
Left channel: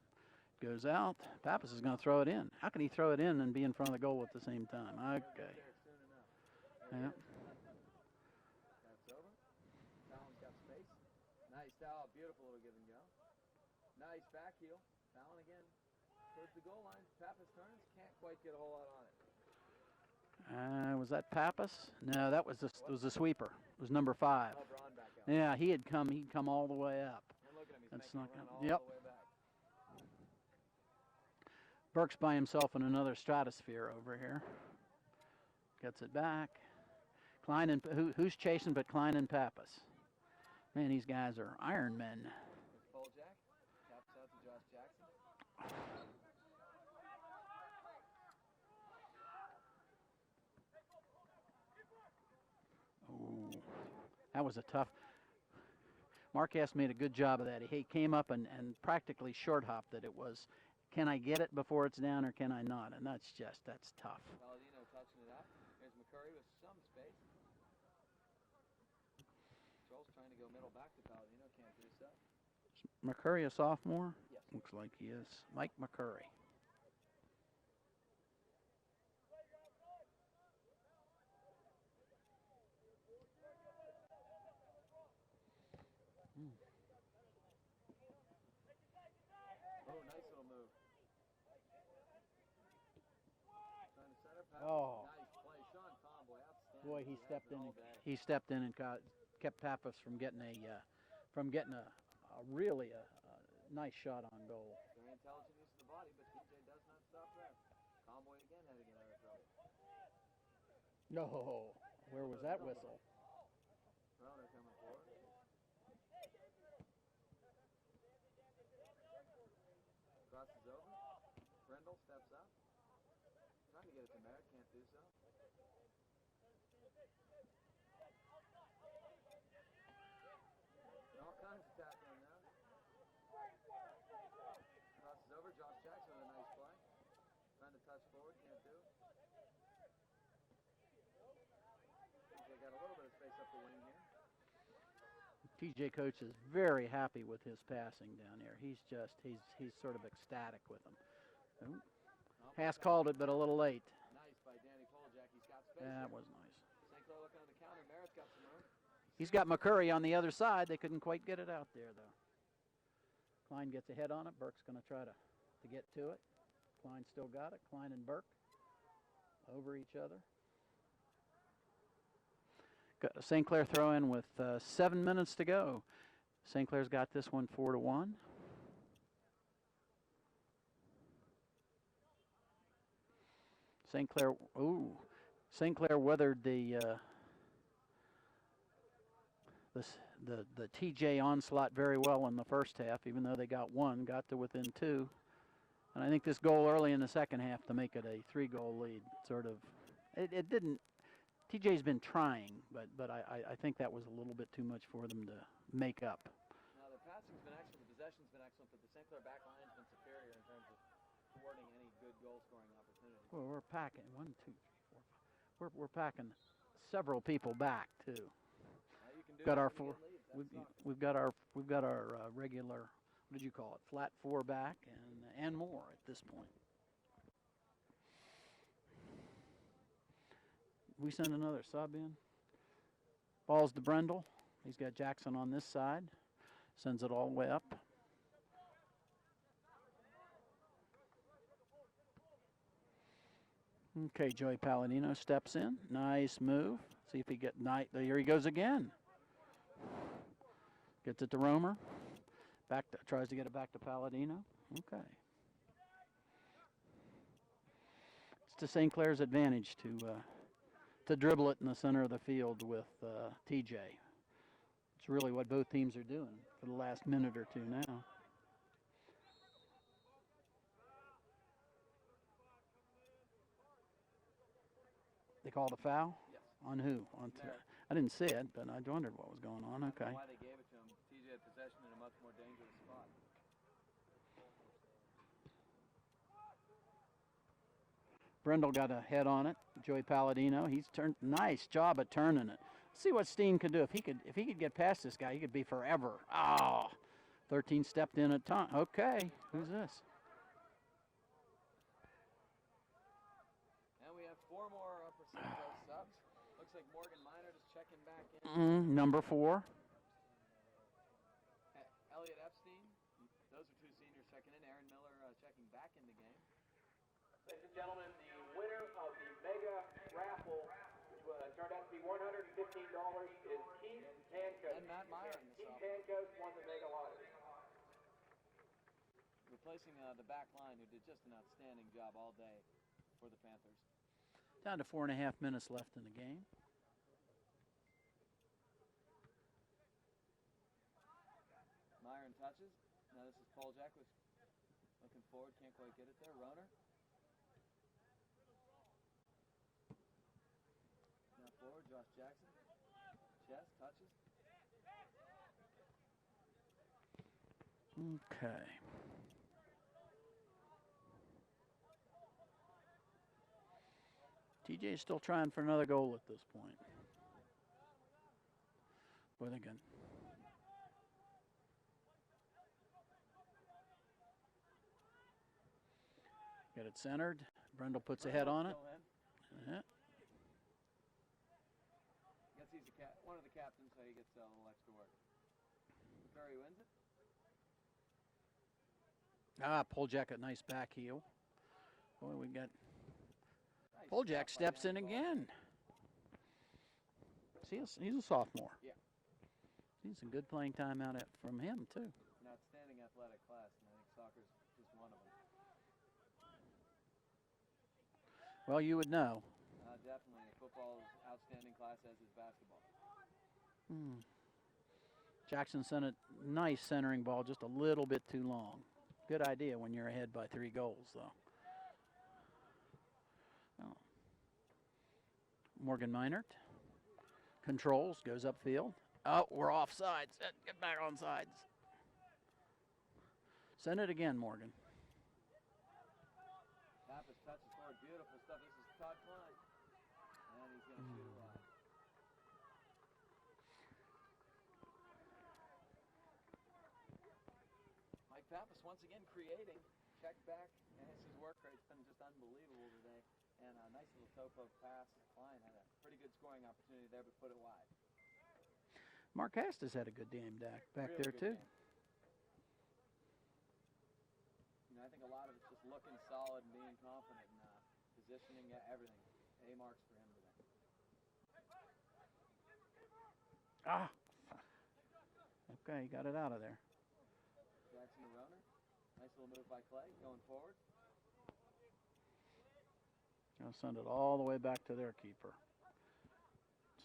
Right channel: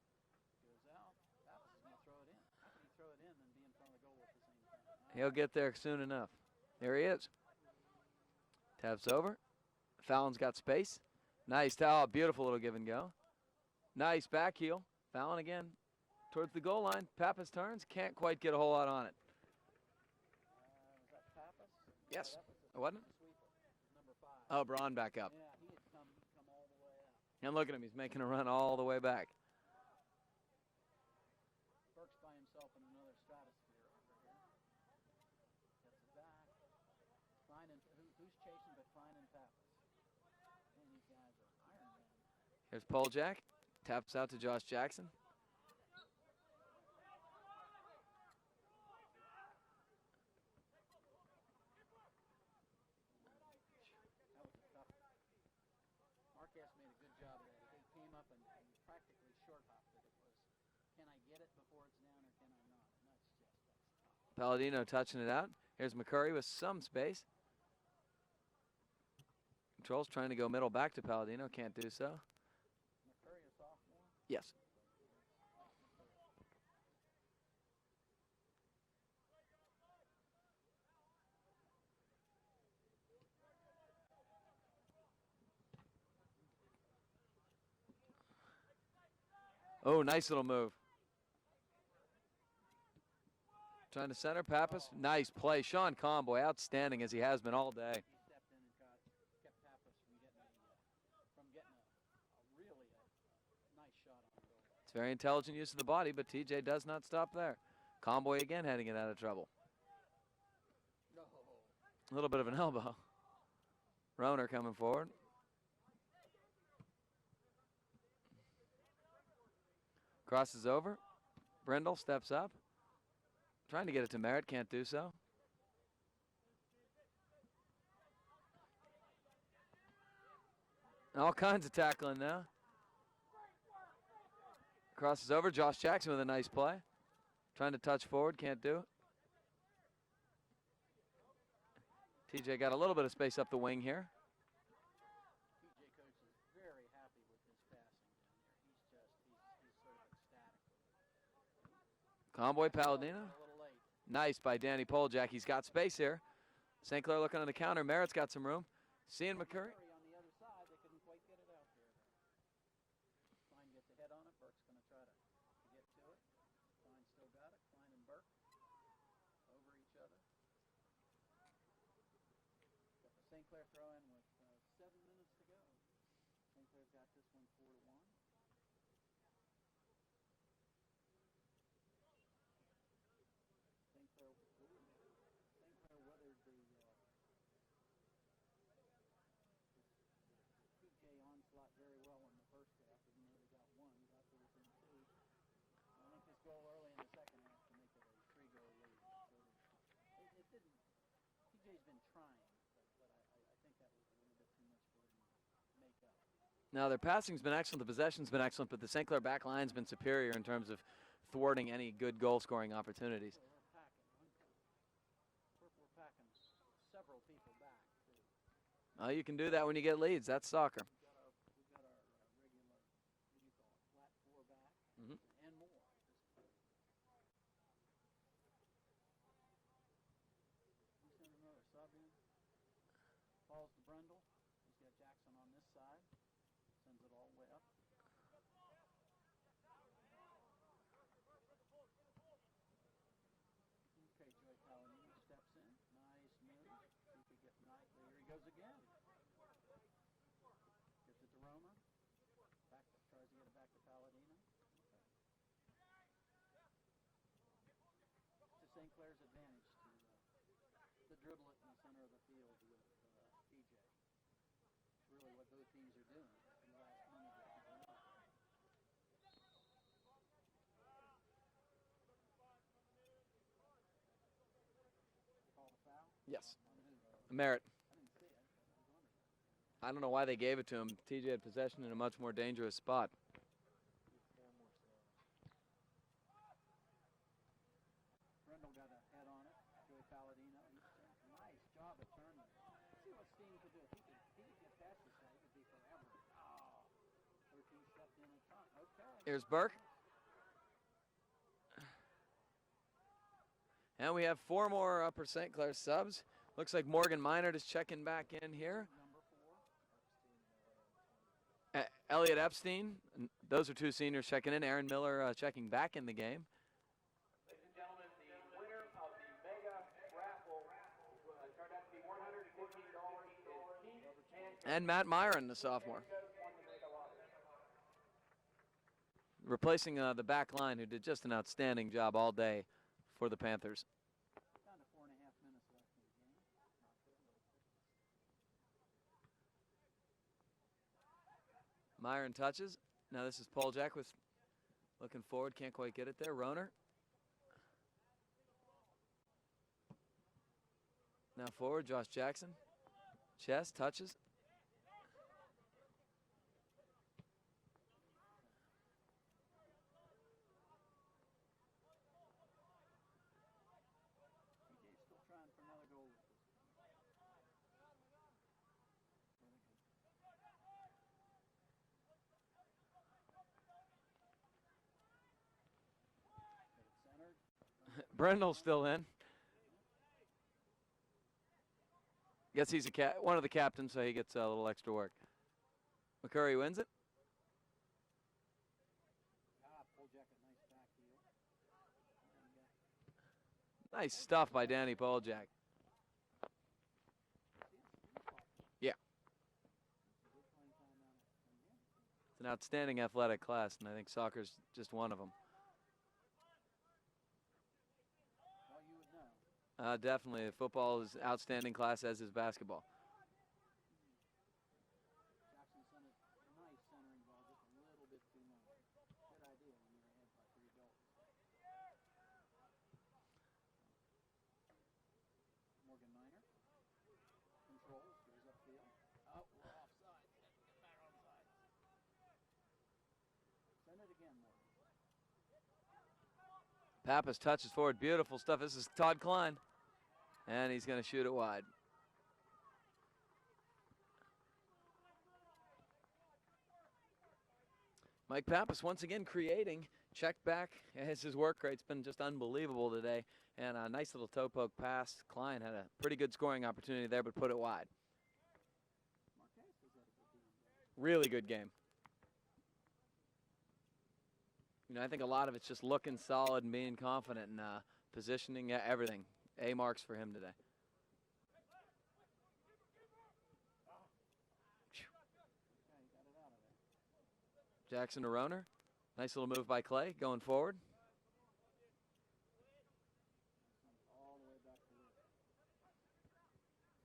Goes out. Pappas is going to throw it in. How can he throw it in and be in front of the goal at the same time? Okay. He'll get there soon enough. There he is. Taps over. Fallon's got space. Nice towel. Beautiful little give and go. Nice back heel. Fallon again towards the goal line. Pappas turns. Can't quite get a whole lot on it. Was that Pappas? No, Yes. That was the sweeper. It was number 5. Oh, Braun back up. Yeah, he'd come all the way up. And look at him. He's making a run all the way back. Burke's by himself in another stratosphere over here. Gets it back. Klein and who's chasing but Klein and Pappas? Man, these guys are Iron Men. There's Poljak. Taps out to Josh Jackson. Oh, that was a tough. Marquez made a good job of that. He came up and practically short hopped it. It was, can I get it before it's down or can I not? And that's tough. Palladino touching it out. Here's McCurry with some space. Controls trying to go middle back to Palladino. Can't do so. McCurry a sophomore? Yes. Looks like he is. Mike McCurry. Oh, nice little move. Trying to center Pappas. Oh. Nice play. Sean Comboy, outstanding as he has been all day. He stepped in and kept Pappas from getting a really nice shot on goal. It's very intelligent use of the body, but TJ does not stop there. Comboy again heading it out of trouble. No. A little bit of an elbow. Roner coming forward. Crosses over. Brindle steps up. Trying to get it to Merritt, can't do so. All kinds of tackling now. Crosses over. Josh Jackson with a nice play. Trying to touch forward, can't do it. TJ got a little bit of space up the wing here. TJ coach is very happy with his passing down here. He's sort of ecstatic with him. Convoy called it, but a little late. Nice by Danny Poljak. He's got space here. Nice. St. Clair looking on the counter. Merritt's got some room. He's got McCurry on the other side. They couldn't quite get it out there, though. Klein gets ahead on it. Burke's going to try to get to it. Klein still got it. Klein and Burke over each other. Got a St. Clair throw in with 7 minutes to go. St. Clair's got this one 4-1. St. Clair weathered the TJ onslaught very well in the first half, even though they got one, got to within 2. And I think this goal early in the second half to make it a 3-goal lead, it didn't. TJ's been trying, but I think that was a little bit too much for them to make up. Now, their passing's been excellent, the possession's been excellent, but the St. Clair back line's been superior in terms of thwarting any good goal-scoring opportunities. Well, we're packing 1, 2, 3, 4, 5. We're packing several people back too. Oh, you can do that when you get leads. That's soccer. We've got our regular, what did you call it, flat 4 back and more at this point. We send another sub in. Ball's to Brindle. He's got Jackson on this side. Sends it all the way up. Okay, Joey Palladino steps in. Nice move. See if he get here he goes again. Gets it to Romer. Tries to get it back to Palladino. Okay. It's to St. Clair's advantage to dribble it in the center of the field with TJ. It's really what both teams are doing for the last minute or two now. They called a foul? Yes. On who? On Merritt. I didn't see it, but I wondered what was going on. I don't know why they gave it to him. TJ had possession in a much more dangerous spot. Brindle got a head on it. Joey Palladino, he's turned. Nice job of turning it. Let's see what Steen could do. If he could get past this guy, he could be forever. Oh, 13 stepped in at time. Okay. Here's Burke. And we have 4 more Upper St. Clair subs. Looks like Morgan Minard is checking back in here. Number 4. Elliot Epstein. Those are 2 seniors checking in. Aaron Miller checking back in the game. Ladies and gentlemen, the winner of the mega raffle, which turned out to be $115, is Keith and Matt Myron, the sophomore. Replacing the back line, who did just an outstanding job all day for the Panthers. Down to 4.5 minutes left in the game. Myron touches. Now this is Poljak with looking forward. Can't quite get it there. Roner. Now forward, Josh Jackson. Chest touches. Okay. TJ is still trying for another goal at this point. With again. Get it centered. Brindle puts Brindle's it on still it. in. Yeah. Guess he's one of the captains, so he gets a little extra work. McCurry wins it. Poljak, a nice back heel. Boy, we got Nice Poljak stuff by steps Danny in Poljak. again. He's a sophomore. Yeah. See some good playing time out from him, too. It's an outstanding athletic class, and I think soccer's just one of them. Well, you would know. Definitely. Football is outstanding class, as is basketball. Jackson sent a nice centering ball, just a little bit too long. Good idea when you're ahead by 3 goals, though. Oh. Morgan Meinert controls, goes upfield. Oh, we're offsides. Get back on sides. Send it again, Morgan. Pappas touches forward. Beautiful stuff. This is Todd Klein. And he's going to shoot it wide. Mike Pappas once again creating. Check back as his work rate's been just unbelievable today. And a nice little toe poke pass. Klein had a pretty good scoring opportunity there, but put it wide. Mark Hastis had a good game, Dak. Really good game. You know, I think a lot of it's just looking solid and being confident and positioning, everything. A marks for him today. Ah. Okay, got it out of there. Jackson to Roner. Nice little move by Clay going forward. Gonna send it all the way back to their keeper.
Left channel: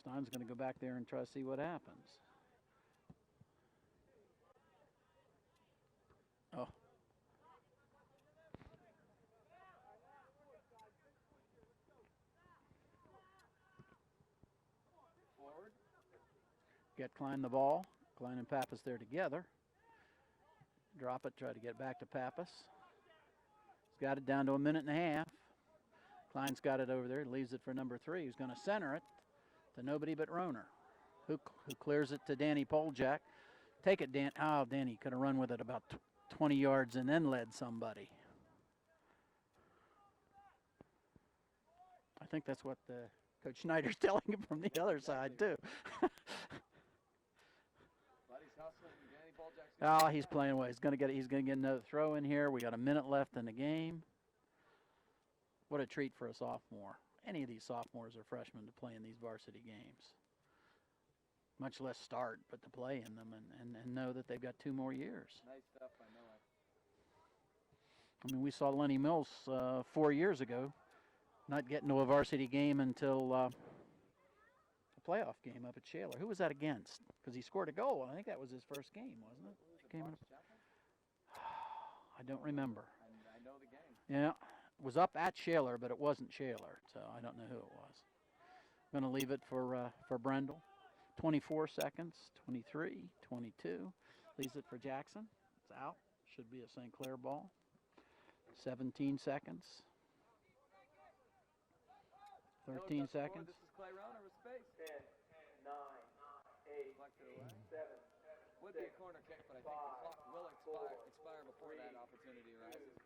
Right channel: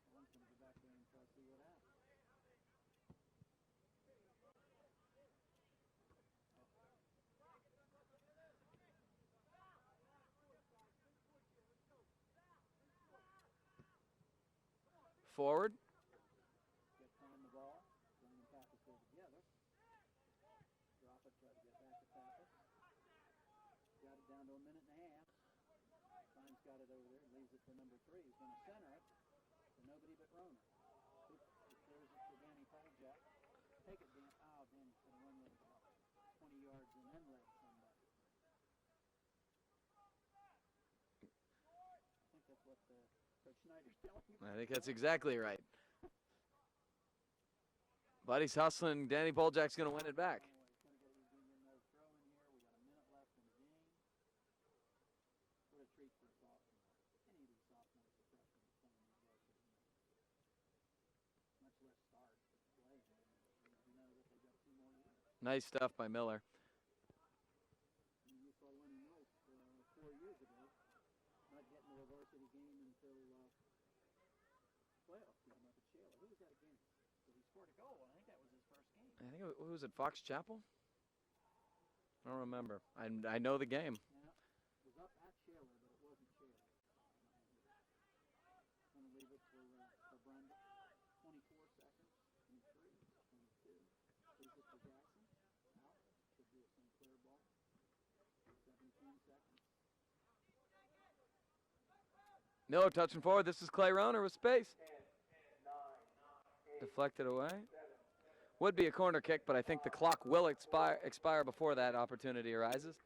Stein's going to go back there and try to see what happens. Oh. Forward. Get Klein the ball. Klein and Pappas there together. Drop it, try to get back to Pappas. He's got it down to 1.5 minutes. Klein's got it over there, leaves it for number 3. He's going to center it to nobody but Roner, who clears it to Danny Poljak. Take it, Dan. Oh, Danny could have run with it about 20 yards and then led somebody. I think that's what Coach Schneider's telling him from the other exactly side, right. too. But he's hustling. Danny Poljak's going to Oh, he's playing away. He's going to get another throw in here. We got 1 minute left in the game. What a treat for a sophomore. Any of these sophomores or freshmen to play in these varsity games. Much less start, but to play in them and know that they've got 2 more years. Nice stuff by Miller. I mean, we saw Lenny Mills 4 years ago not getting to a varsity game until a playoff game up at Shaler. Who was that against? Because he scored a goal. I think that was his first game. Who was it, Fox Chapel? I don't remember. I know the game. Yeah, it was up at Shaler, but it wasn't Shaler, so I don't know who it was. I'm going to leave it for Brendel. 24 seconds, 23, 22. Leaves it for Jackson. It's out. Should be a St. Clair ball. 17 seconds. Miller touching forward. This is Clay Roner with space. Deflected away. Would be a corner kick, but I think the clock will expire before that opportunity arises.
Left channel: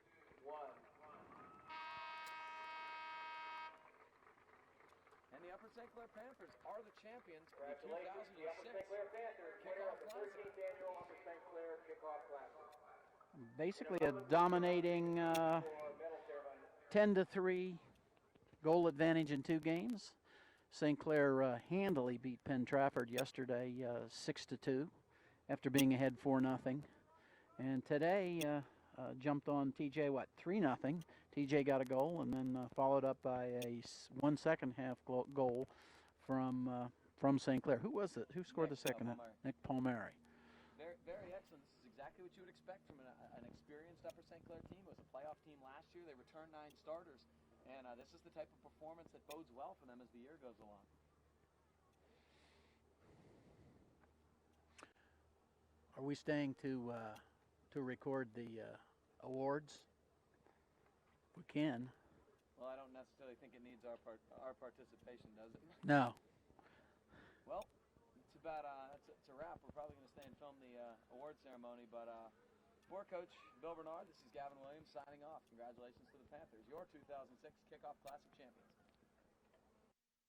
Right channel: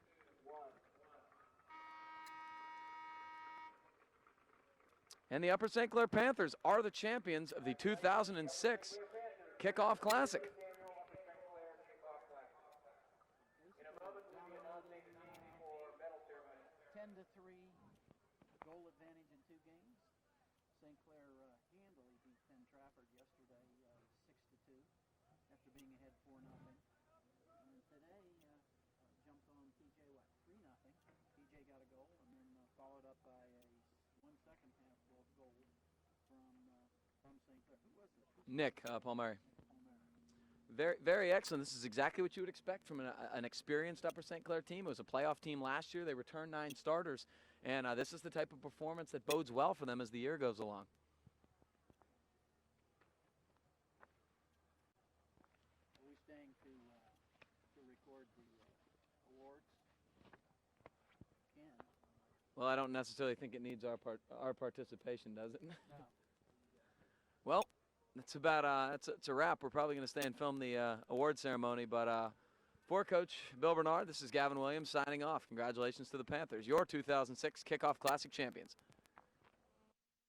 And the Upper St. Clair Panthers are the champions of the 2006 Kickoff Classic. Basically a dominating 10-3 goal advantage in 2 games. St. Clair handily beat Penn Trafford yesterday 6-2 after being ahead 4-0. And today jumped on TJ, 3-0. TJ got a goal and then followed up by a 1 second half goal from St. Clair. Who was it? Who scored the second? Palmieri. Nick Palmieri. Very, very excellent. This is exactly what you would expect from an experienced Upper St. Clair team. It was a playoff team last year. They returned 9 starters. And this is the type of performance that bodes well for them as the year goes along. Are we staying to record the awards? We can. Well, I don't necessarily think it needs our participation, does it? No. Well, it's about it's a wrap. We're probably going to stay and film the award ceremony, but for Coach Bill Bernard, this is Gavin Williams signing off. Congratulations to the Panthers, your 2006 Kickoff Classic champions.